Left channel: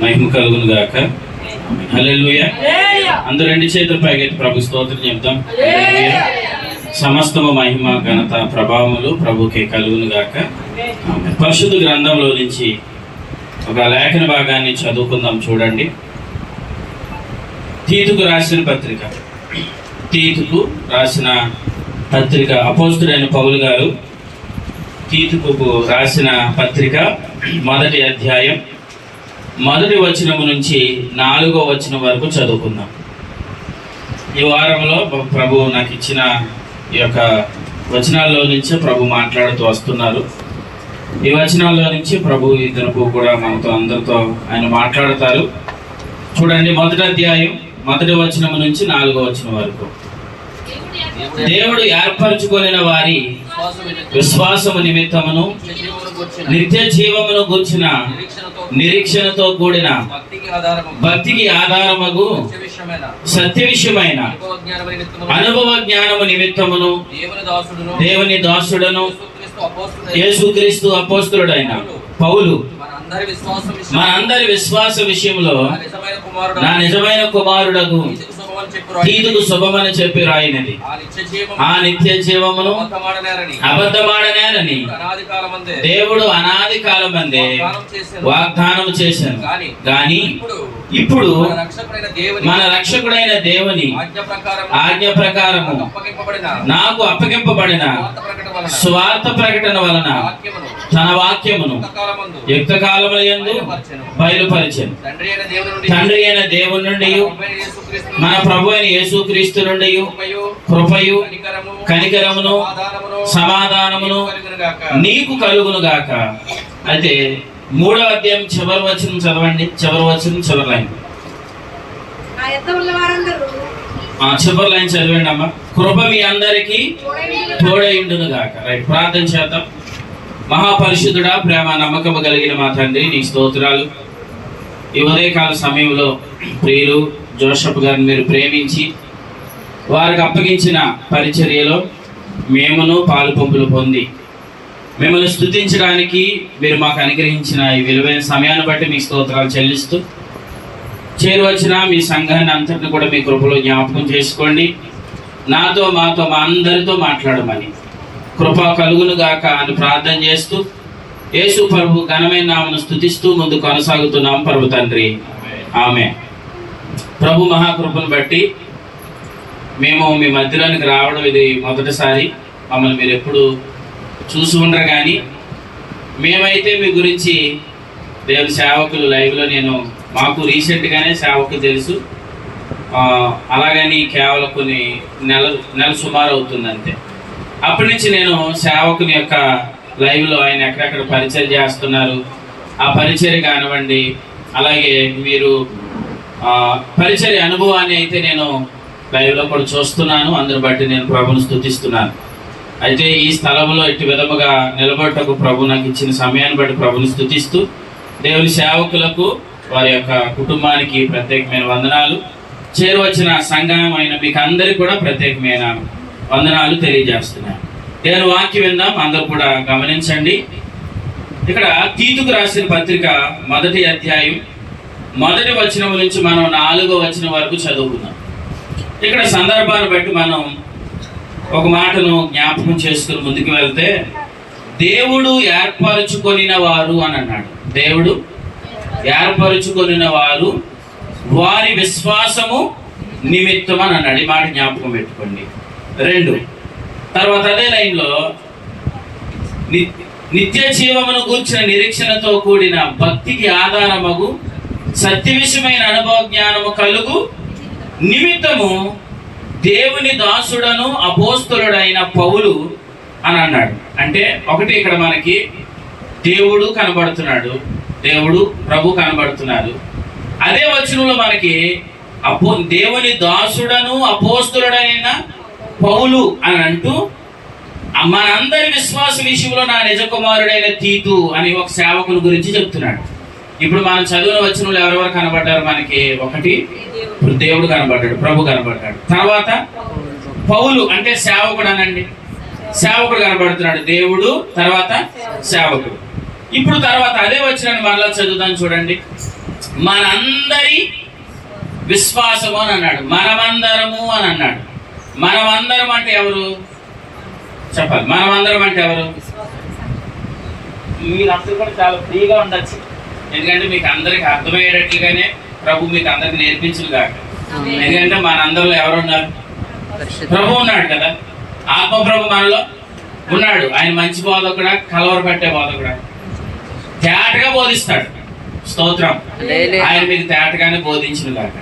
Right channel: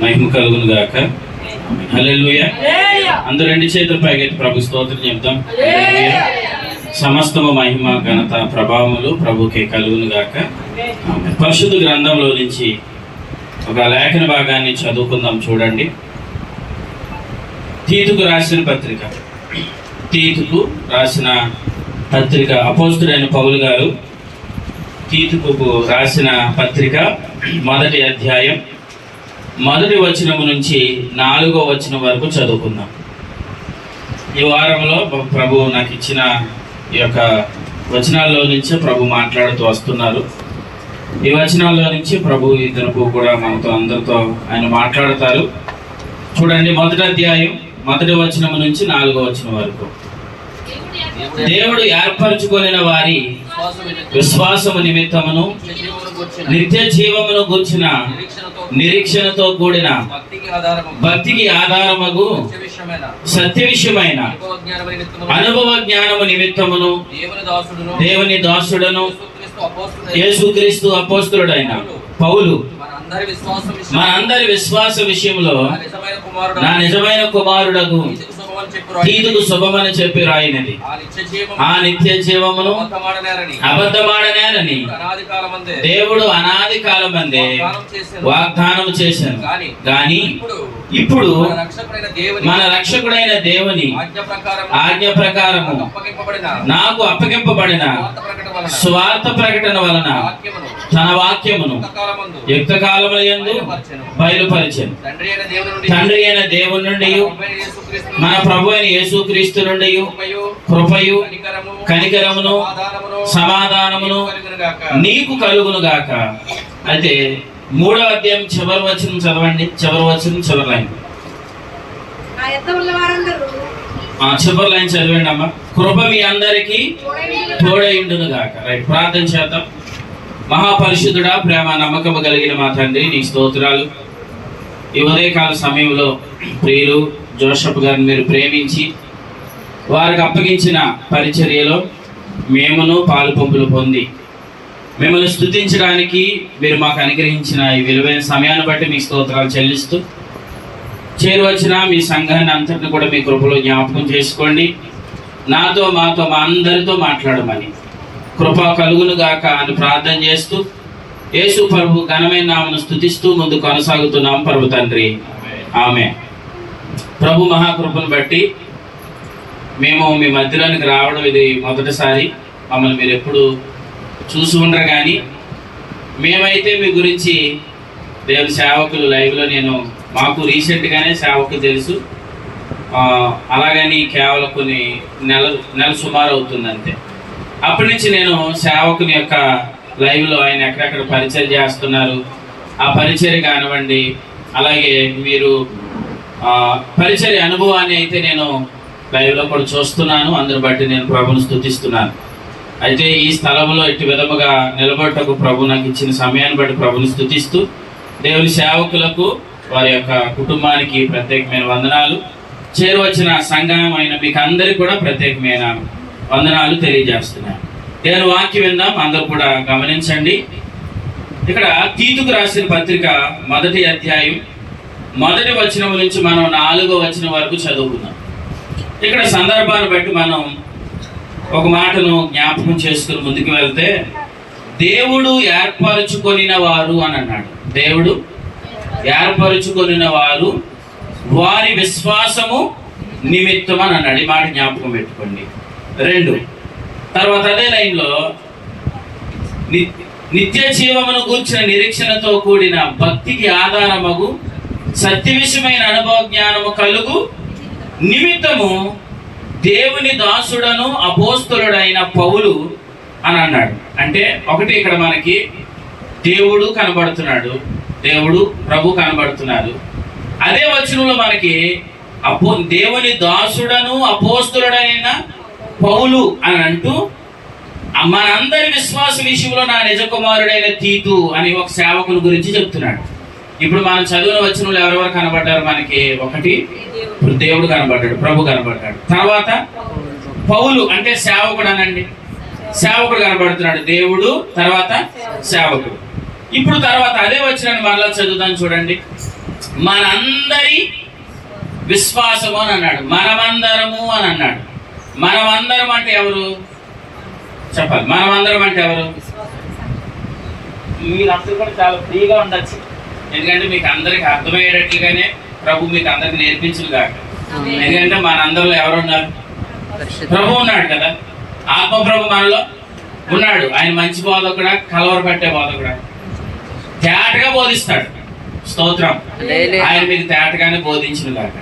మహిమ కలుగును గాక. హల్లెలూయా. అందరూ రెండు చేతులు పైకెత్తి ప్రభు స్తోత్రం చెప్తాం. సమస్తము మహిమ ఘనత ప్రభావములు ప్రభుకే కలుగును గాక. పరిశుద్ధ గ్రంథంలో నుంచి ఒక లేఖన భాగాన్ని చదువుకుందాం. చూడండి, తీతుకు రాసిన పత్రిక, తీతుకు రాసిన పత్రిక, అపోస్తుడైన పౌలు గారు తీతుకు రాసిన పత్రిక 1వ అధ్యాయం 1వ వచనము నుంచి 4వ వచనం వరకు చదువుకుందాం. ఈ వారంలో ప్రభు నాకు ఇచ్చిన ఈ యొక్క వచనాల్లో నుంచి ప్రభు మాట్లాడుతూ వస్తున్నారు. ఈ వచనాల్లో నుంచి ప్రభు ఇద్దరు కూడా మనతో అందరితో ఆయన మాట్లాడతారు. చూడండి, 1వ అధ్యాయం 1వ వచనము నుంచి 4వ వచనం వరకు. దేవుడు ఏర్పరచుకొనిన వారి విశ్వాసము నిమిత్తమును నిత్య జీవమును గూర్చిన నిరీక్షణతో కూడిన భక్తికి ఆధారమగు సత్య విషయమైన అనుభవ జ్ఞానము నిమిత్తమును దేవుని దాసుడను యేసుక్రీస్తు అపోస్తులుడైన పౌలు మన అందరి విశ్వాస విషయంలో నా నిజమైన కుమారుడకు తీతుకు శుభమని చెప్పి రాయినది. ఆ నిత్య జీవమును అబద్ధమాడనేరని దేవుడు అనాది కాలమందే వాగ్దానం చేశాను. గాని ఇప్పుడు మన రక్షకుడైన దేవుని ఆజ్ఞ ప్రకారము నాకు అప్పగింపబడిన స్వార్థ ప్రకటన వలన తన వాక్యమును యుక్త కాలములందు బయలుపరిచెను. తండ్రి అయిన దేవుని నుండి మన ప్రభు అయిన యేసుక్రీస్తు నుండి కృపయు కనికరమును సమాధానమును నీకు కలుగును గాక. అయితే 3వ అధ్యాయం చివరి వచనం చదవండి. చివరి వచనం చివరి లైన్, చివరి లైన్ చదవండి అమ్మ. కృప మీ అందరికీ తోడైండును గాక. రైట్, ప్రార్థన చేద్దాం. మహాపరిశుద్ధుడా, ప్రేమ నమ్మకము కలిగిన మా తండ్రి, నీ స్తోత్రాలు. ఈ ఉదయకాల సమయంలో ప్రియులు జోసెఫ్ గారిని మీరు ప్రేమించి వారికి అప్పగించిన పరిచర్యలో మేమును పాలు పంపులు పొంది మిమ్మల్ని స్తుతించడానికి మీరు మాకు అనుగ్రహించిన ఈ విలువైన సమయాన్ని బట్టి మీ స్తోత్రాలు చెల్లిస్తూ చేరువచ్చిన మీ సంఘాన్ని అంతటిని కూడా మీ కృపలో జ్ఞాపకం చేసుకోండి. నాతో మాతో మా అందరితో మాట్లాడమని కృప కలుగును గాక అని ప్రార్థన చేస్తూ యేసు ప్రభు ఘనమైన నామమును స్తుతిస్తూ ముందు కొనసాగుతున్నాం ప్రభు తండ్రి, ఆమె. ప్రభు మహాకృపను బట్టి మేము మీ మధ్యలోనికి రావడం ఇది మొదటిసారి. మమ్మల్ని మీరు ఎప్పుడు చూసి ఉండరు, కానీ మేమైతే మీ గురించి దేవుని సేవకులు లైవ్లో మాకు రీసెంట్గానే సేవకు తెలుసు. అలాగని కేవలం కొన్ని నెల సుమారు అవుతుంది అంతే. అప్పటి నుంచి నేను సేవకుని యొక్క లైవ్లో ఆయన ఎక్కడెక్కడ పరిచయం చేస్తున్నారు, ఆ పరిచర్య కానివ్వండి, అలాగే మీరు పరిచర్య అనుభవాన్ని అయితే నేను లైవ్లో కూడా చూస్తున్నాను. అందుని బట్టి నేను ప్రభుని స్తుతిస్తున్నాను. అయితే ఈ స్థలంలో ఇటు విధముగా నిలబడటకు ప్రభు నాకు ఇచ్చిన సమయాన్ని బట్టి ప్రభుని స్తుతిస్తూ దేవుని సేవకులకు వారి యొక్క కుటుంబానికి ప్రత్యేకమైన వందనాలు, చేరువచ్చిన సంఘం అయిన మీకు అందరికీ కూడా ప్రత్యేకమైన వందనాలు తెలియజేస్తున్నాను. దేవుని వాక్యం విందాం, అందరూ కూడా గమనించండి. ఇక్కడ తీతుకు రాసిన పత్రిక 1వ అధ్యాయం 1వ వచనం నుంచి మనం 4వ వచనం వరకు చదువుకుందాం. ఇక్కడ సందర్భాన్ని బట్టి మనం ఒక మాటను జ్ఞాపకం చేసుకుని ముందుకు వెళ్తే, దేవుడు ఏర్పరచుకొనిన వారు అని అన్నాడు. దేవుడు ఏర్పరచుకొనిన వారు వారి విశ్వాసము నిమిత్తం అని అన్నాడు. ఈ మాట జ్ఞాపకం పెట్టుకోండి. 2, తర్వాత అదే లైన్లో నిత్య జీవమును గూర్చిన నిరీక్షణతో కూడిన భక్తికి ఆధారమగు సత్య విషయమైన అనుభవ జ్ఞానము కలుగు నిమిత్తము దేవుని దాసుడను అపోస్తులుడైన పౌలు అని అన్నాడు. అంటే ఒకటి, ఇక్కడ మనకి దేవుడు కనబడుతున్నాడు, దేవుడు ప్రభు కనబడుతున్నారు. అదే వచనంలో మనకి దేవుని దాసుడను అపోస్తులుడైన పౌలు అని అంటూ మనందరి విశ్వాస విషయంలో నా నిజ కుమారుడైన తీతు అని ఒక సేవకుని గురించి చెప్తున్నాడు. ఇప్పుడు మనం చదివిన వచనంలో ఎవరెవరు కనబడ్డారు మనకి? ఒకటి, దేవుడు కనబడ్డాడు, ప్రభు కనబడ్డాడు. తర్వాత పౌలు అంటే సేవకుడు అనండి, సేవకుడు కనబడుతున్నాడు, దేవుడు, తర్వాత సేవకుడు. ఇప్పుడు తర్వాత అదే వచనాన్ని మరలా చదువుతాను చూడండి. మనందరి విశ్వాసము అని అన్నాడు. మనమందరము అని అన్నాడు. మనమందరం అంటే ఎవరు చెప్పాలి? మనమందరం అంటే ఎవరు? మీరందరూ కూడా చాలా ఫ్రీగా ఉండొచ్చు, ఎందుకంటే మీకు అందరికి అర్థమయ్యేటట్లుగానే ప్రభు మీకు అందరికి నేర్పించదు కాక. ఎందుకంటే మనందరిలో ఎవరు ఉన్నారు? ప్రభు ఉన్నాడు కదా. ఆత్మ ప్రభు మనలో ఉన్నాడు. ఆయన మంచి బోధకుడా, కలవరపట్టే బోధకుడా? తేటగా బోధిస్తాడు. స్తోత్రం. ఆయన మీకు తేటగానే బోధించిన కాక.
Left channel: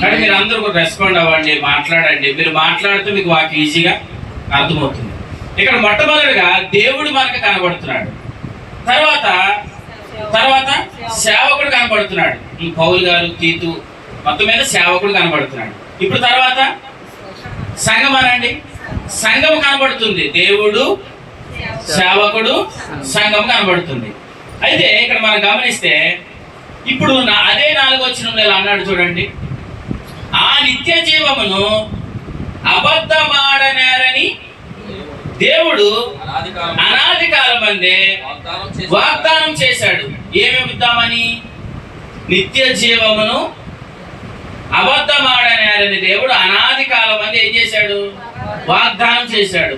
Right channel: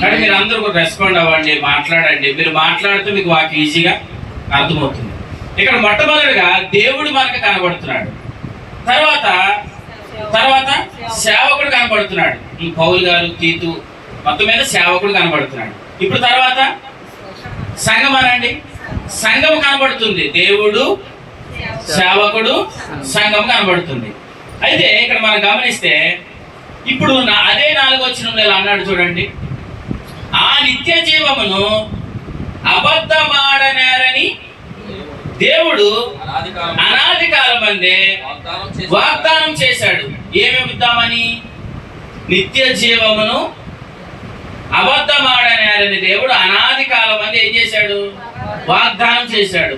కానీ మీరు అందరూ రెస్పాండ్ అవ్వండి, మాట్లాడండి. మీరు మాట్లాడితే మీకు వాకి ఈజీగా అర్థమవుతుంది. ఇక్కడ మొట్టమొదటిగా దేవుడు మనకు కనబడుతున్నాడు. తర్వాత సేవకుడు కనబడుతున్నాడు. పౌలు గారు, తీతు, మొత్తం మీద సేవకుడు కనబడుతున్నాడు. ఇప్పుడు తర్వాత సంఘం అనండి. సంఘం కనబడుతుంది. దేవుడు, సేవకుడు, సంఘం కనబడుతుంది. అయితే ఇక్కడ మనం గమనిస్తే ఇప్పుడు అదే 4వ వచనంలో ఇలా అన్నాడు చూడండి. ఆ నిత్య జీవమును అబద్ధమాడనేరని దేవుడు అనాది కాలమందే వాగ్దానం చేశాడు. ఏమి ఇద్దామని? నిత్య జీవమును అబద్ధమాడనేరని దేవుడు అనాది కాలమందే ఏం చేశాడు? వాగ్దానం చేశాడు.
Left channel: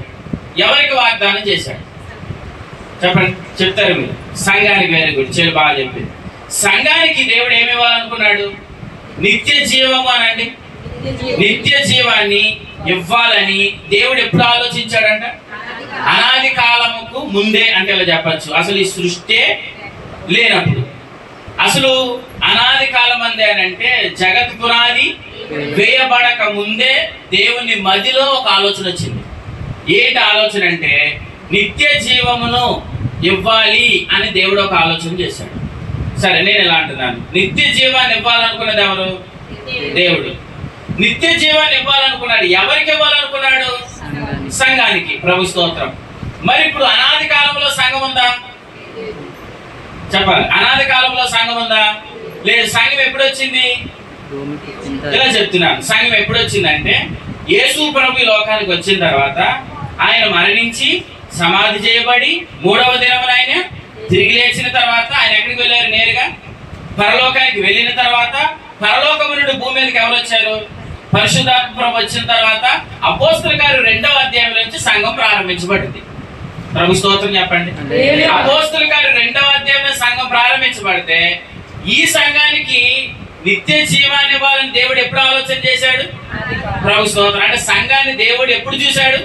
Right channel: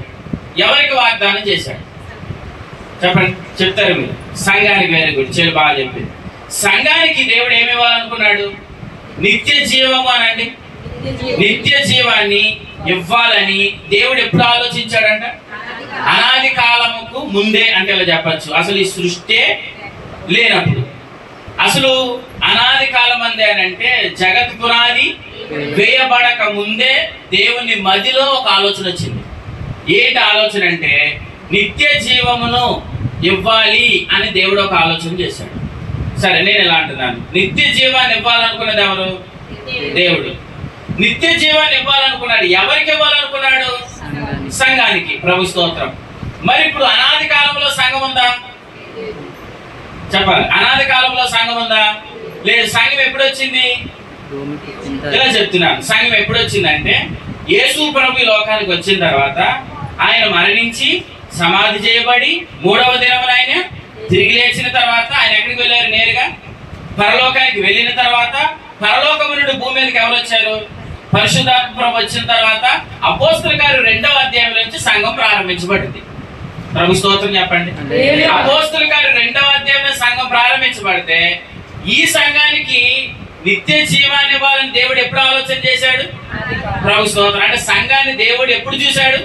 ఎవరికి వాగ్దానం చేశాడు చెప్పండి? చెప్తారు మీరు. సంఘానికి. వెరీ గుడ్, చాలా బాగా చెప్పింది. సంఘానికి దేవుడు ఏమి ఇవ్వాలనుకున్నాడు? నిత్య జీవము అనండి. నిత్య జీవాన్ని ఇవ్వాలని దేవుడు ఎప్పుడు ఆలోచించాడంట? అనాది కాలముకు ముందే. అంటే ఇలా చెప్పచ్చు, అసలు ఈ సృష్టి లేనప్పుడు, అసలు అనాది కాలం అందే అని అంటే జగత్ పునాది వేయబడక ముందే దేవుని మదిలో ఒక ఆలోచన వచ్చింది. ఏంటి ఆలోచన అంటే నిత్య జీవమును ఇవ్వాలి అని దేవుడు ఒక ఆలోచన చేశాడు. సరే, నేను ఎలా అంటున్నాను? నిత్య జీవాన్ని ఇవ్వాలనుకున్నది ఎవరు? దేవుడు. నిత్య జీవాన్ని ఇవ్వాలనుకున్నాడు. ఎవరికి ఇవ్వాలనుకున్నాడు? సంఘానికి. ప్రభు స్తోత్రం. మరి ఇప్పుడు అనాది కాలంలో సంఘం ఉందా చెప్పాలి? అనాది కాలంలో సంఘం ఉందా? లేదు. సంఘం ఎప్పుడు వచ్చింది? ఇలా చెప్తున్నాను. సంఘం ఎప్పుడు వచ్చిందంటే యేసు ప్రభు ఈ లోకానికి వచ్చిన తర్వాత ఆయన మరణించి సమాధి చేయబడి 3వ దినమున ఆయన తిరిగి లేచిన తర్వాత ఆయన ఎక్కడికి వెళ్ళారు? నేరుగా పరలోకానికి వెళ్ళిన తర్వాత పరలోకము నుండి భూమి మీదకి ఎవరు వచ్చారు? పరిశుద్ధాత్మ ప్రభు వచ్చిన తర్వాత అపోస్తలుల కార్యం 2వ అధ్యాయం నుంచి సంఘం ప్రారంభించబడింది. ప్రభు స్తోత్రం చెప్పండి. అపోస్తలుల కార్యం 2వ అధ్యాయంలో సంఘం ప్రారంభించబడితే ఈ సంఘానికి నిత్య జీవాన్ని ఇవ్వాలని దేవుడు ఎప్పుడు ఆలోచన చేశాడు? ప్రభు స్తోత్రం. అంటే సంఘాన్ని దేవుడు ఎప్పుడు చూశాడు?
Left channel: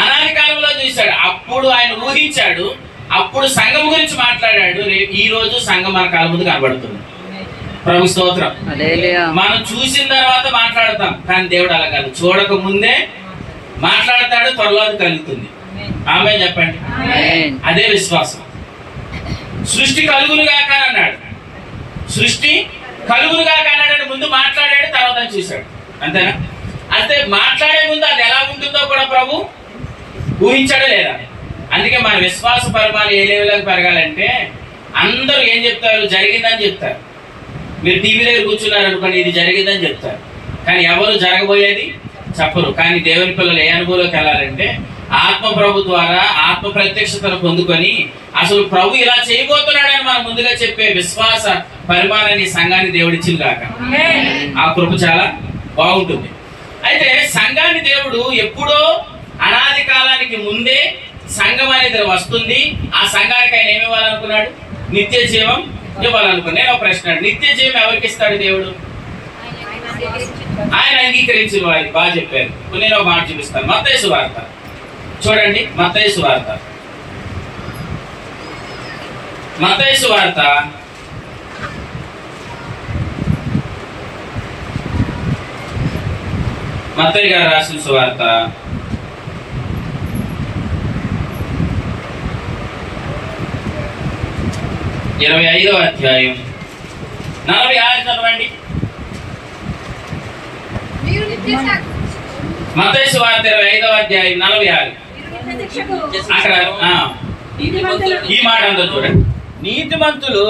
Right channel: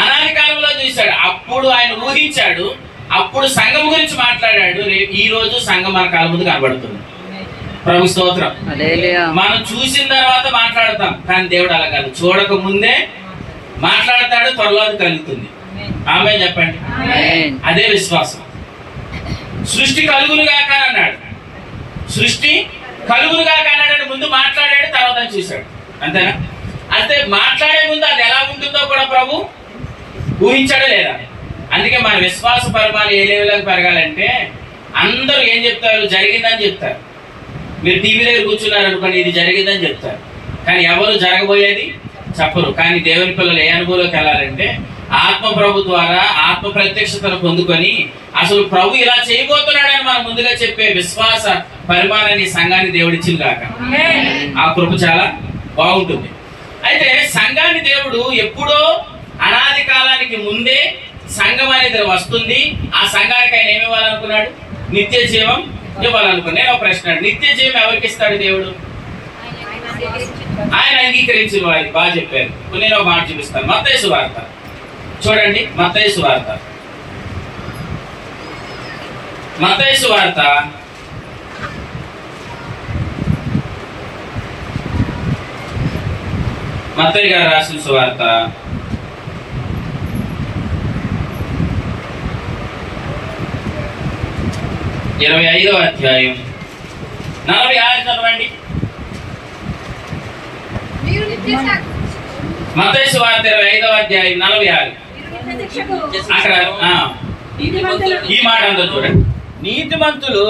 అనాది కాలంలో చూశాడు. అప్పుడు ఆయన ఊహించాడు. అప్పుడు సంఘం గురించి మాట్లాడాడు. ఈ రోజు సంఘం మన కాలం ముందు కనబడుతుంది. ప్రభు స్తోత్రం. మనం చూసిన తర్వాత మాట్లాడతాం, కానీ దేవుడు అలా కాదు. చూడక ముందే మాట్లాడతాడు, త్వరలో అది కలుగుతుంది. ఆమె చెప్పండి. అదే విశ్వాసం. సృష్టి కలుగులుగా అన్నాడు. సృష్టి కలుగులుగా అన్నాడు. ముందు మాట్లాడాడు, తర్వాత చూశాడు. అంతేనా? అంటే మాట్లాడే ముందు అది ఎలా ఉంటుందో కూడా ప్రభు ఊహించాడా లేదా? అందుకే మన విశ్వాస పరిమాణం ఏ లెవెల్లోకి పెరగాలంటే అందరూ ఏం చెప్తారు? జరిగిందని చెప్తారు. మీరు టీవీ దగ్గర కూర్చున్నారు అనుకోండి, ఇది జరిగిందని చెప్తారు, కానీ ఎవరు జరగబోయేది చెప్పరు. కానీ దేవుని పిల్లలు ఏ అనుభవంలోకి వెళ్ళాలంటే ఆత్మ ప్రభు ద్వారా ఆత్మ ప్రత్యక్షతను పొందుకొని అసలు ప్రభు ఇలా చేయబోతున్నాడని మనం ముందుగా చెప్పే విశ్వాస పరిమాణాన్ని సంఘాన్ని దేవుడిచ్చింది కాక. ఆ కృప చాలా బాగుంటుంది. అయితే సంఘాన్ని దేవుడు ఎప్పుడో అనాది కాలానికి ముందే సంఘం అనేది వస్తుంది. ఆ సంఘానికి ఆయన ఏమి ఇవ్వాలనుకున్నాడు? నిత్య జీవం ఇవ్వాలనుకున్నాడు. నేను ఒక ప్రశ్న, నిత్య జీవం ఎవరికి ఇస్తాడు దేవుడు? ఆయన అంగీకరించిన వారికి. బాగా చెప్పారు. నేను ఒక మాట చూపిస్తాను. మత్తయి సువార్త చూడండి. మత్తయి సువార్త మత్తయి గారు రాసిన సువార్త 25వ అధ్యాయం 46 చదవండి. మత్తయి సువార్త 25వ అధ్యాయం 46. అక్కడ ఈ మాట అందరూ చూడండి. నీతిమంతులు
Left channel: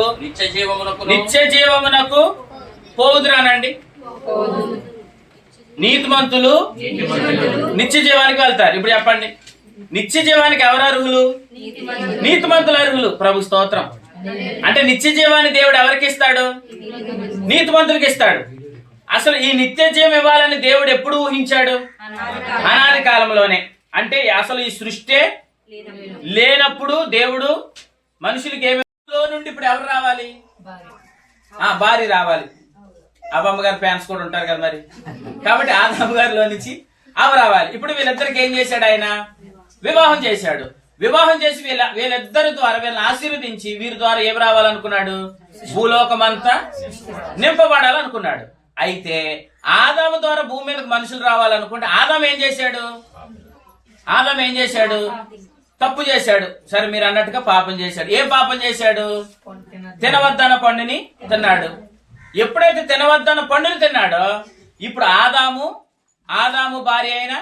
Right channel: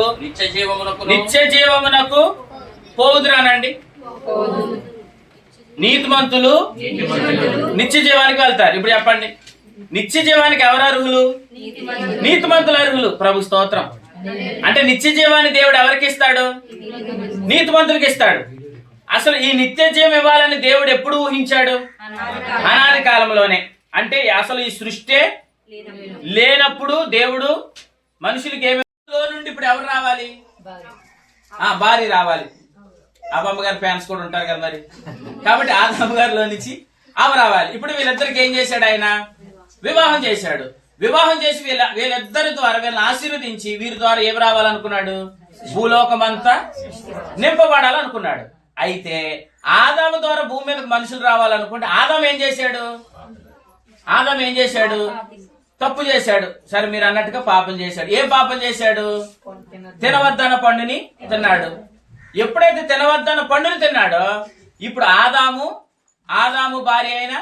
నిత్య జీవమునకు పోవుదురానండి. నీతిమంతులు నిత్య జీవానికి వెళ్తారు. ఇప్పుడు చెప్పండి, నిత్య జీవానికి ఎవరు అర్హులు? నీతిమంతులు అర్హులు. ప్రభు స్తోత్రం. అంటే నిత్య జీవాన్ని దేవుడు ఎవరికి ఇస్తాడు? నీతిమంతులకు ఇస్తాడు. అసలు ఈ నిత్య జీవం ఇవ్వాలని దేవుడు ఎప్పుడు ఊహించాడు? అనాది కాలంలోనే. అంటే అసలు ఈ సృష్టి లేనప్పుడు దేవుడు మనుషులకి ఏమేలో నుండి ఇప్పుడు ఎవరు రావాలి? భార్య రావాలి. అబ్బమ్మ గారి ఫ్యాన్స్ కూడా ఉంటారు కదా మరి. కాబట్టి ఆదాము గారిలో నుంచి ఆమె రావాలి. ఇప్పుడు వీళ్ళిద్దరికి ఏం చేశాడు? ఆయన వివాహం చేశాడు. వివాహం చేసి వీళ్ళిద్దరి ద్వారా వీళ్ళని ఆశీర్వదించి వీరి ద్వారా ఏమి రావాలనుకున్నాడు? భూలోకమంతా నింపబడాలనుకున్నాడు. అయితే ఆదాము ద్వారా భూమి మీదకి మనుషులు రావాలనుకుంటే ఆదాము ఏం చేశాడు? తప్పు చేశాడు. సరే, మీరు అన్నట్టుగా పాపం చేశాడు. ఏం పాపం చేశాడు? తినవద్దన్న పండుని తిన్నాడు. ఎప్పుడైతే తినవద్దన్న పండుని తిన్నాడో ఇప్పుడు ఆదాము భార్య అయిన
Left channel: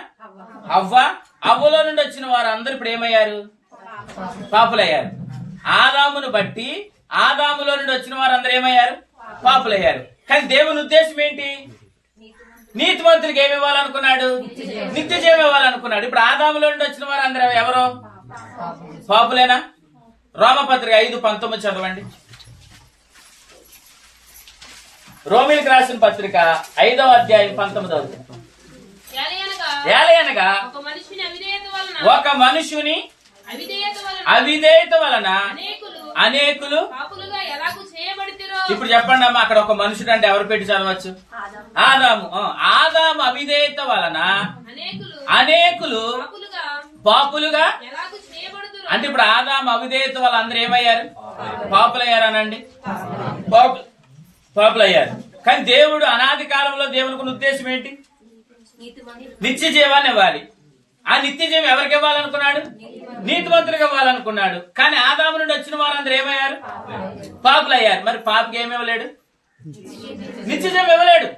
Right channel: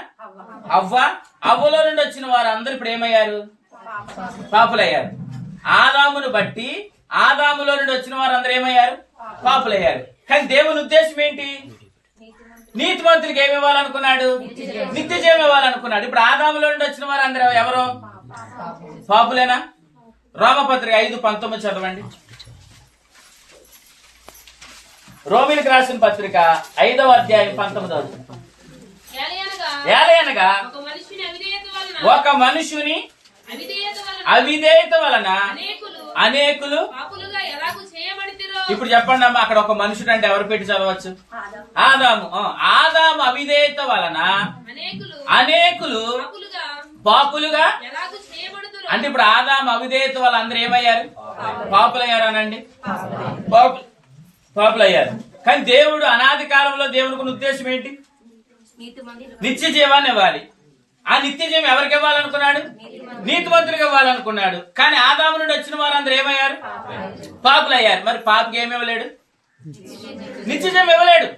అవ్వలో నుండి వచ్చిన వారు అందరూ ఇప్పుడు ఏమయ్యారు? పాపులయ్యారు. ఆదామును బట్టి ఆదాములో నుండి వచ్చిన వారు అందరూ ఏమయ్యారు? పాపులయ్యారు. కానీ దేవుని ఉద్దేశం ఏంటి? నీతిమంతులకు ఏమి ఇవ్వాలనుకున్నాడు? నిత్య జీవం ఇవ్వాలనుకున్నాడు. ఇప్పుడు ఆదాములో నుండి వచ్చిన వారు అందరూ ఎవరు? పాపులేనా? రోమపత్రిక 5:19 చదవండి. రోమిలకు రాసిన పత్రిక 5వ అధ్యాయం 19. ఏలయనగా ఒక మనుషుని అవిధేయత వలన అనేకులు. ఇప్పుడు చెప్పండి అమ్మా, అక్కడ ఒక మనుషుడు అంటే ఎవరు పెట్టి చదవచ్చు? ఆదాము అవిధేయత వలన అనేకులు పాపులుగా. అంటే ఇప్పుడు ఆదాము అవిధేయత వల్ల అందరూ ఏమయ్యారు? పాపులయ్యారనండి. పాపులయ్యారు. కానీ దేవుడు అనాది కాలంలో దేవునికి ఉద్దేశం ఏంటి? నిత్య జీవాన్ని ఇవ్వాలి. ఆ నిత్య జీవం ఎవరికి ఇవ్వాలనుకున్నాడు? నీతిమంతులకు ఇవ్వాలనుకున్నాడు. కానీ ఆదాము నుండి వచ్చిన వారందరూ ఏమయ్యారు? పాపులయ్యారు. మరి పాపకి ఏమి ఇవ్వలేడు? నిత్య జీవం ఇవ్వలేడు.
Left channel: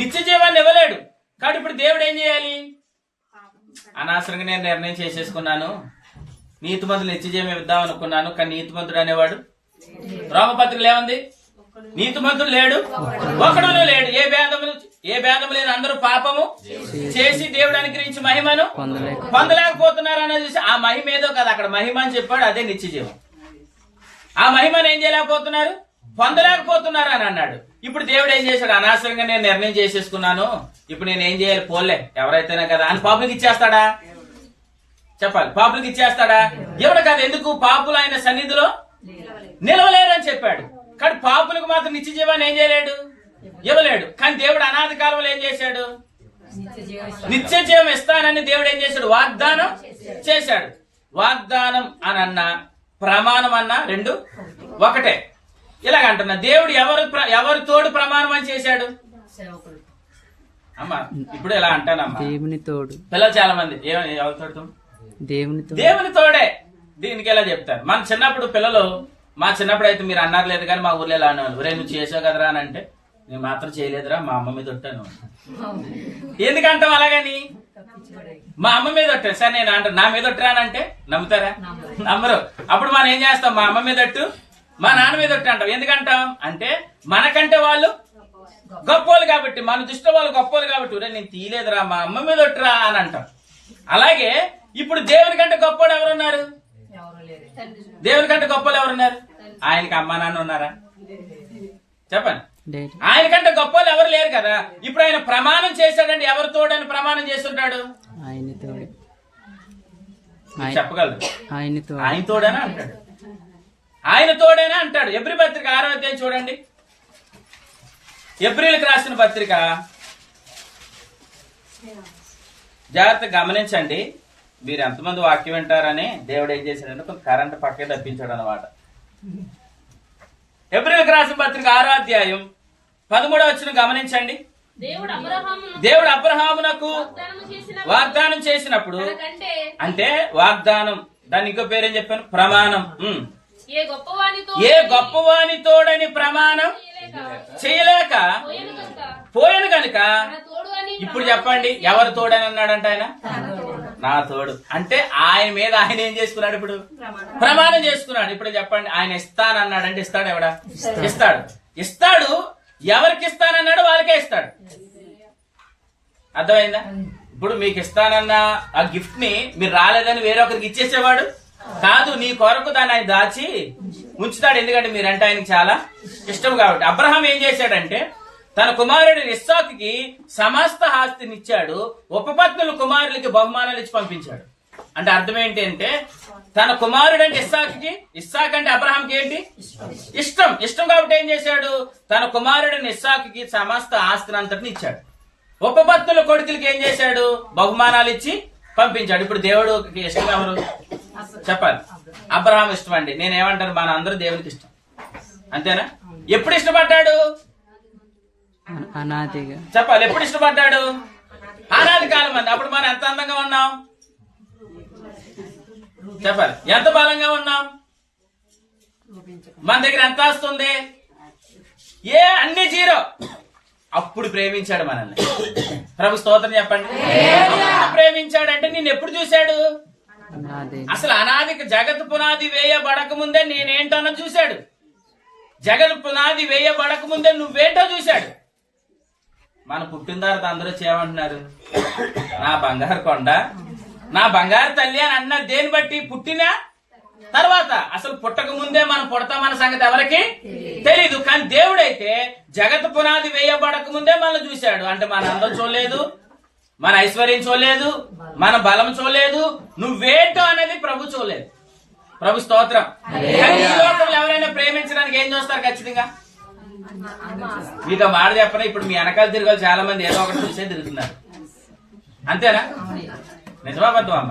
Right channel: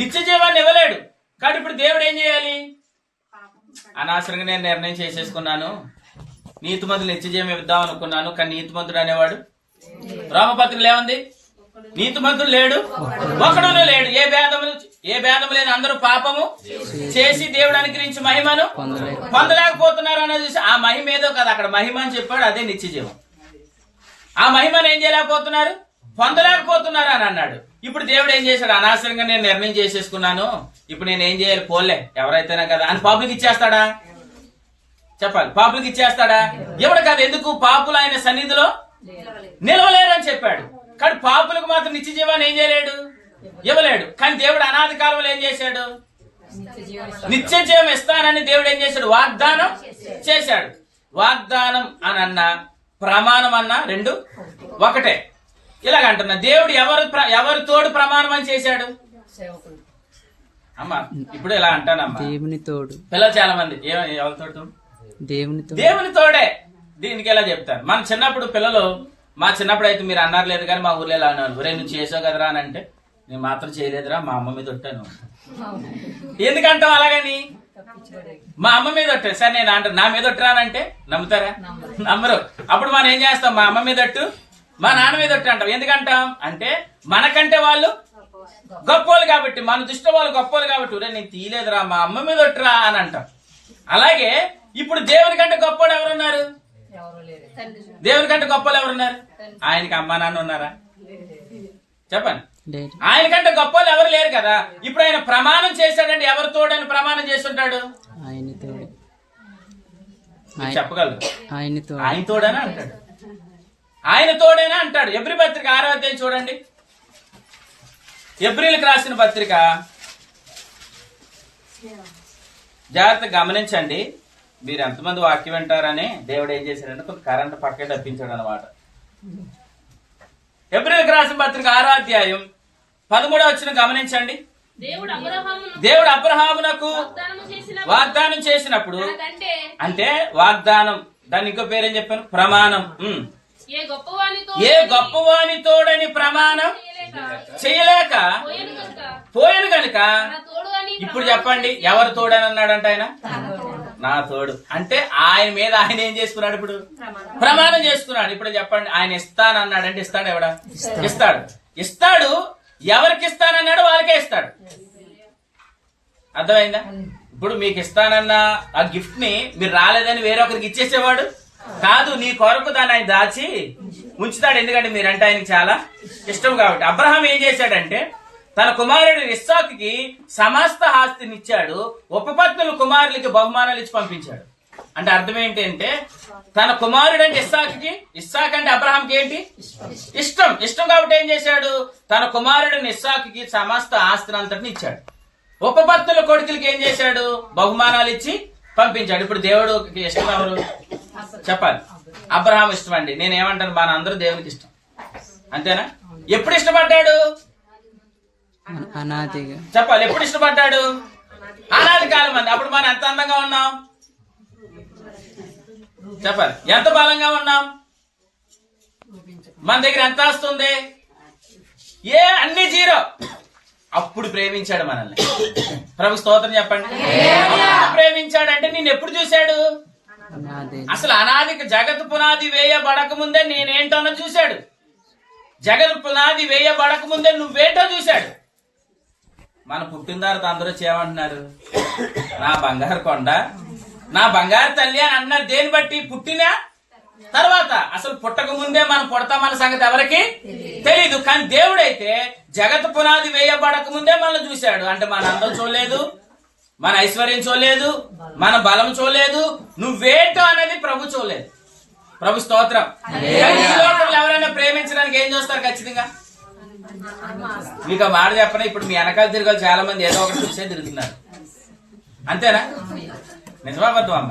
నిత్య జీవాన్ని ఇవ్వలేడు. కాబట్టి ఇప్పుడు దేవుడు ఏం చేయాలి? అనవసరంగా నేను నిర్ణయం చేసేసుకున్నాను, నీతిమంతులు నిత్య జీవం ఇద్దాం అనుకున్నాను. కానీ నీతిమంతుడు అనేవాడు రోమపత్రికలో ఏముంది? నీతిమంతుడు లేడు, ఒకడును లేడు. ఏ భేదము లేదు. అందరూ పాపము చేసి దేవుడు అనుగ్రహించి మహిమను పొందలేకపోతున్నారు అనేది చూసి ఆ మహిమ ఏదో కదా అక్కడ మహిమ అని చెప్పాడు. అదే నిత్య జీవం. ఆ మహిమను ఏం చేయలేకపోతున్నారు? పొందలేకపోతున్నారు అని అన్నాడు. ఇప్పుడు దేవుడు ఏం చేశాడు? అనవసరంగా నేను నిర్ణయం చేసేసుకున్నాను, ఇప్పుడు నేను ఏం చేయాలి? పోలే, ఎవరైతేనే కదా అని పాపులకు ఇచ్చేస్తాడా? చెప్పాలి. పాపులకు ఇచ్చేస్తాడా? ఎవడు కాదు. ఎందుకు? పాపులు ఆయన సన్నిధిలో నిలవలేరు అని చెప్పాడు. కానీ పాపులకు మాత్రం నిత్య జీవాన్ని ఏం చేయలేడు? ఇవ్వలేడు. కానీ దేవుడు అనాది కాలంలో ఏం చేశాడు? నిత్య జీవం ఇస్తానని దేవుడు ఏం చేశాడు? వాగ్దానం చేశాడు. వాగ్దానం అని అన్నా ప్రమాణం అన్నా రెండు ఒకటే. ఇలాగంటున్నా దేవుడు ఎవరు తోడు ప్రమాణం అని చేశాడు? అమ్మా ఇప్పుడు ఇలా అంటానమ్మా, దేవుని తోడు. పిల్లలు చాలా మంది ఎవరి తోడు? దేవుని తోడే. దీనికి ఎలా చెప్తారు? మన చిన్నప్పుడు పిల్లలు, మా చిన్నప్పుడు అయితే మీరు అన్నారు లేదు కానీ మా ఊర్లో ఎలా అన్నారు, ఒరే నువ్వు చేసావు కదరా అని అంటే, నేను మాత్రం చేయలేదురా, మా అమ్మ మీద ఒట్టాను. ఎందుకంటాం అలాగని? మా అమ్మ మీద ఒట్టాను. సరే నేను అంటాను నా మీద ఒట్టరానంటే నమ్ముతారా? నమ్మరు. అప్పుడు మనం ఏం చేస్తాం? మా అమ్మ మీద ఒట్టు, మా నాన్న మీద ఒట్టు అంటాం. ఎందుకంటాం అంటే మనకంటే వాళ్ళు గొప్పోళ్ళు కాబట్టి, మన దృష్టిలో వాళ్ళు గొప్పోళ్ళు కాబట్టి, ఒరే నేను తీయలేదురా, మా అమ్మ మీద ఒట్టురా అని అంటాం. అలాగే ఇప్పుడు దేవుని కంటే గొప్పోడు ఎవరున్నారు? దేవుని కంటే గొప్పలు ఎవరున్నారు? ఆయనకి అమ్మా నాన్న ఉన్నారా? చెప్పండి. ఆయన కంటే గొప్పలు ఎవరు లేరు కదా. ఇప్పుడు ఆయన ప్రమాణం చేశాడండి. ఎవరు తోడని ప్రమాణం చేస్తుంటాడు? చెప్పగలరు? ఆయన తోడేనా అంటాడు. ఆయన తోడేనా అంటాడు. ఎబ్రీ పత్రిక 6వ అధ్యాయం చూడండి. ఎబ్రీలకు రాసిన పత్రిక జాగ్రత్త గమనించండి. మీరు ఎంతమంది వాక్యం వింటారని దేవుడు ఏం చేశాడంటే కొంత కరెంట్ పక్కే తప్పించాడు అనమాట. ఎబ్రీలకు రాసిన పత్రిక 6వ అధ్యాయం 13వ వచనం గమనించండి. దేవుడు అబ్రహామునకు వాగ్దానం చేసినప్పుడు, అంటే వాగ్దానం, దాన్ని ఇంకో పేరేం చెప్పాను? ప్రమాణం. ఏ గొప్పవాని తోడని ప్రమాణం చేయలేక పోయాను గనుక. ఇప్పుడు చెప్పండి, ఎవరు తోడని అన్నాడంట ఆయన? నా తోడు. అంటే ఆయన మీద ఆయన ఏం చేసుకున్నాడు? ఇప్పుడు ప్రమాణం చేసుకున్నాడు. ఇప్పుడు చెప్పండి, ఆయన ఇస్తానన్నాడంటే ఇస్తాడు? ఎవడా? ఇస్తాడు. ఇస్తాడు. ఎవరికి ఇస్తానన్నాడు వాళ్ళకే ఇస్తాడు. అర్థమైందా? ఇప్పుడు మీకు ఇస్తానన్న ఆ గిఫ్ట్ ని మీరు రాలేదని వేరొకరికి ఇచ్చేసేవాడు కాదు, నీ కొరకు దాన్ని ఆయన దాచి ఉంచుతాడు. ఎందుకంటే మీరంటే ఆయనకి చాలా ఇష్టం కాబట్టి. అబ్రహాం ఏం చేశాడంటే తన కుమారుడు ఇస్సాకుకి సమస్త ఆస్తిని ఇచ్చాడు. ఉపపత్నులు కుమారులకి బహుమానాలు ఇచ్చి పంపించాడు. అంటే అర్థం ఏంటి అంటే తన కుమారుడు అంటే ఇస్సాకు అంటే అబ్రహాంకి ఏంటి ఇష్టం కాబట్టి ఏం చేశాడు, తన కుమారుడిని ఇస్సాకుకి సమస్త ఆస్తిని అంతటిని ఇచ్చాడు. ఉపపత్నుల కొడుకులకి ఏం చేశాడు, బహుమానాలు ఇచ్చి పంపించాడు. ఇప్పుడు దేవుడు ఇష్టం ఎవరు చెప్పాలి? అబ్రహాం ఇష్టం అండి. నేనేమంటాను, మన అందరూ దేవునికి ఇష్టం, అంతేనా? ఎప్పుడు ఇష్టపడ్డాడు చెప్పాలి? ఎప్పుడు ఇష్టపడ్డాడు? అనాది కాలం అంది. అప్పుడు మనం ఎంత అందంగా ఉన్నాం చెప్పాలి? ఎంత బలంగా ఉన్నాం? మన దగ్గర ఎంత వస్తుంది? అన్ని జీరో. అప్పుడు ప్రేమించాడు మనల్ని. ప్రభు స్తోత్రం చెప్పండి. ప్రేమించాడంటే నేను ఎప్పుడు చూశాడు? అసలు అనాదికి జగత్ పునాది వేయబడక ముందే నేనేంటో చూశాడు. జగత్ పునాది వేయబడక ముందే నువ్వేంటో చూశాడు. మన పుట్టిన తర్వాత అందరూ చేయమంటున్నారు, నా బంగారు కొండ, నా బంగారు తల్లి అని అన్నారు. దేని బట్టి? పుట్టిన తర్వాత. అసలు పుట్టక ముందే మనం పుడతామన్న సంగతి ఎవరికి తెలీదు. కానీ దేవుడైతే జగత్ పునాది వేయబడక ముందే మనల్ని చూశాడు. అంటే మన అందం చూడలేదు, మన ఐశ్వర్యం చూడలేదు, మన బలం చూడలేదు, నువ్వేంటో అనేది ప్రభు చూడలేదు. ప్రభు స్తోత్రం. ఎవరైనా ప్రేమించడానికి ఏం చూస్తారు? ఖచ్చితంగా మీకు మాట చెప్పనా, ఇప్పుడు మీ వెనకాల తిరగాలి చాలా మంది ఏదో ఒకటి చూసే తిరుగుతున్నారు, అంతేనా? నిజమాబద్ధం అమ్మ?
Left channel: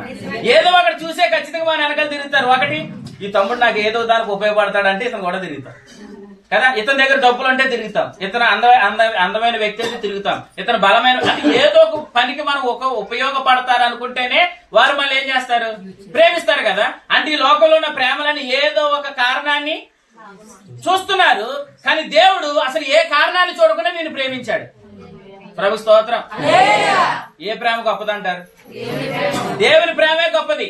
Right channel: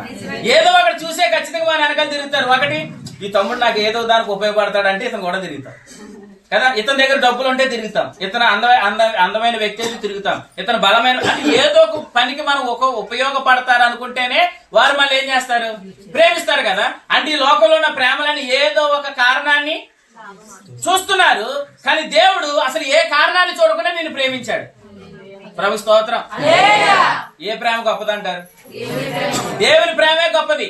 ఏదో ఒకటి చూసే ఖచ్చితంగా మన వెనకాల తిరుగుతారు. ఒకటి, ఈ తమ్ముడు నాకు ఏదో దానికి ఉపయోగపడతాడంటే ఇతను కూడా తిరుగుతాం కదా. ఇతని దగ్గర డబ్బులు ఉంటే తిరుగుతాం, ఇతను అందమైన వ్యక్తి అయితే తిరుగుతాం, ఇతను బలమైన, అంటే ఏదో ఒక పనికి మనం ఉపయోగపడతారు అనుకుంటేనే వారు మళ్ళీ ఏం చేస్తారు? ప్రేమిస్తారు కదా. అంటే ఈ లోకంలో ఉన్న ప్రేమలని ఏదో ఒక కారణాన్ని చూస్తున్నారు. కానీ దేవుడు అసలు ఏ కారణాన్ని చూడకుండా నేను ప్రేమించాడు. ప్రభు స్తోత్రం. ఏ ప్రేమ గొప్పదంటారు? దేవుని ప్రేమే గొప్పది.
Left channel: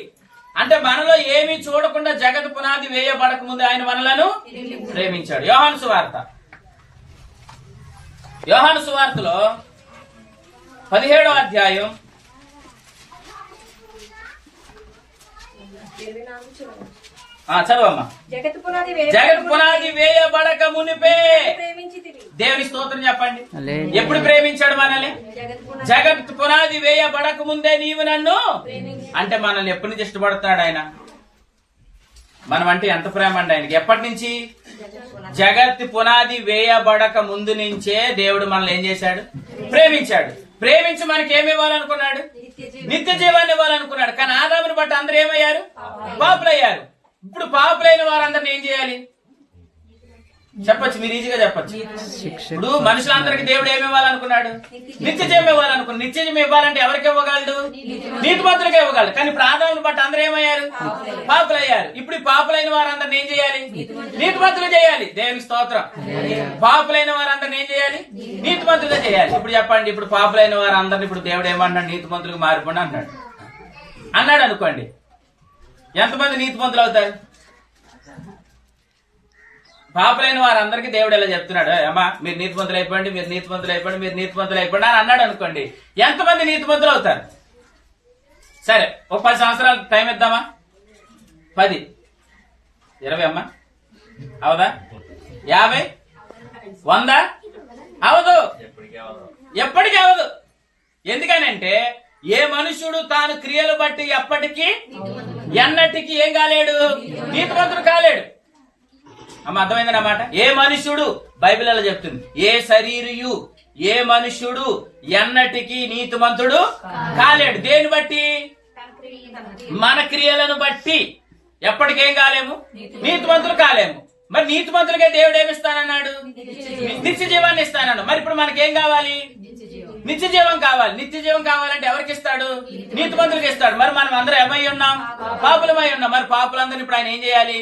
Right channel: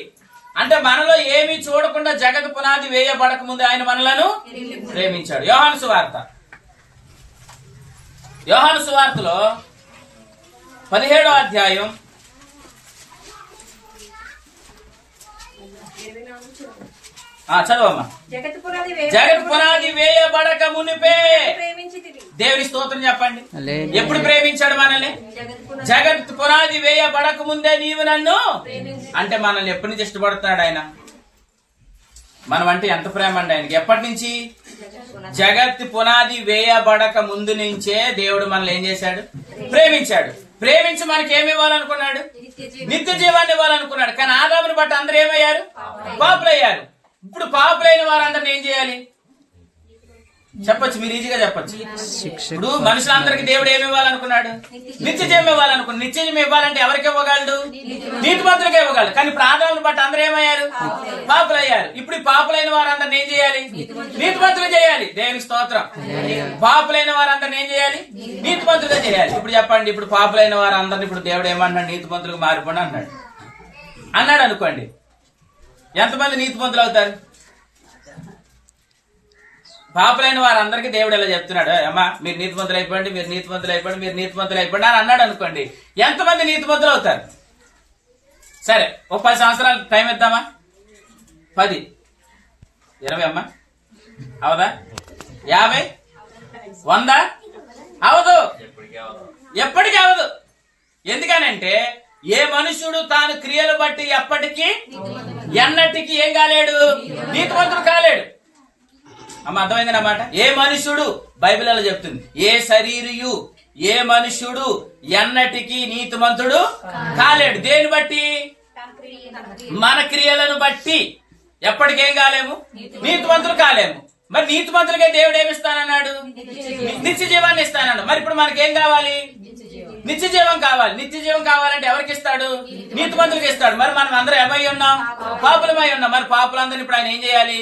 అంటే మనలో ఏమీ చూడకుండా జగత్ పునాది వేయబడక ముందు ఆయన మనలను ప్రేమించాడు. యోహాను సువార్తలో 17వ అధ్యాయం 7 చదవమ్మా. జగత్ పునాది వేయబడక మునిపే దేవుని స్తోత్రం చెప్పండి. ఎప్పుడు ప్రేమించాడు మనల్ని? జగత్ పునాది వేయబడక ముందే నీవు నన్ను. అంటే మనల్ని ఎప్పటి నుంచి ఇష్టపడుతున్నాడు ఆయన? మనం అంటే ఎంత ప్రేమ అండి ఆయనకి? ఎప్పటి నుంచి? జగత్ పునాది వేయబడక ముందు నుంచే దేవుడు మనల్ని ఏం చేశాడు? ప్రేమించాడు. ప్రేమించి మనకి ఏమి ఇవ్వాలనుకున్నాడు? నిత్య జీవాన్ని ఇవ్వాలనుకున్నాడు. కానీ ఆదాముని బట్టి అందరూ ఏమయ్యారు? పాపులయ్యారు. ఇప్పుడు పాపులైన వారందరిని ఏం చేయాలి చెప్పొచ్చు? మీరు ఈజీగా చెప్పొచ్చు. ఇప్పుడు మనుషులందరికీ దేవుడు ఏమి ఇవ్వాలనుకున్నాడు? నిత్య జీవం ఇవ్వాలనుకున్నాడు. నిత్య జీవం ఇవ్వాలంటే ఎవరికి ఇవ్వగలడు? నీతిమంతులకే ఇవ్వగలడు. కానీ ఇప్పుడు ఆదాముని బట్టి అందరూ ఏమయ్యారు? పాపులయ్యారు. ఇప్పుడు ఈ పాపులైన వారందరిని ఏం చేయాలి? నీతిమంతులు చేయాలి. దేవునికి స్తోత్రం. పాపులైన వారందరిని ఏం చేయాలి? నీతిమంతులుగా చేయాలి. ఇప్పుడు చెప్పండి, ఇప్పుడు పాపులైన వారందరిని ఇప్పుడు దేవుడు ఏమన్నాడు? నీతిమంతులకు మారిపోండి అన్నాడు అనుకోండి. ఎంతమంది నీతిమంతులు అవుతారు? పాపులైన వారందరికీ దేవుడు ఎలా చెప్తున్నాడు? అమ్మా మీరు నీతిమంతులు అయిపోండి, మీరు నీతిమంతులు అయిపోండి, మీరు నీతిమంతులు అయిపోండి అని అన్నాడు అనుకోండి. ఎంతమంది నీతిమంతులు అవుతారు? సరే, ఒక 10 సంవత్సరాలు టైం ఇద్దామా? 10, 20 అమ్మా అవదా? 50, 100 అవదు. ఎప్పటికీ అవదు. ఎందుకనంటే ఏ మనుషుడు తాను క్రియలు బట్టి ఎప్పటికీ ఎన్నటికీ ఏం కాలేడు? నీతిమంతుడు కాలేడు. అమ్మ అర్థమైంది అన్నమాట. ఏ మనుష్యుడు, బైబిల్ అలా చెప్తుంది, ఏ శరీరియు ఏ మనుష్యుడు ఎన్నటికీ నీతిమంతుడు కాలేడు. దేని బట్టి? మన క్రియలను బట్టి ఎప్పటికేం కాలేము? నీతిమంతులు కాలేము. మరి నీతిమంతులకే దేవుడు ఏమిస్తానన్నాడు? నిత్య జీవాన్ని ఇస్తానన్నాడు. మరి ఇప్పుడు మనకేం కావాలి? నిత్య జీవం కావాలి. నిత్య జీవం కావాలంటే ఎవరికి ఇస్తాడు? నీతిమంతులకు ఇస్తాడు. మరి మనం అందరం ఏమై ఉన్నాం? పాపులమై ఉన్నాం. మరి పాపులందరినీ ఇప్పుడు ఆయన ఏం చేయాలి?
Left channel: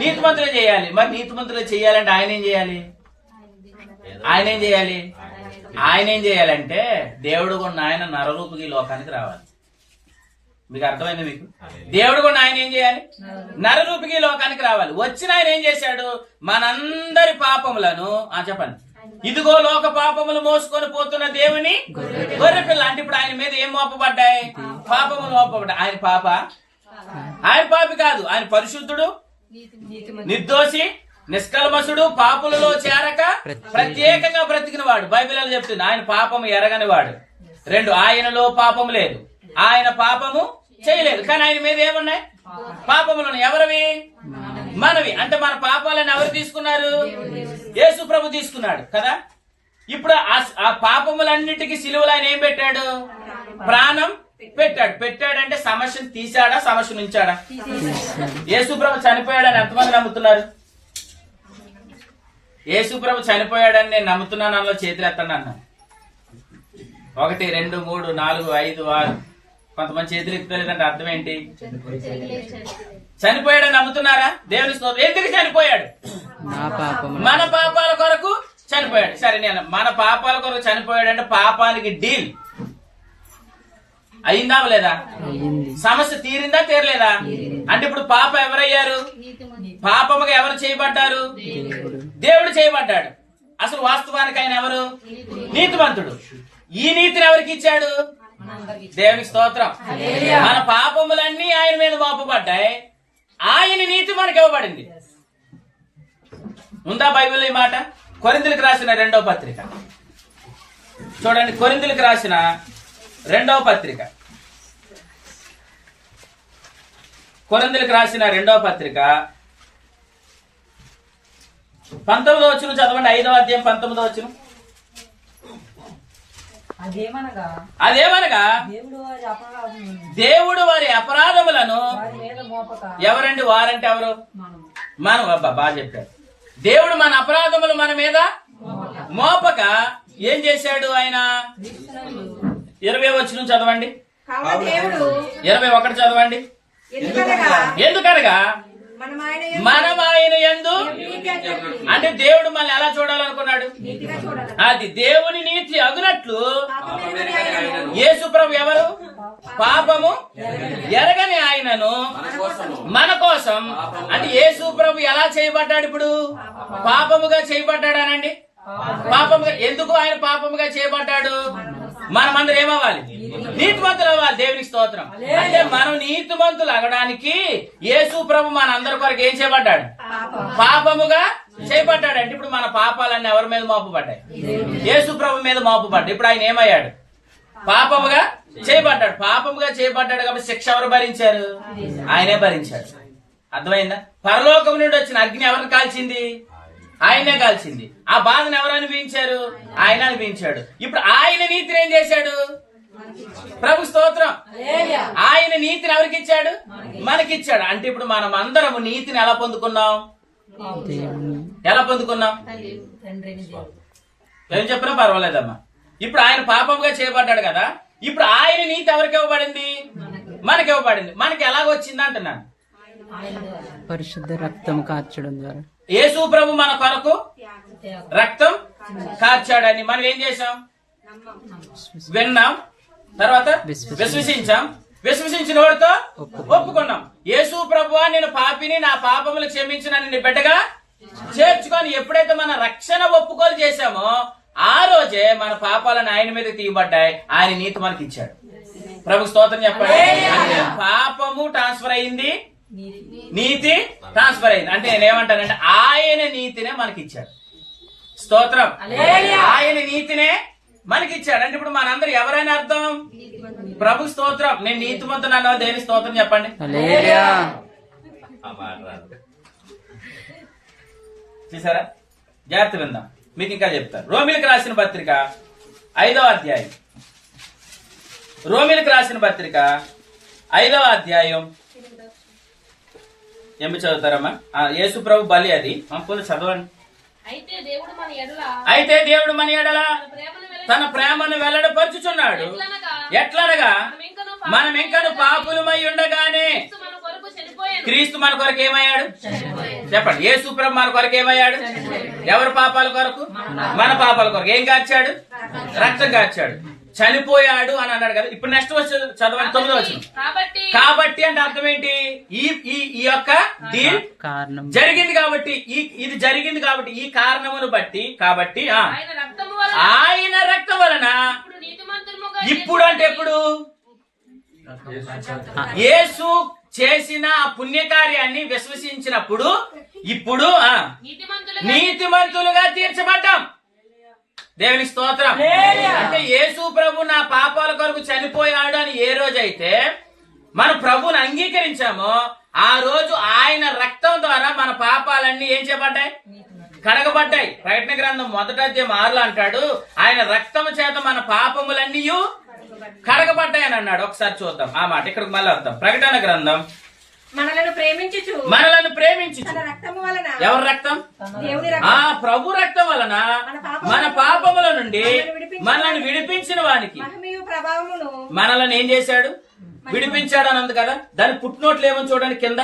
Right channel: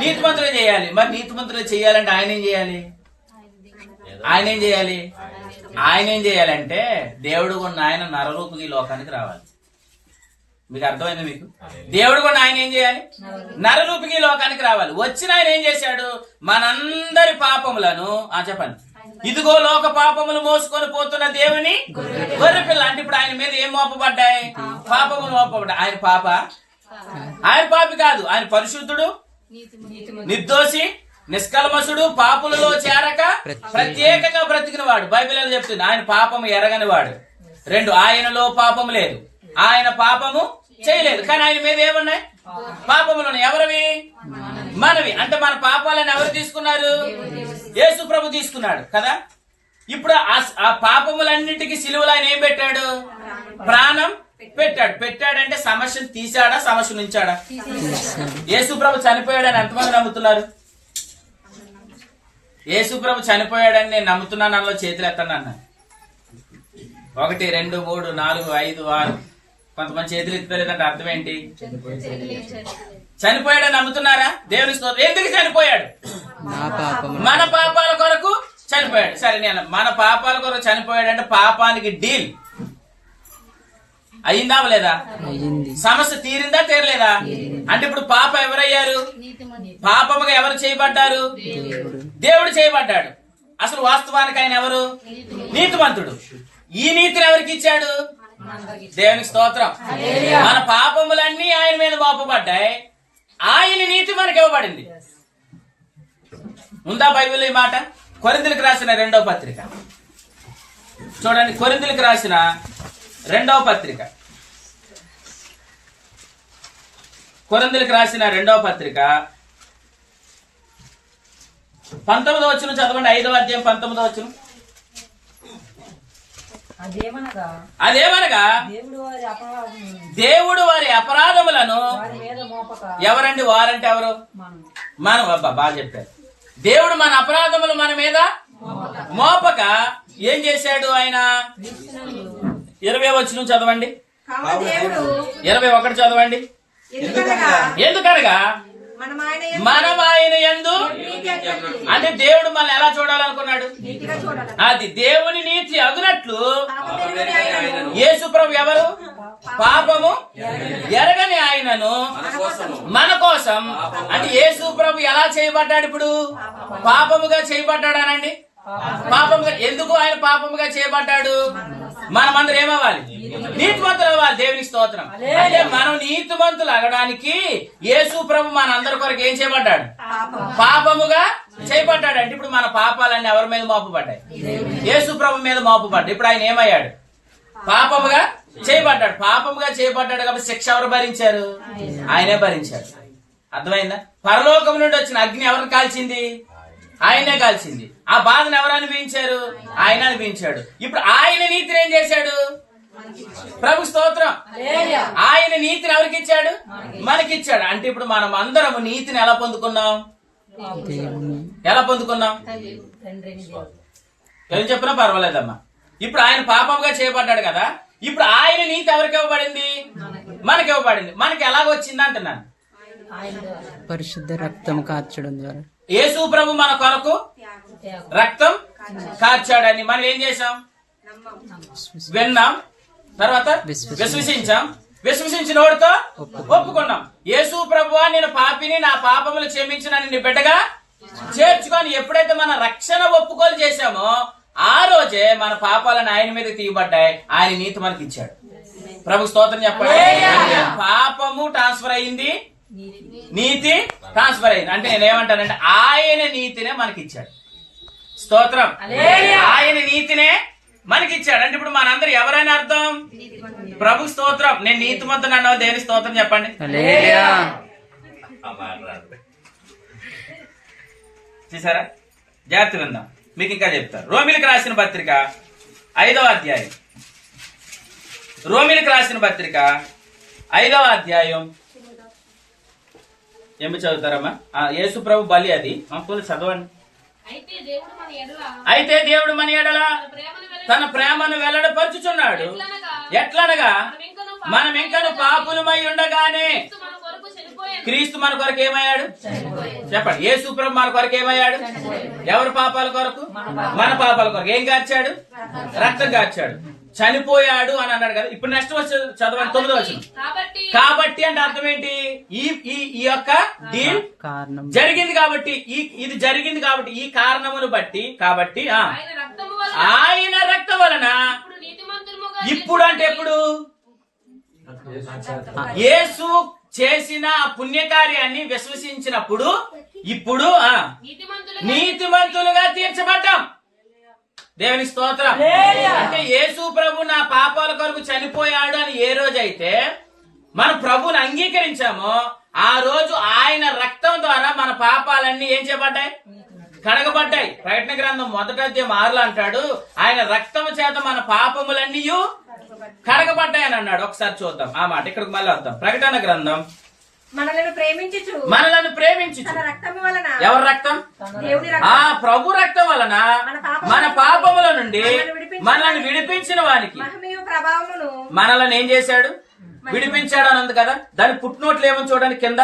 నీతిమంతులు చేయాలి. మరి నీతిమంతులు చేయాలంటే ఆయన ఏం చేయాలి? ఆయన ఏం చేయాలంటే దేవుడు ఉన్న ఆయన నరరూపకి లోకానికి రావాలి. మీకు అర్థమైంది? మీకు దేవుడు కూడా ఆయన ఏం చేయాలి? నరరూపికి లోకానికి రావాలి. వచ్చిన ఆయన ఏం చేశాడు? మనందరి పాపములను చెప్పండి, ఇదిగో లోక పాపములు మోసుకొని పోతున్న దేవుని గొర్రెపిల్ల. అంటే ఇప్పుడు ఆయన మీద ఏం మోపబడ్డాయి? పాపములు మోపబడ్డాయి. ఆయన పాప ఆయన పాపి కాదు, ఆయన పరిశుద్ధుడు, నిర్దోషి, నిష్కల్మషుడు, పాపులలో చేరక ప్రత్యేకంగా బ్రతికిన వాడు. బైబిల్ అని చెప్తుంది ఆయన పాపము ఎరగని వాడు. 2, ఆయనలో పాపము లేదు, ఆయన పాపము చేయలేదు. కానీ ఆయన మీద ఏమున్నాయి? పాపములు. ఎవరివి? మనవి. అంటే మన పాపాలను ఎవరు తీసుకున్నారు? యేసు ప్రభు తీసుకున్నాడు కదా. ఇప్పుడు ఆ పాపములన్నిటికీ సిలువలో ఆయన ఏం పెట్టాడు? ప్రాణం పెట్టాడు. పెట్టాడంటే సమస్యను తీశాడా, సమస్యను ఉంచాడా? యేసు ప్రభు చనిపోయాడని ఎంతమంది నమ్ముతున్నారు? యేసు ప్రభు చనిపోయాడని నేను నమ్ముతున్నాను అందులో చేతులు ఎత్తండి అన్న. 1, 2, 3, 4, 5, 6. కొంతమంది చేతులు ఎత్తలేదంటే అర్థం ఏంటి? చనిపోయాడని నమ్ముతున్నారా? దేవుని స్తోత్రం. ఎందుకు చనిపోయాడు? మన పాపాల కొరకు చనిపోయాడు. సరే, నేను మన పాపాల కొరకు చనిపోయాడు అంటే పాపానికి డీల్ అయిందా లేదా? సమస్య తీరిందా తీరలేదా? అంటే ఇప్పుడు పాప ఎవరయ్యారు? పాపముగా ఎవరు చేయబడ్డారు? దేవుడు చేయబడ్డాడు. అసలు వాస్తవానికి ఆయన ఎవరు? నీతిమంతుడు. ఈ నీతిని ఎవరికి ఇచ్చాడు? దేవునికి స్తోత్రం. మన పాపములన్నీ ఆయన మీద మోపబడ్డాయి, ఆయన నీతి మనకి ఇవ్వబడింది. ఉందా బైబిల్ ఈ మాట? కొరింథీయులకు రాసిన 2వ పత్రిక చూడండి. కొరింథీయులకు రాసిన 2వ పత్రిక, కొరింథీయులకు రాసిన 2వ పత్రిక 19వ వచనం చదవండి. 5వ అధ్యాయం 19వ వచనం. అదేమనగా దేవుడు వారి అపరాధములను ఎవరండి? వారంటే ఎవరు? మనం. అబ్బా, బాగా చెప్పారు. దేవుడు మన అపరాధములు మన మీద మోపక ఏం చేశాడు? ఆయన 20వ వచనం చదవండి. 21 చదవండి. ఎందుకనగా మనం ఆయన యందు, అంటే దేవుడు మనల్ని ఎలా చూడాలనుకున్నాడు? అది దేవుని నీతి అగునట్లు యేసు ప్రభు ఎవరు? పాపము ఎరగని ఆయనను మన కోసం. అంటే యేసు ప్రభు ఎలా చేయబడ్డాడు? ఇప్పుడు పాపముగా చేయబడ్డాడు అనండి. పాపముగా. ఎందుకు ఆయన పాపముగా చేయబడ్డాడు? మనమందరం ఏమవ్వాలి? నీతిమంతులు అవ్వాలి. దేవునికి స్తోత్రం. అంటే మనం నీతిమంతులు అవ్వడానికి యేసు ప్రభు మన అందరి కొరకు ఏం చేయబడ్డాడు? పాపముగా చేయబడ్డాడు. అంటే ఇప్పుడు మన పాపాలన్నీ ఎవరి మీద మోపబడ్డాయి? యేసు ప్రభు మీద మోపబడ్డాయి. ఇప్పుడు ఆయన ఏమయ్యాడు? పాపముగా చేయబడ్డాడు. పాపముగా చేయబడ్డాడు కాబట్టి శిక్ష ఎవరు భరించారు? ఆయనే భరించాడు. అర్థమైందా? పరలోకం నుండి వచ్చిన అగ్ని ఎవరిని కాల్చింది? ఆయనే కాల్చింది. ఆ బాధను ఎవరు అనుభవించారు? ఆయన అనుభవించాడు. ఇప్పుడు ఆయన నీతిని ఏం చేశాడు? ప్రభు స్తోత్రం. ఆయన నీతిని ఎవరికి ఇచ్చాడు? మనకిచ్చాడు. అంటే ఇప్పుడు మనం అందరము నీతిని ఎలా పొందుకున్నాం? ఎలా పొందుకున్నాం? ఏం చెప్పినా పర్వాలేదమ్మా. ఇప్పుడు ఆయన పాపంగా చేయబడ్డాడు కదా. ఇప్పుడు ఆయన నీతి ఎవరికి ఇవ్వబడింది? మనకి ఇవ్వబడింది. మనకి ఎలాగొచ్చింది అంటున్నాను? పరిశుద్ధ రక్తం కార్చడం ద్వారా. యేసు ప్రభు మన కొరకు రక్తం కార్చాడని మనం ఏం చేశాం? విన్నాం, తర్వాత విశ్వసించాం. విశ్వసించిన వాడితో ఒప్పుకున్నాం. యేసు ప్రభువా, నేను పాపిని, నా పాపములు క్షమించిన నిన్ను బిడ్డగా చేర్చుకొని ఎప్పుడైతే మన రక్షణ ఒప్పుకోలు చేశామో ఆ రోజే మన పాపాలను ఆయన మీద తీయబడ్డాయి. ఆయన నీతి మనకి ఇచ్చాడు. ప్రభు స్తోత్రం చెప్పండి. పాపము ట్రాన్స్ఫర్ అయింది, నీతి ట్రాన్స్ఫర్ అయింది. అంటే నేనేమంటానంటే ఆయన నీతినే మనకిచ్చాడు. స్తోత్రం. ఆయన నీతినే మనకిచ్చాడు. అంటే ఇప్పుడు మనందరూ ఎవరైనా అర్థం? ప్రభు స్తోత్రం. నేను నీతిమంతుడు అన్న దేవుని స్తోత్రం చెప్పండి. చూసారా? జాగ్రత్త విందాం, మీకు ఇంకా చెప్తారు. రోమిలకు రాసిన పత్రిక 5వ అధ్యాయం. రోమిలకు రాసిన పత్రిక 5వ అధ్యాయం. ఏమి చదువుతారమ్మా? యేసు ప్రభు బలి అది చదవండి. అయితే దేవుడు మన ఎడల తన ప్రేమను వెల్లడపరుచుచున్నాడు. ఎట్లనగా మనం ఇంకను పాపులమై ఉండగానే క్రీస్తు మన కొరకు ఏమయ్యాడు? చెప్పండి. యేసు ప్రభు మన కొరకు ఏమయ్యాడు? ఎవరి పాపాల కొరకు? మన పాపాల కొరకు. ఏం కార్చాడు? రక్తం కార్చాడు. చనిపోయాడు అని అన్నాడు కదా. ఇప్పుడు నెక్స్ట్ వచ్చి చదవండి, 9వ వచనం. కాబట్టి అంటే అర్థం ఏంటి? ఈ యొక్క డీల్ జరిగింది కాబట్టి, ఇది జరిగింది కాబట్టి, ఈ కారణమును బట్టి, కాబట్టి ఆయన రక్తం వలన ఇప్పుడు అంటే ఎప్పుడు? యేసు చేసిన ఆ పుణ్యకార్యాన్ని విశ్వసించినప్పుడు ఇప్పుడు నీతిమంతులుగా తీర్చబడ్డాం. దేవుని స్తోత్రం. అంటే యేసు ప్రభు నా పాపాల కొరకు చనిపోయాడు అని ఏ రోజైతే మన ప్రభువుని అంగీకరించామో ఆ రోజు ఆయన రక్తం ద్వారా మన పాపాలన్నీ ఏం చేయబడ్డాయి? కడగబడ్డాయి. ప్రకటన గ్రంథం 1వ అధ్యాయం 6లో అంటాడు, ఆయన రక్తం చేత మన పాపములన్నీ కడగబడ్డాయి అని అన్నాడు. ఒకసారి చూద్దాం ఆ మాట. ఇక్కడికి మళ్ళీ వద్దాం. ప్రకటన గ్రంథం మనలను ప్రేమించుచు ఎవరి రక్తం? దేవుని ఆ ప్రభు రక్తం వలన మన పాపముల నుండి మనల్ని విడిపించిన వానికి మహిమయు ప్రభావమును మనల్ని ఏం చేశాడు? విడిపించాడు అని ఉంది కదా. దాని పుట్టినోట్లు ఏమని చూడండి, కింద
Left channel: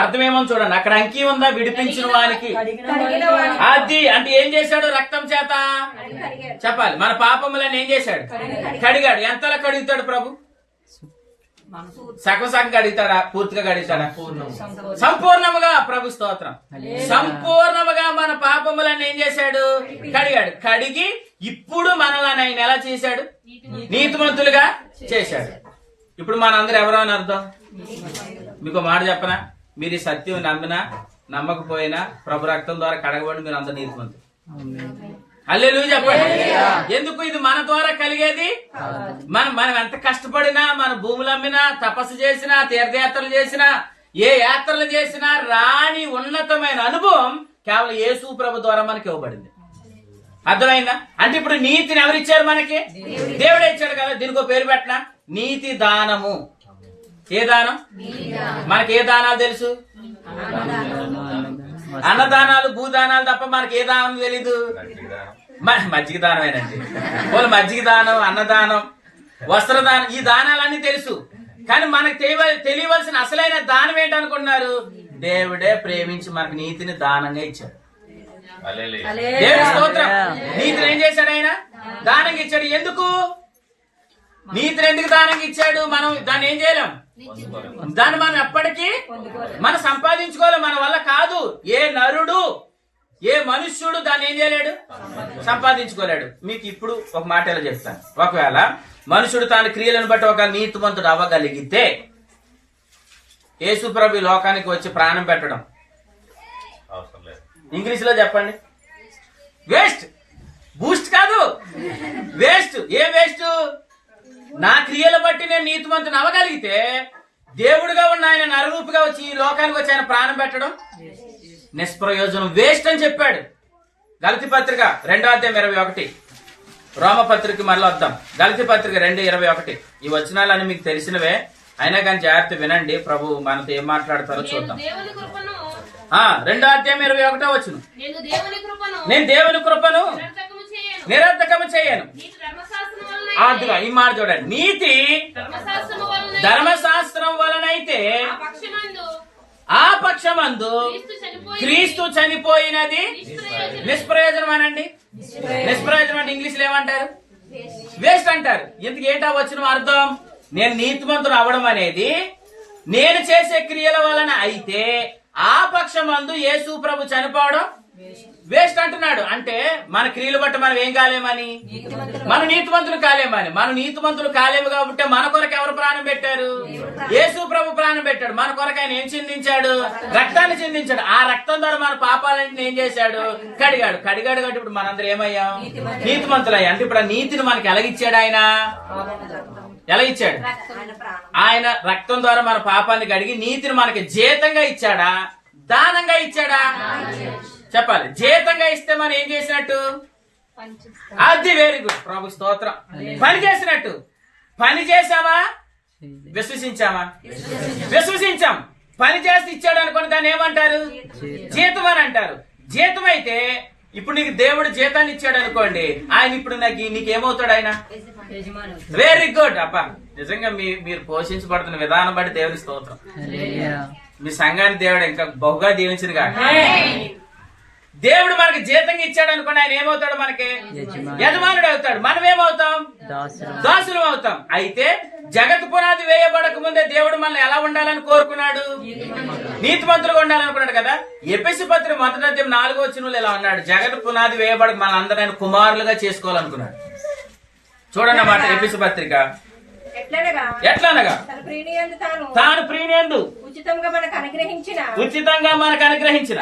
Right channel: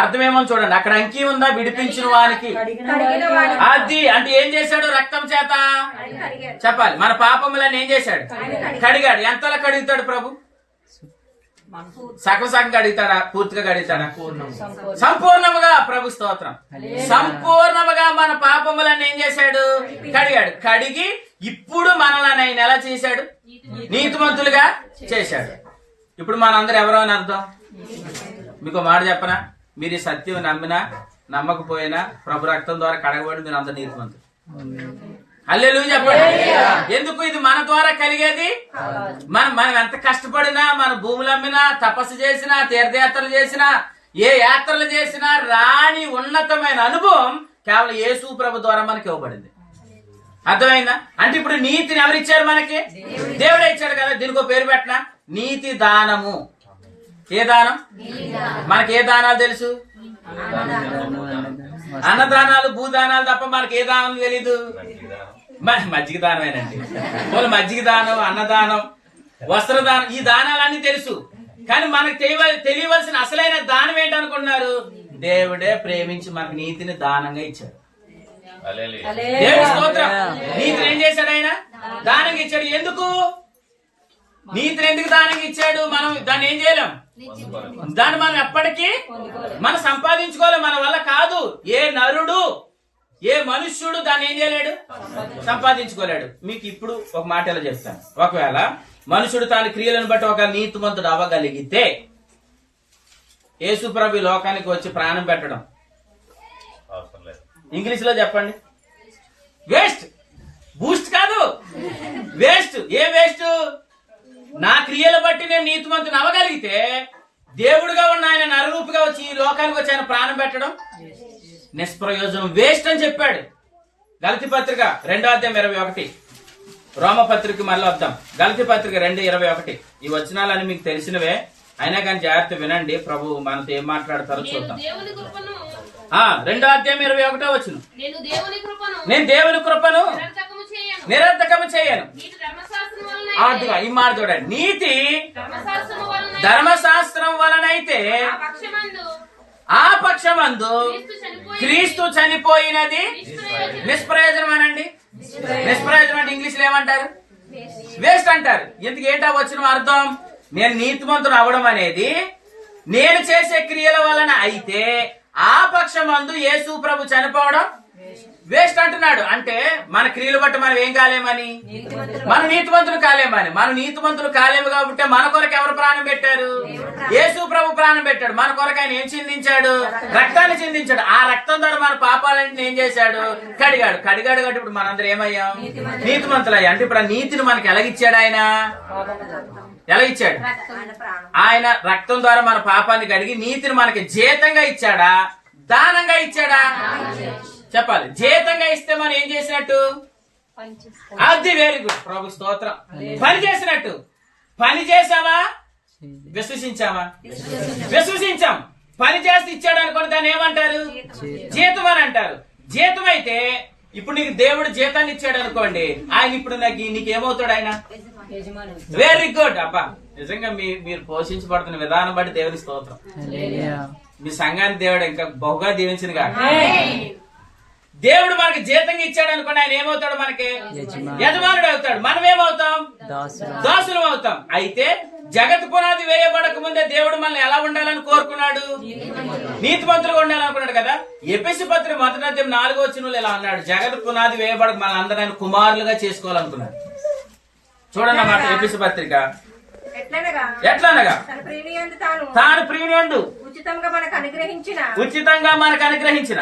అర్థం ఏమని చూడండి. అక్కడ అంకీ ఉందా? విడిపించిన వానికి. కడిగిన వాడు అది అంటే ఏం చేశాడు? రక్తం చేత చెప్పాలి. మన పాపములను ఏం చేశాడు? కడిగాడు. ఎంతలా కడుగుతాడు ప్రభు? సగం సగం కడుగుతాడా? పూర్తిగా కడుగుతాడా? సంపూర్ణముగా. ప్రభు స్తోత్రం. సంపూర్ణముగా మన పాపములను ఏం చేశాడు? కడిగాడు. కడిగి ఇప్పుడు మనల్ని ఆయన ఎలా చేశాడు? నీతిమంతులుగా చేశాడు. ఇప్పుడు మనందరూ ఎవరో అని అర్థం. మీకు మాట చెప్పనా, మీరు ఈ సత్యం నమ్మినా నమ్మకపోయినా ప్రభు రక్తం ద్వారా కడగబడి మీరు అందరు నీతిమంతులు. హల్లెలూయా చెప్పండి. ఎందుకు? ఇది మన ద్వారా కలిగేది. మనం ఎంత కష్టపడినా, మన భూములు అమ్మినా, తపస్సు చేసినా, తీర్థయాత్రలు చేసినా, ఏ యాత్రలు చేసినా రాని ఉన్నతమైన అనుభవం కేవలం యేసు ప్రభు ద్వారా మనకి ఇవ్వబడింది. అర్థమైందా? అంటే ఇప్పుడు నీతిని ఎవరిచ్చారు మనకి? దేవుడే ఇచ్చాడు కదా. దీనికి ఒక పేరు పెట్టినా నీతి దానము. ఏ దానం? మనకి ఏ దానాలు తెలుసు? అన్నదానాలు, భూదానాలు తప్ప మనకి ఏ దానం తెలీదు. మజ్జిగ దానమేనండి. వాళ్ళు మజ్జిగ దానం, అన్నదానం, వస్త్రదానం, ఈ దానాలన్నీ తెలుసు. కానీ మనకు తెలియవలసిన అసలైన దానం ఏంటనుకుంటున్నారు? దేవుడే ప్రేమించి మనకు నీతిని దానంగా ఇచ్చాడు. దేవుడి స్తోత్రం. నీతిని ఏం చేశాడు? ఆయన దానంగా ఇచ్చాడు. ఎందుకు? నీతిని ఎందుకు దానంగా ఇచ్చాడు? మనం దాన్ని ఏం చేయలేం. దాన్ని మనం ఎప్పటికీ మనం సంపాదించుకోలేం. మన వల్ల కాదు. ఏ నరుడు, ఏ మనుష్యుడు దాన్ని ఏం చేయలేడు, సంపాదించుకోలేడు. మీకు ఇప్పుడు ఒక మాట ఎలా చెప్తాను. ఒకవేళ మనుషుడు తాను క్రియలను బట్టి ఒక నీతిమంతుడు అవ్వగలిగితే యేసు ప్రభు లోకానికి వచ్చి ప్రాణం పెట్టడం ఇంగ్లీష్ లో చెప్పండి. వేస్ట్. బూస్ట్ కాదు, వేస్ట్. ఏ వేస్ట్? నా క్రియల బట్టి నేను నీతిమంతుని అవ్వగలిగితే దేవుడుగా ఉన్న ఆయన నరరూపిగా వచ్చి ఈ లోకానికి వచ్చి ఆయన ప్రాణం పెట్టడం నిష్ప్రయోజనం, వేస్ట్ అని చెప్పాడు. గలతీ పత్రిక 2వ అధ్యాయం 21. రోమపత్రిక మళ్ళీ వద్దాం. గలతీ పత్రిక 2:21. ఈ వచనాలని మీకు తెలిసినవే, అయినా కానీ జాగ్రత్త వినండి. ప్రభు మనతో ఏం మాట్లాడతారో చూద్దాం. 2వ అధ్యాయం 21వ వచనం. నేను దేవుని కృపను నిరర్థకము చేయను. అదిగా ఈ మాట చూడండి. నీతి ధర్మశాస్త్రం వలనైతే ఆ పక్షమందు క్రీస్తు చనిపోయినది నిష్ప్రయోజనం అనండి. నిష్ప్రయోజనం అంటే ఇంగ్లీష్ లో ఏమంటారు? వేస్ట్ అంటారు. ఎందుకు? ఏంటా వచ్చిన అర్థం? నేను నీతిమంతుడు అవ్వడం అనేది నేను చేసే క్రియల వలన అయితే ఆ పక్షమందు యేసు ప్రభు చనిపోవడం వేస్ట్ అంటున్నాడు. అంటే మన క్రియలు బట్టి మనం ఏం కాలేమని? మనం నీతిమంతులు కాలేమని. మనం నీతిమంతులు కాలేము కాబట్టి మన కొరకు ఎవరు ప్రాణం పెట్టారు? యేసు ప్రభు ప్రాణం పెట్టాడు. మన కొరకు ఆయన ఏం చిందించాడు? రక్తాన్ని చిందించాడు. ఆ రక్తం ద్వారా మన పాపాలన్నీ ఏం చేశాడు? కడిగాడు. కాబట్టి ఇప్పుడు మనందరూ ఏమయ్యాం? నీతిమంతులయ్యా. అంటే ఇప్పుడు ఆ నీతిని మనకి ఎలాగిచ్చాడు? ఆయన ఎలా ఇచ్చాడు? ఆయన రక్తం ద్వారా మన పాపాన్ని కడిగి నీతిని మనకి జీతంగా ఇచ్చాడా, దానంగా ఇచ్చాడా? చెప్పాలి. జీతంగా ఇస్తే మనం ఏం చేసినట్టు? అది వెరీ గుడ్. ప్రభు స్తోత్రం. పని చేసినట్టు. పని చేసామా? విశ్వసించామా? విశ్వసించాం. పని చేసి ఇచ్చాడు అనుకోని దాన్ని ఏమంటారు? జీతం అని అంటారు. జీతం అయితే ఇప్పుడు నీకు దేవుడు జీతాన్ని ఇచ్చాడు అనుకోండి, ఆయన ఇప్పుడు నీకేమవుతాడు? ఆయన వెరీ గుడ్. అబ్బా, నిజంగా మీరు పోషించబడుతున్న విధానం బట్టి దేవుడి స్తోత్రం. మీ సంఘాన్ని దేవుడు ఇంకా బహుగా దీవించింది కాక. దేవుడు మనకి జీతంగా ఇచ్చాడు అనుకోండి, ఆయన ఏమవుతాడు? మనకి యజమానుడు అవుతాడు. మనం ఏమవుతాం? దాసులం అవుతాం. అయితే జగత్ పునాది వేయబడక ముందే దేవుడు మనల్ని ఎలా ఉండాలని కోరుకున్నాడు? నీతిమంతులుగా ఉండాలనుకున్నాడు కదా. ఎఫెసీ పత్రిక 1వ అధ్యాయం 4వ వచనంలో ఇలా అన్నాడు, జగత్ పునాది వేయబడక మన అందరూ ఆయన కుమారులుగా చేసుకోవాలనుకున్నాడు. చూడండి అన్నమాట. ఎఫెసీ పత్రిక ఎట్లనగా తాను ప్రియనియందు ఉచితంగా మనకు అనుగ్రహించిన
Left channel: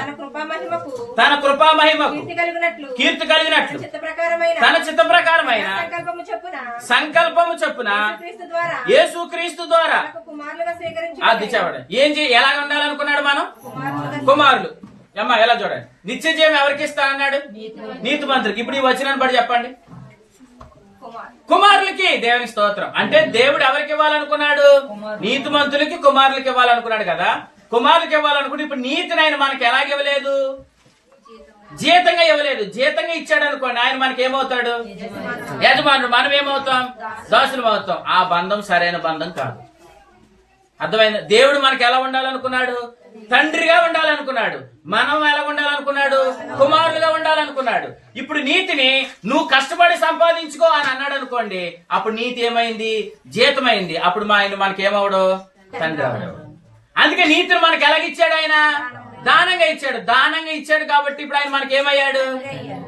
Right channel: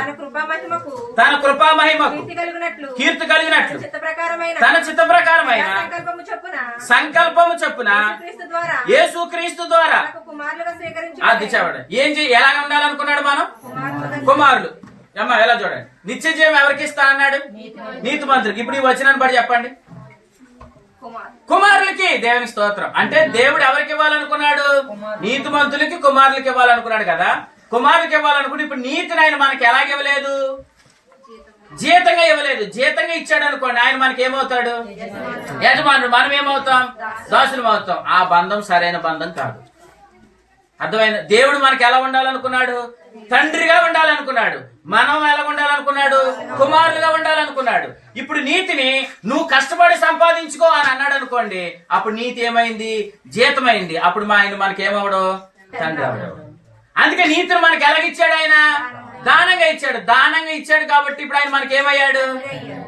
తన కృపా మహిమకు కీర్తి కలిగినట్లు తన చిత్త ప్రకారమైన సంకల్పము చొప్పున యేసుక్రీస్తు ద్వారా అది చెప్పండి ఎలా ఉండాలనుకున్నాడు మనం కుమారులు అమ్మా ఎలా చూడండి నిత్య జీవం ఎవరికి ఇస్తా అన్నాడు నీతిమంతులకి ఇప్పుడు ఈ వచనాన్ని బట్టి చెప్పండి కుమారులకి దేవుని స్తోత్రం అంటే దేవుడు ఎవరికి ఇవ్వాలనుకున్నాడు నీతిమంతులకి కుమారులకి ఇవ్వాలనుకున్నాడు కదా కుమారులకి ఇవ్వాలనుకుంటే ఇప్పుడు నీతిని ఆయన మనకి ఎలాగివ్వలేదు జీతంగా ఇవ్వలేదు జీతంగా ఇచ్చాడు అనుకోండి ఆయన మనకి ఏమవుతాడు యజమానుడు మనం ఏమవుతాం దాసులం అవుతాం ఆ బంధం సరైన బంధం కాదు అర్థమైంది దేవుడు మనకి ఎలా ఉండాలనుకున్నాడు తండ్రిగా ఉండాలనుకున్నాడు మనం ఎలా ఉండాలనుకున్నాడు కుమారులుగా ఉండాలనుకున్నాడు ఇప్పుడు నీతిని నువ్వు కష్టపడి సంపాదించుకో అని అన్నాడు అనుకోండి అప్పుడు నీతి ఏమైంది జీతమైంది అప్పుడు ఆయన మనకి ఏమవడు తండ్రి అవడు అందుకే నీతిని మనకి ఎలాగిచ్చాడు ఆయన దానంగా ఇచ్చాడు కాబట్టి ఇప్పుడు ఆయన మనకి ఏమయ్యాడు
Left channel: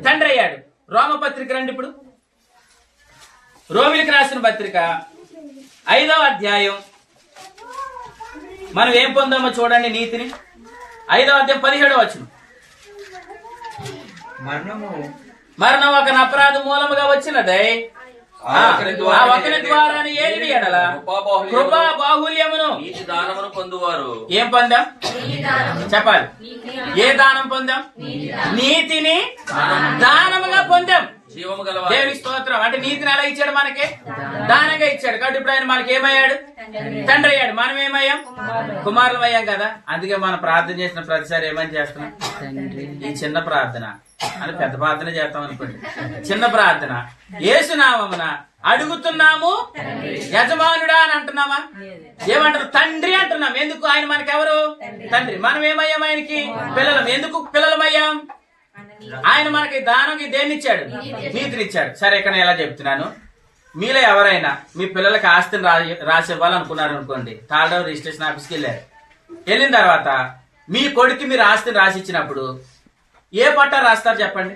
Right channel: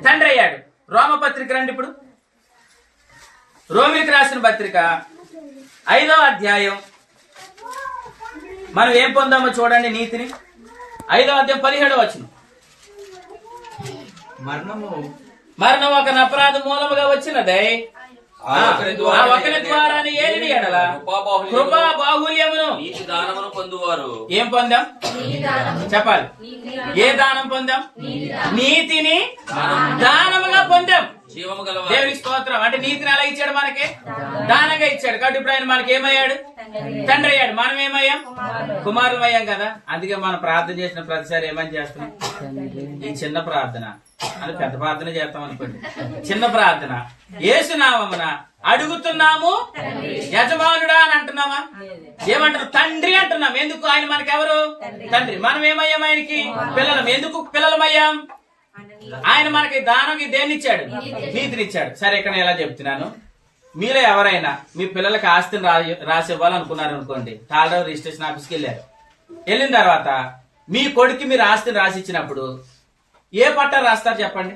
తండ్రి అయ్యాడు రోమపత్రిక రండి ఇప్పుడు రోమిలికి రాసిన పత్రిక 5వ అధ్యాయం మనం ఏం పొందామో చూడండి నీతిని 5వ అధ్యాయం 17వ వచనం మరణం ఒక అపరాధ మూలముగా వచ్చినదే ఒకరి ద్వారా ఏది ఎడల కృపా బాహుల్యమును ఏం పొందాం చెప్పాలి ఏ దానం పొందాం నీతిని దానముగా పొందాం దేవుని స్తోత్రం అంటే నీతిని ఎలా ఇచ్చాడు మనకి దానంగా ఇచ్చాడు కాబట్టి ఇప్పుడు ఆయన మనకి ఏమయ్యాడు తండ్రి అయ్యాడు మనం ఏమయ్యాం కుమారులం అయ్యాం కదా అందుకే మనం ప్రార్థన చేసిన ప్రతిసారి ఏమని చేస్తున్నాం ఈ చిన్న ప్రార్థన అని పెద్ద ప్రార్థన చేస్తాం అనుకోండి చిన్న ప్రార్థన యేసునామమున అడుగుతున్నాము యజమానుడా అని అంటున్నామా ఏమంటారు తండ్రి అంటున్నాం ఎందుకు ఆయన మనకి ఎవరు తండ్రి మనం ఏమయ్యాం ఆయనకి పిల్లలం ఎందుకు పిల్లలమయ్యాం ఆయన మనకి దానంకి దేన్ని ఇచ్చాడు నీతిని ఇచ్చాడు సరే ఇక్కడ ఎలా చెప్తున్నాను మీలో ఎవరైనా మీ పిల్లలకి ఆస్తిని రాసి ఇవ్వాలనుకున్నారు అనుకోండి తాళరావు రిజిస్ట్రేషన్ ఆఫీస్కి వెళ్ళిన తర్వాత మీ కొడుకు మీరు ఆస్తిని రాసి ఇచ్చినప్పుడు ఏ పట్టా రాస్తారు చెప్పండి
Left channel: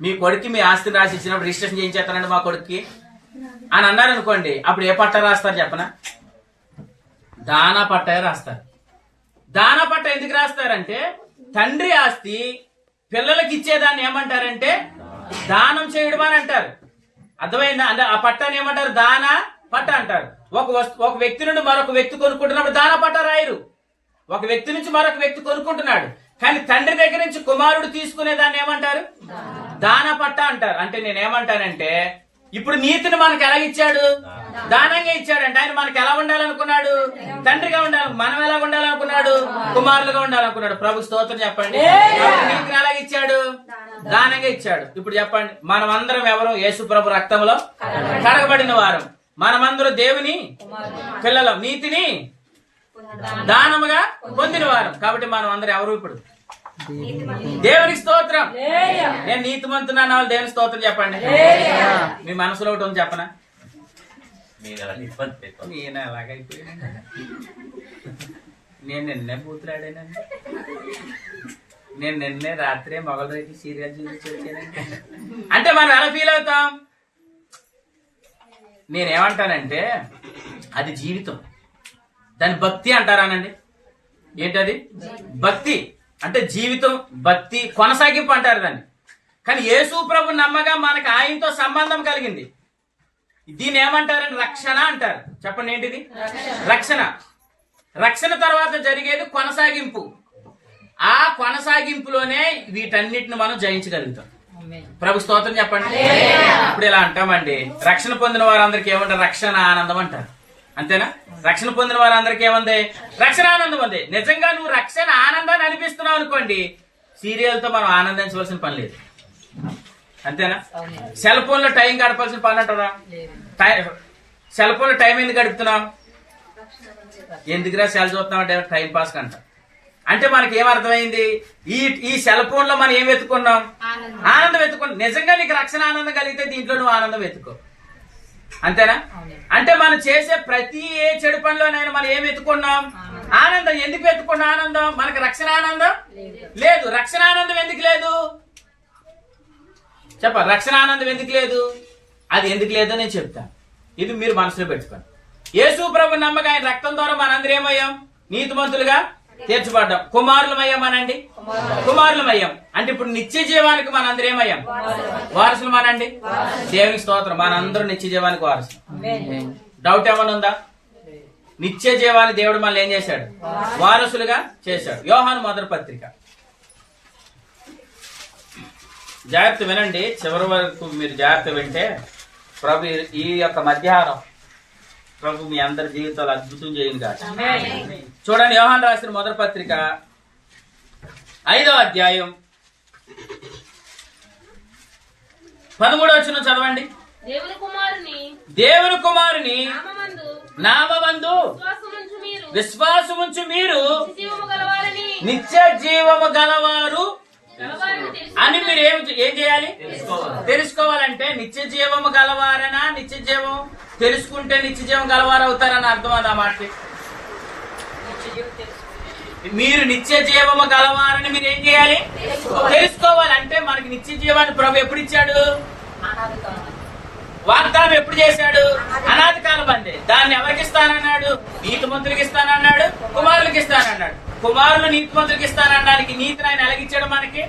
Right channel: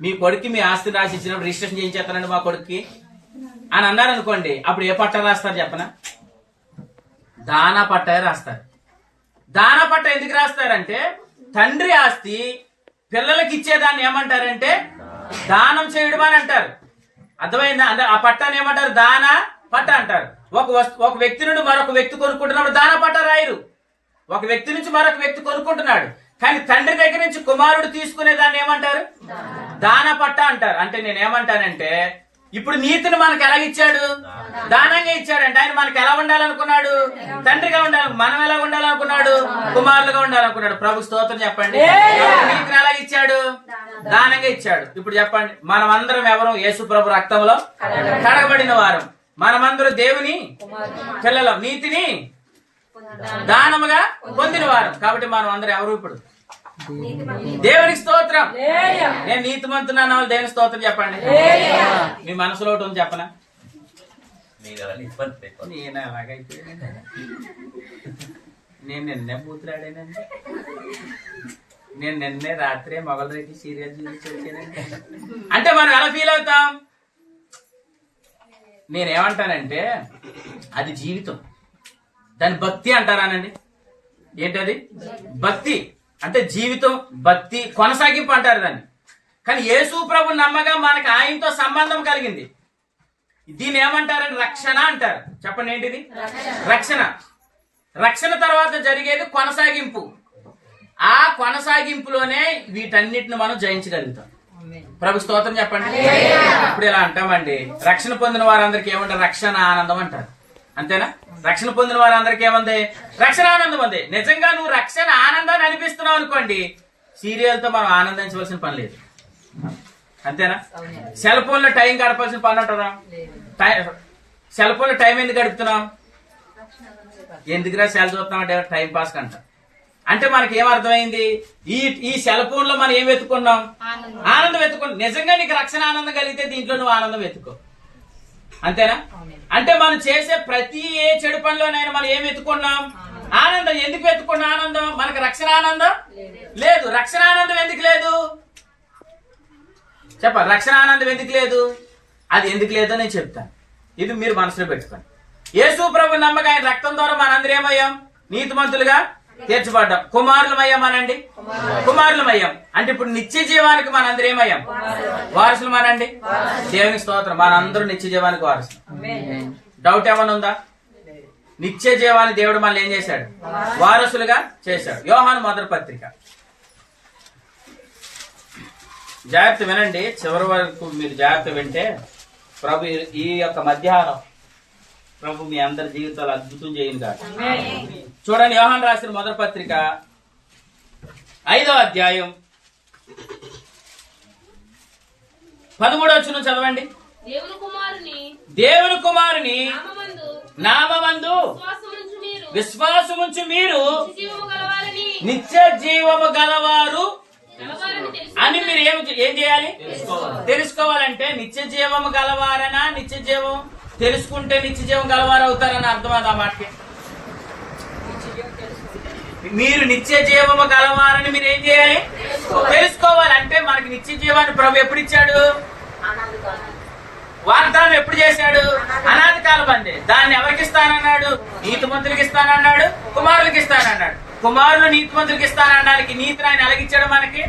మీ కొడుకు మీ ఆస్తిని రాసి ఇచ్చినప్పుడు రిజిస్ట్రేషన్ చేయించేస్తానండి మా కొడుక్కి అని అన్నారు అనుకోండి అప్పుడు ఏ పట్టా రాస్తారు చెప్పనా దానా పట్టా రాస్తారు దానా పట్టా ఎందుకు రాస్తారంటే తండ్రి ఆస్తి పిల్లలకి ఇచ్చేదాన్ని ఏమంటారంటే దానం చేయడం అని అంటారు అర్థమైందా అంటే ఆ పట్టాన్ని ఏమంటారు దానా పట్ట అంటారు ఒక వ్యక్తి నుండి మరొక వ్యక్తి కొనుక్కుంటున్నప్పుడు దానా పట్ట రాయరు ఒక వ్యక్తి నుంచి మరొక వ్యక్తి కొనుక్కుంటున్నాడు కానీ తండ్రి దగ్గర నుంచి కుమారుడు తీసుకునే దాన్ని ఏమంటారు దానా పట్ట అంటారు అంటే నేనేమంటానంటే ఇప్పుడు నీతిని మనకు ఎలాగిచ్చాడు దానంగా ఇచ్చాడంటే ఆయన మనకి ఎలా ఉండాలనుకున్నాడు తండ్రిగా ఉండాలి మనం ఎలా ఉండాలనుకున్నాడు కుమారులుగా ఉండాలనుకున్నాడు ప్రభు స్తోత్రం చెప్పండి నీతిని ఎలాగిచ్చాడు దానంగా ఇచ్చాడు ఇప్పుడు చెప్పండి మనమందరం ఎవరు యేసు ప్రభు రక్తంలో కడగబడిన వారం మనమందరం దేవుని పిల్లలం నీతిని దానముగా పొందిన వారం కాబట్టి మనం అందరం ఎవరు ఇప్పుడు దేవునికి స్తోత్రం నేను నీతిమంతున్నా వాళ్ళు దేవుని స్తోత్రం చెప్పండి మీ మనసులో ఒకటి ఉంది చెప్పనా నేను ఎలాగైపోయానండి నేను నిన్నే బూతులాడానండి నేను నిన్నే రాత్రే మొగల రేపు సీరియల్ చూపించానండి అంటే మనం ఎలా ఫీల్ అవుతాం నేనేమంటానంటే అది జీవితం దాని భక్తి అంటారానండి ఏంటది భక్తి అంటే జీవితం భక్తి కొనసాగింపు అంటారు దాన్ని కానీ యేసు ప్రభు నమ్మగా మనకు ఆయనతో సంబంధం కలిగింది దీన్ని ఏమంటారంటే రక్షణ అంటారు చెప్పండి ఏంటిది రక్షణ తర్వాత జరిగేది కొనసాగింపు ఆ కొనసాగింపులోనే వీటన్నిటిని మనం జయించగలుగుతాం ప్రభు స్తోత్రం చెప్పండి ఇప్పుడు ఇలా అంటామండి రక్షణ పొందిన వారందరికీ ఏమంటారు రక్షణ ఆనందం అంటారు అంతేనా రక్షణ పొందిన వారందరికీ ఏముంది రక్షణ ఆనందం ఉంది నిజంగా నువ్వు రక్షణ ఆనందాన్ని అనిపిస్తున్నావు అనుకోండి సీరియల్తో మనం ఆనందించవలసిన పని లేదు అంతేనా సెల్ ఫోన్ లో టైం గడపాల్సిన పని అంటారా సెల్ ఫోన్ లో టైం ఎందుకు గడుపుతున్నాం ఎందుకురా సెల్ చూస్తున్నాం అంటే టైం పాస్ కంట అంటే మనకి ఏమర్థమైంది ఈ సెల్ ఫోన్ లో మనం ఏం వెతుకున్నాం ఆనందం వెతుకున్నాం నిజంగా నీకు రక్షణ ఆనందం కలిగితే దీంట్లో నువ్వు ఆనందం వెతుకో అంతేనా అంటే మనం చేసే ప్రతి ఏ చెడు పనిలోనైనా మనం ఏం వెతుకున్నాం ఆనందం ఎందుకు వెతుకున్నాం ఆనందం మనకు రక్షణ ఆనందం లేదు రక్షణ ఆనందం ఎందుకు లేదు చెప్ప రక్షణ ఆనందం ఎందుకు లేదు అది ఎందుకు లేదో నేను చెప్తాను. ఇది మీరు మనసులో పెట్టుకోండి. యేసు ప్రభు నమ్మక ఆయన రక్తం ద్వారా మనందరం ఏమయ్యాం? నీతిమంతులుగా తీర్చబడ్డాం. కుమారులమయ్యామనండి, కుమారులమయ్యాం. అంటే ఇప్పుడు నిత్య జీవానికి మనందరం ఏమయ్యాం? వారసులమనండి. దేవునికి స్తోత్రం. మనందరూ నిత్య జీవానికి వారసులు. డౌట్ ఏమైనా ఉందా? నిత్య జీవాన్ని దేవుడు మనల్ని ఏం చేశాడు? వారసులుగా చేశాడు. యోహాను మొదటి పత్రిక, జాగ్రత్త వినండి, చివరి వరకు మీరు జాగ్రత్త వింటే ప్రభు ఈ యొక్క మధ్యాహ్నం ప్రభు మీ అందరి జీవితాలు అద్భుతం చేయను కాదు. చూడండి, యోహాను రాసిన మొదటి పత్రిక 5వ అధ్యాయం 13వ వచనం చదవండి. దేవుని కుమారుని నామమందు విశ్వాసముంచు మీరు నిత్య జీవము గలవారు అని మీరు ఏం చేయాలి? తెలుసుకోవాలంటే నిత్య జీవము గలవారనా? నిత్య జీవం తెలుసుకుంటే నిత్య జీవం గలవారు అవుతారని అర్థం అది ఆ మాటకి. మీరు నిత్య జీవము గలవారని మీరు ఏం చేయాలి? తెలుసుకోవాలంటే మనకి నిత్య జీవాన్ని ప్రభు ఎప్పుడు ఇచ్చాడు? వాగ్దానం ఎప్పుడు చేశాడు? అనాది కాలం అందే. దాన్ని ఎవరికి ఇస్తానన్నాడు? నీతిమంతులకి ఇస్తానన్నాడు, కుమారులకి ఇస్తానన్నాడు. కుమారులు నీతిమంతులకి ఇస్తానడానికి నీతిని ఆయన ఎలాగిచ్చాడు? మనకి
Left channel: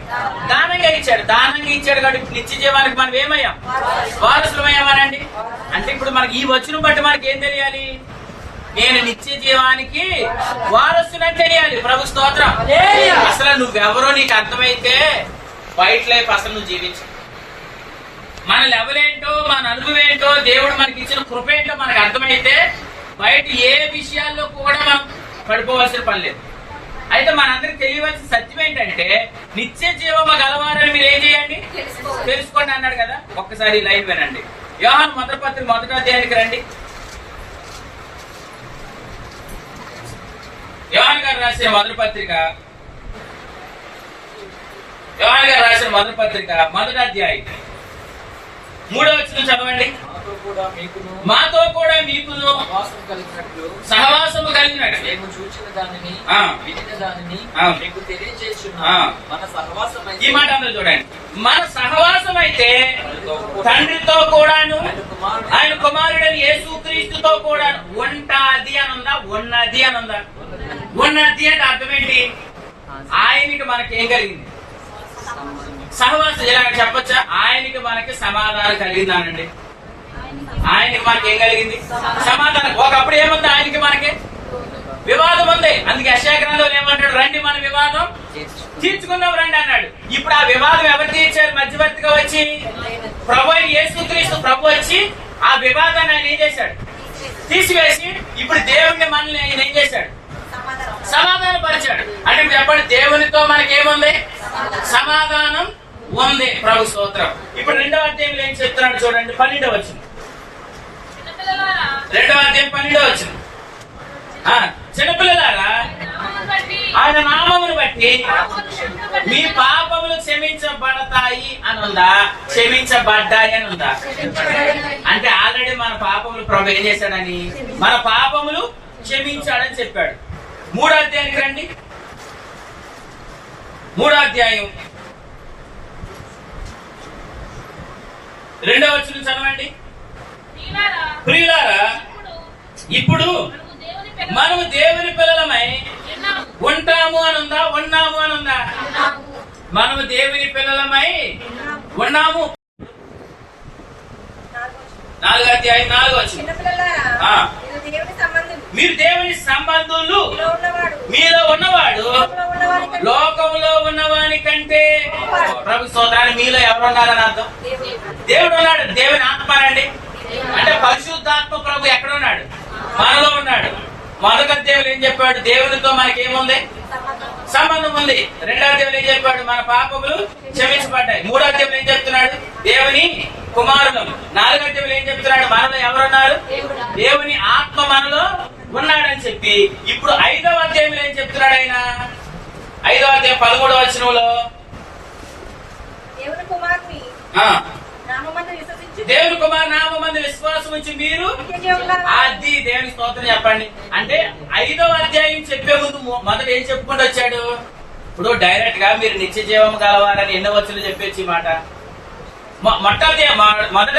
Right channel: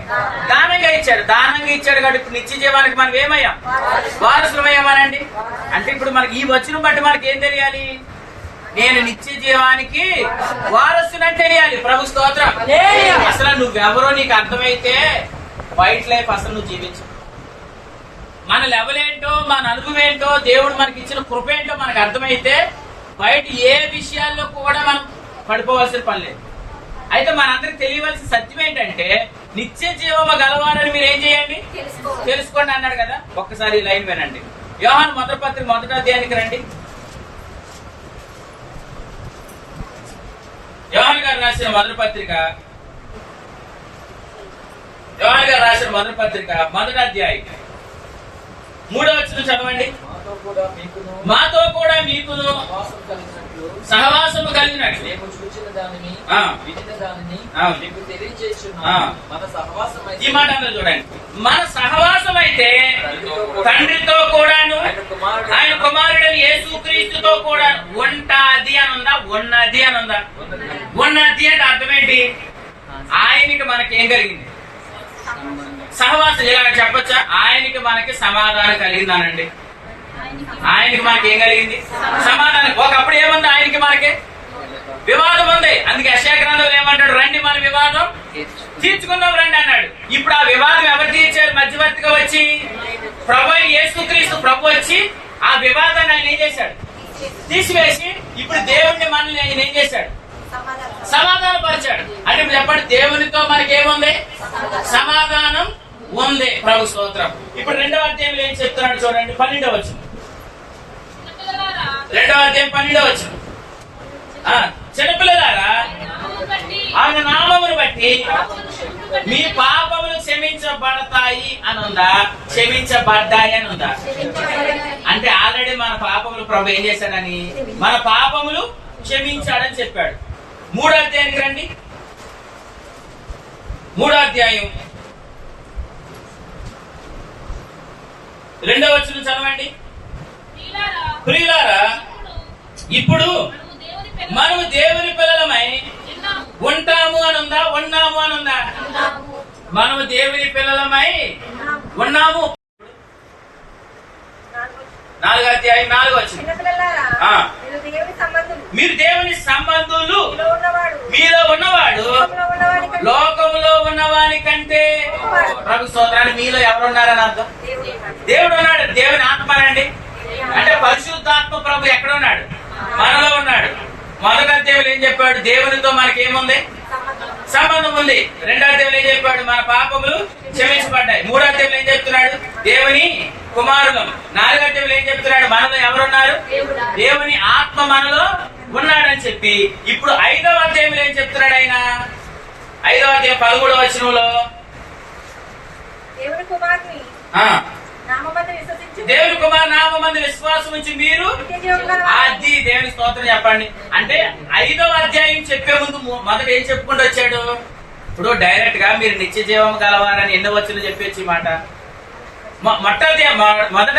దానంగా ఇచ్చాడు. దానంగా ఇచ్చాడు కాబట్టి ఇప్పుడు నిత్య జీవానికి మనం ఏమయ్యాం? వారసులమయ్యామనండి. అంటే ఇప్పుడు మనకి ఈ వచనం బట్టి మనకి ఏం తెలియాలి? నేను నిత్య జీవానికి వారసునని తెలియాలి. ప్రభు స్తోత్రం. అసలు నువ్వెవరో నీకు అర్థమైతే బయట లైఫ్ అసలు నువ్వు జీవించు. మన లెవెల్ ఏంటో, మన అనుభవం ఏంటో, దేవుడు మనకి ఇచ్చిన కృప ఏంటో మనకు అర్థమైతే బయట ఏ విషయాల్లో కూడా మనం పడిపోవాల్సిన పని లేదు. అయితే మనందరికి తెలియవలసిన సత్యం ఏంటంటే నిత్య జీవము గలవారని మీరు ఏం చేయండి? తెలుసుకోండి అన్నాడు కదా. ఒక్కసారి లైన్ వినండి. యోహాను మొదటి పత్రిక 1వ అధ్యాయానికి రండి. యోహాను గారు రాసిన మొదటి పత్రిక, యోహాను గారు రాసిన మొదటి పత్రిక 1వ అధ్యాయం 3వ వచనం చదవండి. మాతో కూడా మీకును సహవాసము కలిగినట్లు మేము చూచిన దానిని వినిన దానిని మీకు తెలియజేస్తున్నాము. మన సహవాసం ఈ మాట అన్నది చూడండి. మన సహవాసం అయితే తండ్రితో కూడాను ఆయన కుమారుడని యేసుక్రీస్తుతో కూడా ఉంటాది అని ఉందా? ఉన్నది అని ఉందా? ఉన్నది అంటే అర్థం ఏంటి? ఆయనకి మనకేం కలిగింది? సహవాసం. ఇలా చెప్పొచ్చా? ఆయనకి మనకి సమాధానం కలిగిందానండి. ఆయనకి మనకి ఏం కలిగింది? సమాధానం. ఒకప్పుడు ఏముంది? ఆయనకి మనకి వివాదం ఉంది. అందుకే యెషయా గ్రంథంలో ఏమంటాడు? రండి మన వివాదం తీర్చుకుందాం రండి అన్నాడు. ఇప్పుడు ఆ వివాదం ఎవరు తీర్చారు? మధ్యవర్తిగా వచ్చి ప్రభు అయిన యేసుక్రీస్తు ప్రభు వచ్చి ఆ వివాదాన్ని ఆయన ఏం చేశాడు? తీసివేసి ఇప్పుడు దేవుణ్ణి మనల్ని ఆయన ఏం చేశాడు? సమాధానం పరిచాడు. అంటే ఇప్పుడు చెప్పండి, దేవునితో మనకేముంది? సమాధానం ఉంది. ప్రభు స్తోత్రం. ఇప్పుడు 2వ అధ్యాయంలో ఏం చెప్తున్నాడు చూడండి. 12వ వచనం. 2వ అధ్యాయం 12వ వచనం. చిన్నపిల్లలారా ఆయన నామమును బట్టి మీ పాపములు క్షమించబడతాయి అని ఉందా? క్షమించబడ్డాయి అని ఉందా? అంటే ఆల్రెడీ మన పాపములు ప్రభు ఏం చేశాడని? మన పాపములు క్షమించాడని చెప్పాడు. 3వ అధ్యాయానికి రండి. 3వ అధ్యాయం 2వ వచనం చదవండి. ప్రియులారా ఇప్పుడు మనము దేవుని పిల్లలమై ఉంటాము అని ఉందా? ఉన్నాము అని ఉందా? మనము దేవుని పిల్లలమై ఉన్నాము. 4వ అధ్యాయం 4వ వచనం. మీరు దేవుని సంబంధులు, మీలో ఉన్నవాడు లోకములో ఉన్నవాని కంటే. ప్రభు స్తోత్రాన్ని. మీలో ఎవరు ఉన్నారని అర్థం? దేవుడు ఉన్నాడు. దేవుని ఆత్మ అండి. అంటే పరిశుద్ధాత్మ ప్రభు ఎక్కడ ఉన్నాడు? మనలో ఉన్నాడు. మొదటి అధ్యాయంలో ఏం చెప్పాడు? దేవునితో మనకేముంది? సంబంధం ఉంది. 2వ అధ్యాయంలో ఏం చెప్పాడు? మన పాపములు క్షమించబడ్డాయి. 3వ అధ్యాయంలో ఏం చెప్తున్నాడు? దేవుని కుమారులం. 4వ అధ్యాయంలో ఏం చెప్తున్నాడు? మనలో ఎవరున్నారు? దేవుని ఆత్మ మనలో ఉన్నాడని చెప్పి ఇప్పుడు 5వ అధ్యాయంలో ఏం చెప్తున్నాడు ఆయన? 5వ అధ్యాయం 13వ వచనంలో దేవుని కుమారు నామమందు విశ్వాసం ఉంచి మీరు అది దేవుని స్తోత్రం చెప్పండి. అంటే 5వ అధ్యాయం చెప్పే ముందు మొదట ఏం చెప్పుకుంటూ వచ్చాడు? ఇప్పుడు డైరెక్ట్ గా మీరు నిత్య జీవం కలవారని ఎన్నో వచనాలు చెప్పేసి మాట మొదటి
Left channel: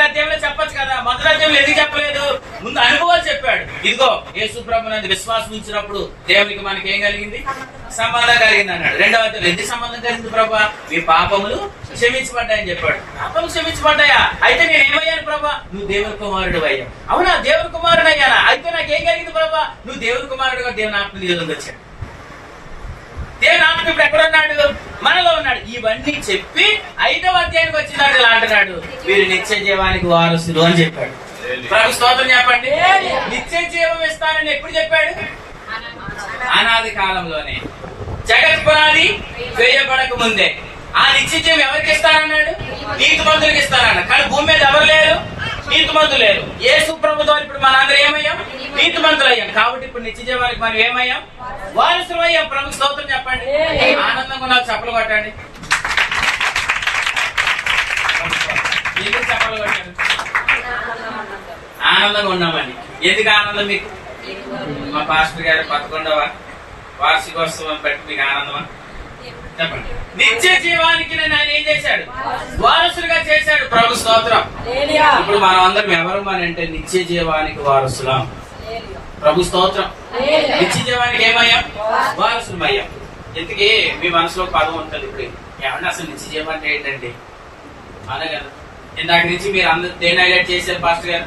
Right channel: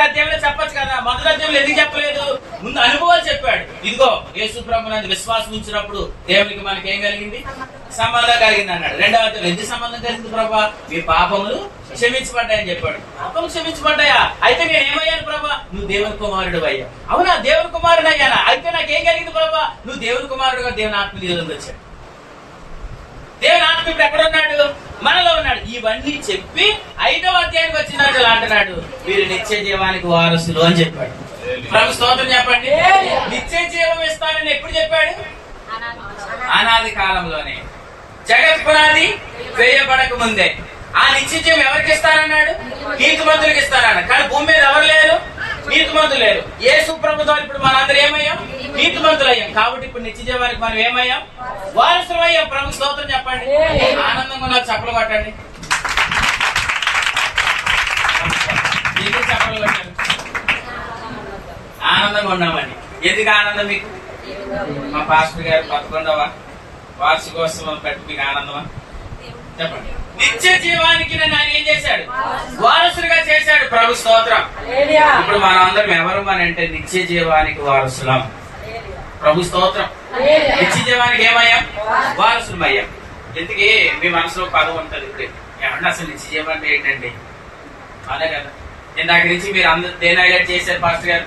అధ్యాయంలో చెప్పొచ్చు కదా, మొదటి అధ్యాయంలో ఎందుకు చెప్పలేదు? ముందు అనుభవాలు చెప్పాడు. ఇదిగో యేసు ప్రభు నందు విశ్వాసం ఉంచినప్పుడు దేవునికి మనకి ఏం కలిగింది? సంబంధం కలిగింది అన్నాడు. రెండవ అధ్యాయం ఎందుకు సంబంధం కలిగింది? ప్రభా మీ పాపములు క్షమించబడ్డాయని చెప్పాడు. పాపములు క్షమించబడ్డాయా? అయితే నేను ఏమయ్యాను ప్రభా? నువ్వు దేవుని కుమారుడు అయ్యావు. అవునా, దేవుని కుమారుడు అయ్యానా? అయితే నాకేం కలిగింది ప్రభా? నువ్వు దేవుని కుమారుడుగా దేవుని ఆత్మ నీలో వచ్చాడు. దేవుని ఆత్మ ఇప్పుడు ఎక్కడ ఉన్నాడు? మనలో ఉన్నాడు. ఇవన్నీ చెప్పి 5వ అధ్యాయానికి వచ్చినట్టు ఇలా అంటున్నాడు, వీరు నిత్య జీవానికి వారసులు అని చెప్పాడు. ప్రభు స్తోత్రం చెప్పండి. నిత్య జీవం ఇస్తానని ఎప్పుడు చెప్పాడు? అనాది కాలంలోనే, జగత్ పునాది వేయబడక ముందే. ఆ నిత్య జీవం ఎవరికి ఇస్తారన్నాడు? నీతిమంతులకు ఇస్తారన్నాడు. కానీ భూమి మీద ఎవరు లేరు? నీతిమంతులు లేరు. యేసు ప్రభు ద్వారా ఇప్పుడు మనందరూ ఏమయ్యాం? నీతిమంతులు అయ్యాం. కాబట్టి ఇప్పుడు నిత్య జీవానికి మనం ఏమయ్యాం? వారసులు అయ్యాం. ప్రభు స్తోత్రం చెప్పండి. ఆనందంగా ఉన్నారు, చప్పలు కొట్టండి. ఎందుకు చప్పలు కొట్టారు? ఆనందంగా ఉన్నామని. ఎందుకు ఆనందం మీకు? మా పాస్టర్ గారు 11వ వార్షికోత్సవం పెట్టి మీకు ఆనందమా? చెప్పండి. నిత్య జీవానికి నన్ను ఆయన ఏం చేశాడు? వారసులుగా చేశాడు. ప్రభు స్తోత్రం. ఇప్పుడు మనం అందరం ఎవరు అని అంటే నిత్య జీవానికి వారసులం. ప్రభు స్తోత్రం. నిత్య జీవానికి ఏమయ్యాం? వారసులం అయ్యాం. ఎందుకే మీ మనసులో పదం ఉంటది ఇప్పుడు, ఏమన్నా అసలు నిత్య జీవం అంటే ఏంటండి? అదే కదా, ఇందాక నుంచి మీరు అందరు దేని హైలైట్ చేశారు పాస్టర్ గారు?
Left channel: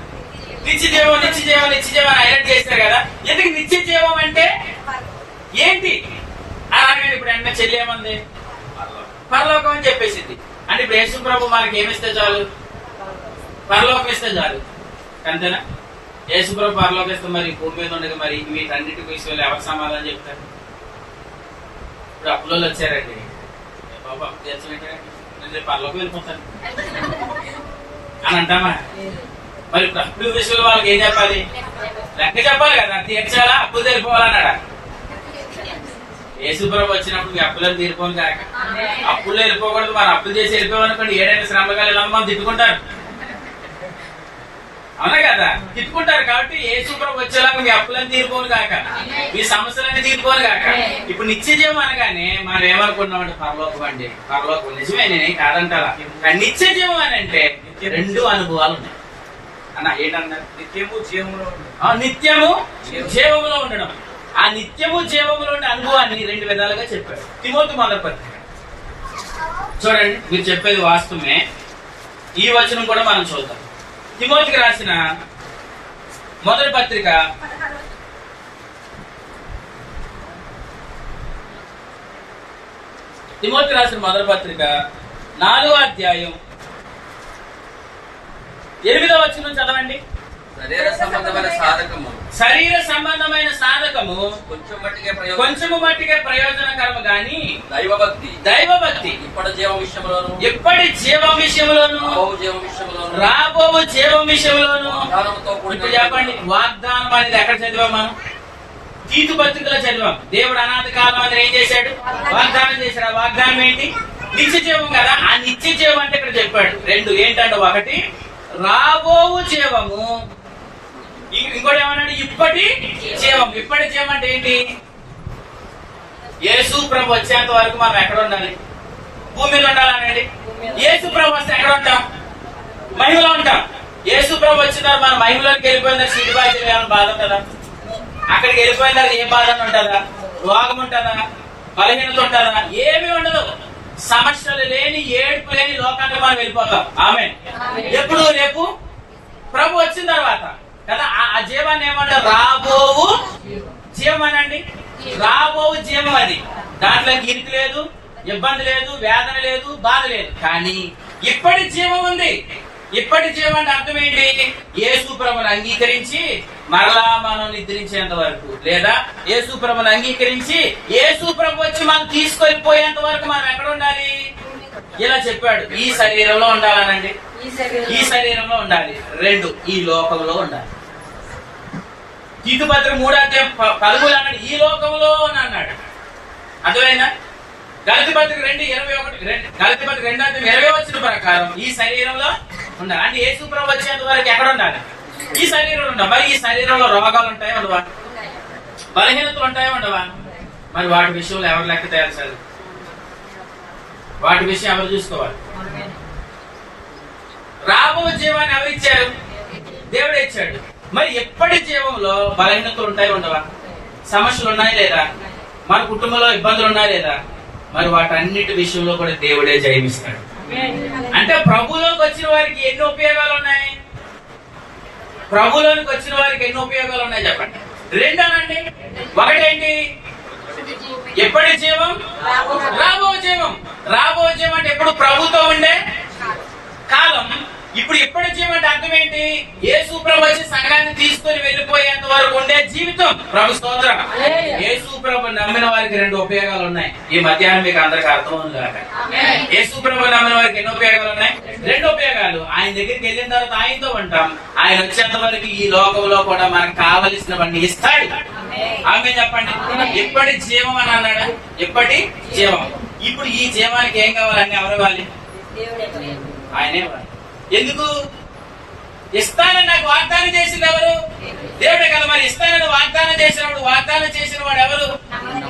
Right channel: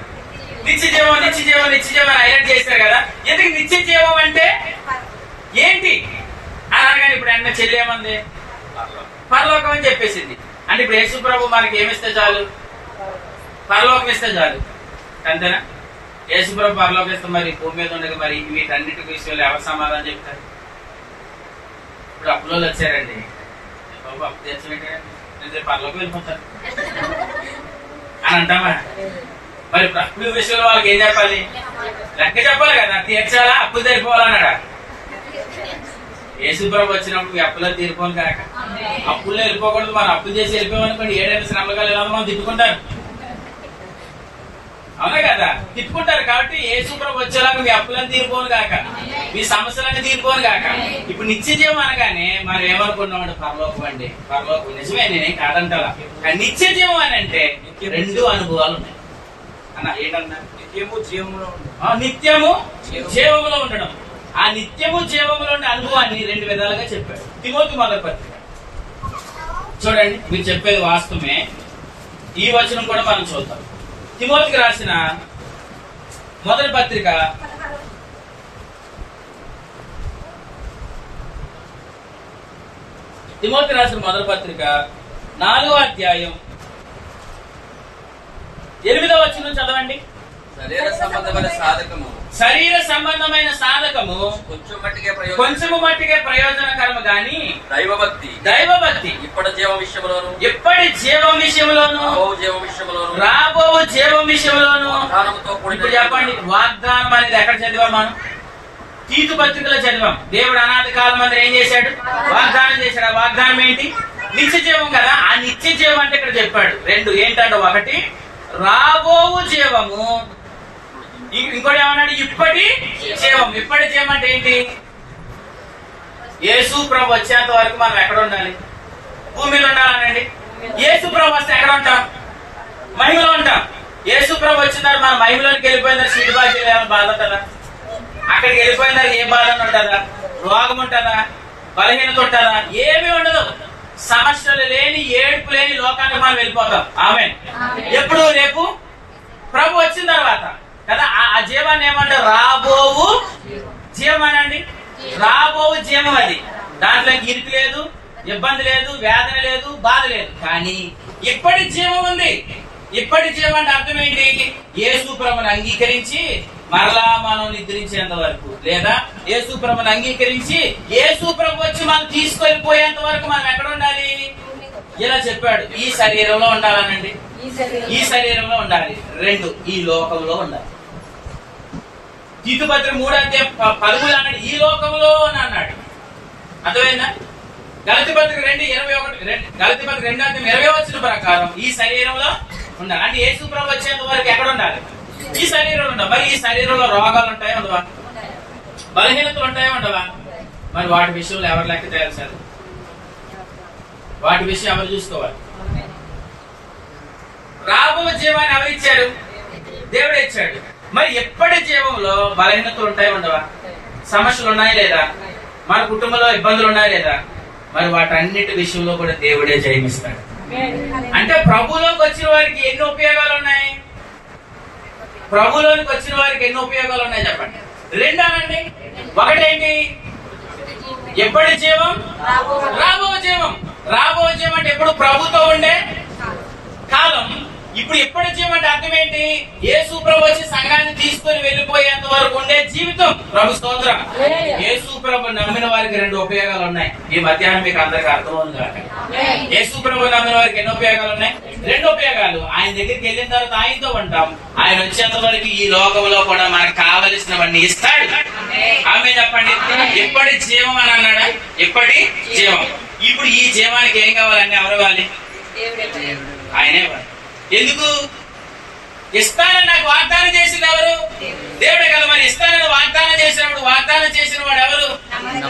నిత్య జీవం, నిత్య జీవం, నిత్య జీవం హైలైట్ చేశారు కదా. ఎందుకు నిత్య జీవం అంటే ఏంటి అని అనగానే ఇప్పుడు అన్న చెల్లి ఏమంది? పరలోకం అని చెప్పేసింది. అంటే ఇప్పుడు యేసు ప్రభు మనకి ఏమిస్తే చాలు? పరలోకం ఇస్తే చాలు, అంతేనా? యేసు ప్రభు పరలోకం ఇస్తే మరి భూమి మీద ఉండగా మరి వీటన్నిటి విషయంలో ఎవరు సమాధానం చెప్తారు? ఇప్పుడు అప్పులో వచ్చారండి, బాబు అప్పు తెచ్చి పరలోకం వెళ్ళిపోతారు అని అంటామా? మరి అప్పుల విషయంలో వాళ్ళకి ఏం చెప్పాలి? లెక్క చెప్పాలి కదా. తీర్చాలా? అప్పులు తెరిపోవాలన్నాడా? యేసుప్రభు వచ్చినప్పుడు మీ అప్పులను తీరిపోను కాక, అప్పుల్లో వెళ్ళిపోకూడదు. మనం అప్పులు చేసి వెళ్ళిపోయామనుకోండి, ఏడైనా శ్రమకాలు ఎలా మనం తిట్టుకుంటారు, అవునా కదా? తిట్టుకుంటారు. కాబట్టి యేసుప్రభు వచ్చేలాగా మీ అప్పులను తీరిపోను కాక, మీ సమస్యలన్నీ తీరిపోను కాక. ఇప్పుడు నిత్య జీవం అనగానే మనం ఏమనుకున్నామంటే పరలోకం అండి. పరలోకం నిజమే, నేనేం కాదంటారా. కానీ నిత్య జీవం అని అంటే 2 అనుభవాలు ఉన్నాయి అన్న. ఏంటన్నారు? నిత్యము జీవంలో, నిత్యము జీవంలో ఉండడం. ఆ నిత్యము జీవంలో ఉండే అనుభవాన్ని 2 విధాలుగా చెప్పాడు. తిమోతి మొదటి పత్రిక చూడండి, మీరు చెప్పేది వాస్తవమే. ఈ వచనం కూడా మనం చూద్దాం. తిమోతికి రాసిన మొదటి పత్రిక 4వ అధ్యాయం 8వ వచనం చదవండి. శరీర సంబంధమైన సాధకము కొంచెము మట్టికే ప్రయోజనకరము గాని దైవభక్తి ఇప్పటి జీవం విషయంలోను రాబోవు జీవం విషయంలోను. ఇప్పుడు చెప్పండి, వాగ్దానం అనేది ఎక్కడ చదివాం మనం? తీతు పత్రికలో చదివాం. దేవుడు అనాది కాలం అందరూ ఏం చేశాడు? వాగ్దానం చేశాడు. ఆ వాగ్దానం ఏంటి? నిత్య జీవం కదా. ఆ నిత్య జీవం అంటే ఇక్కడ చెప్పాడు 2 ఏంటంటే, ఒకటి రాబోవు జీవము, ఇంకోటి ఏమన్నాడు? ఇప్పటి జీవం. ఇప్పటి జీవం అంటే ఏంటి? యేసు ప్రభు వచ్చేంత వరకు మనం ఎక్కడ ఉండాలి? భూమి మీద ఉండాలనండి. యేసు ప్రభు వస్తే ఎక్కడ ఉంటాం? మహిమలో ఉంటాం. యేసు ప్రభు వచ్చిన తర్వాత మన మహిమలోకి వెళ్ళిపోయిందని సిటీ బాధ్యత ఏమైనా బాధ ఉంటుందా? అక్కడికి వెళ్ళిపోయిన ఏ బాధ ఉంటుందా? రోగం ఉంటుందా? బలహీనత ఉంటుందా? ఏమీ ఉండదు. సమస్యలు లేని, ఏడుపు లేని లోకానికి మనం వెళ్ళిపోతాం. ఆమేన్. ఎప్పుడు? రేపు ప్రభు వచ్చిన తర్వాత కదా. ఆ జీవాన్ని ఏమంటారు? రాబోవు జీవం అనండి. రాబోవు జీవం అది. దాంట్లో ఇరికి లేదు, ఇబ్బంది లేదు, వేదన లేదు, బాధ లేదు. కానీ ఇప్పటి జీవం ఉంది. ఇప్పటి జీవం అంటే అర్థం ఏంటి? యేసు ప్రభుని అంగీకరించి మరలా మనం నిద్రించేంత వరకు, లేదా యేసు ప్రభుని అంగీకరించి యేసు ప్రభు వచ్చి మనం తీసుకెళ్లిపోయేంత వరకు మనం ఎక్కడ ఉండాలి? ఇలా చెప్పాడు. ఈ శరీరంలో ఉండాలనండి. ఈ శరీరంలో ఉండాలి. 2 ఈ లోకంలో ఉండాలి. తీతు పత్రిక 3:13 అన్నాడు ఈ లోకంలో అని అన్నాడు. అర్థమైందా? గలతీ పత్రిక 2:21, గలతీ పత్రిక 2:20 వచ్చిన ప్రకారం ఈ శరీరంలో ఉండాలి. అంటే యేసు ప్రభు వచ్చేంత వరకు ఎక్కడ ఉండాలి? ఈ శరీరంలో ఉండాలి. మరి ఈ శరీరంలో రోగాలు ఉంటాయా ఉండవా? బలహీనతలు ఉంటాయా ఉండవా? మరి వాటి విషయంలో ఎవరు లెక్క తేల్చాలి? వాటి విషయం ఎవరు చూసుకోవాలి? రాబో జీవాన్ని ఎవరిచ్చాడు? దేవుడే ఇచ్చాడు. మరి ఎప్పటి జీవంలో బలహీనతలు ఉంటాయి ఉండవా? సమస్యలు ఉన్నాయా లేదా? మన కుటుంబంలో ఇబ్బందులు ఉన్నాయా లేదా? మరి వాటన్నిటి విషయంలో కూడా దేవుడే జయమిస్తాడు. అంటే ప్రభులోకి వచ్చిన వారికి ఎన్ని ఉపయోగాలు ఉన్నాయి? ప్రభులోనికి వచ్చిన వారికి ఎన్ని ఉపయోగాలు ఉన్నాయి చెప్పండి. రెండోనండి, ఒకటేంటి? ఎప్పటి జీవం? రాబో జీవం. రాబో జీవం అంటే ఎప్పుడు ప్రభుతో ఉండే కాలం. ఇప్పుడు ఎప్పటి జీవం అంటే అర్థం ఏంటి? యేసు ప్రభు వచ్చి సంఘాన్ని తీసుకొని వెళ్ళిపోయేంత వరకు ఉండే జీవితం. ప్రభు స్తోత్రం. యేసు ప్రభు నమ్మిన వారికి రెండు ఉపయోగాలు ఉన్నాయి. ఈ మధ్యాహ్నం మీకు అందరికి అర్థమవును కాక. యేసు ప్రభు నమ్మిన వారికి ఎన్ని ఉపయోగాలు ఉన్నాయి? రెండు ఉపయోగాలు. ఆయన దగ్గరికి వెళ్ళిన తర్వాత ఆయనతో ఉంటాం. ఆయన వచ్చేంత వరకు ఈ లోకంలో కూడా మనకు కావలసినవన్నీ ఇస్తాడు. ఆమె చెప్పండి. ఎప్పటి జీవం అని అన్నాడా? ఎప్పటి జీవం. ఇప్పుడు ఈ జీవానికి ఏం కావాలని ఎవరు ఇవ్వాలి? ఆయనే ఇవ్వాలి. ఎందుకు? ఇస్తానని నాకు వాగ్దానం చేసింది ఎవరు? దేవుడే కదా. మరి ఇస్తానని వాగ్దానం చేసినప్పుడు వాగ్దానం చేసిన వాడు ఎవరు?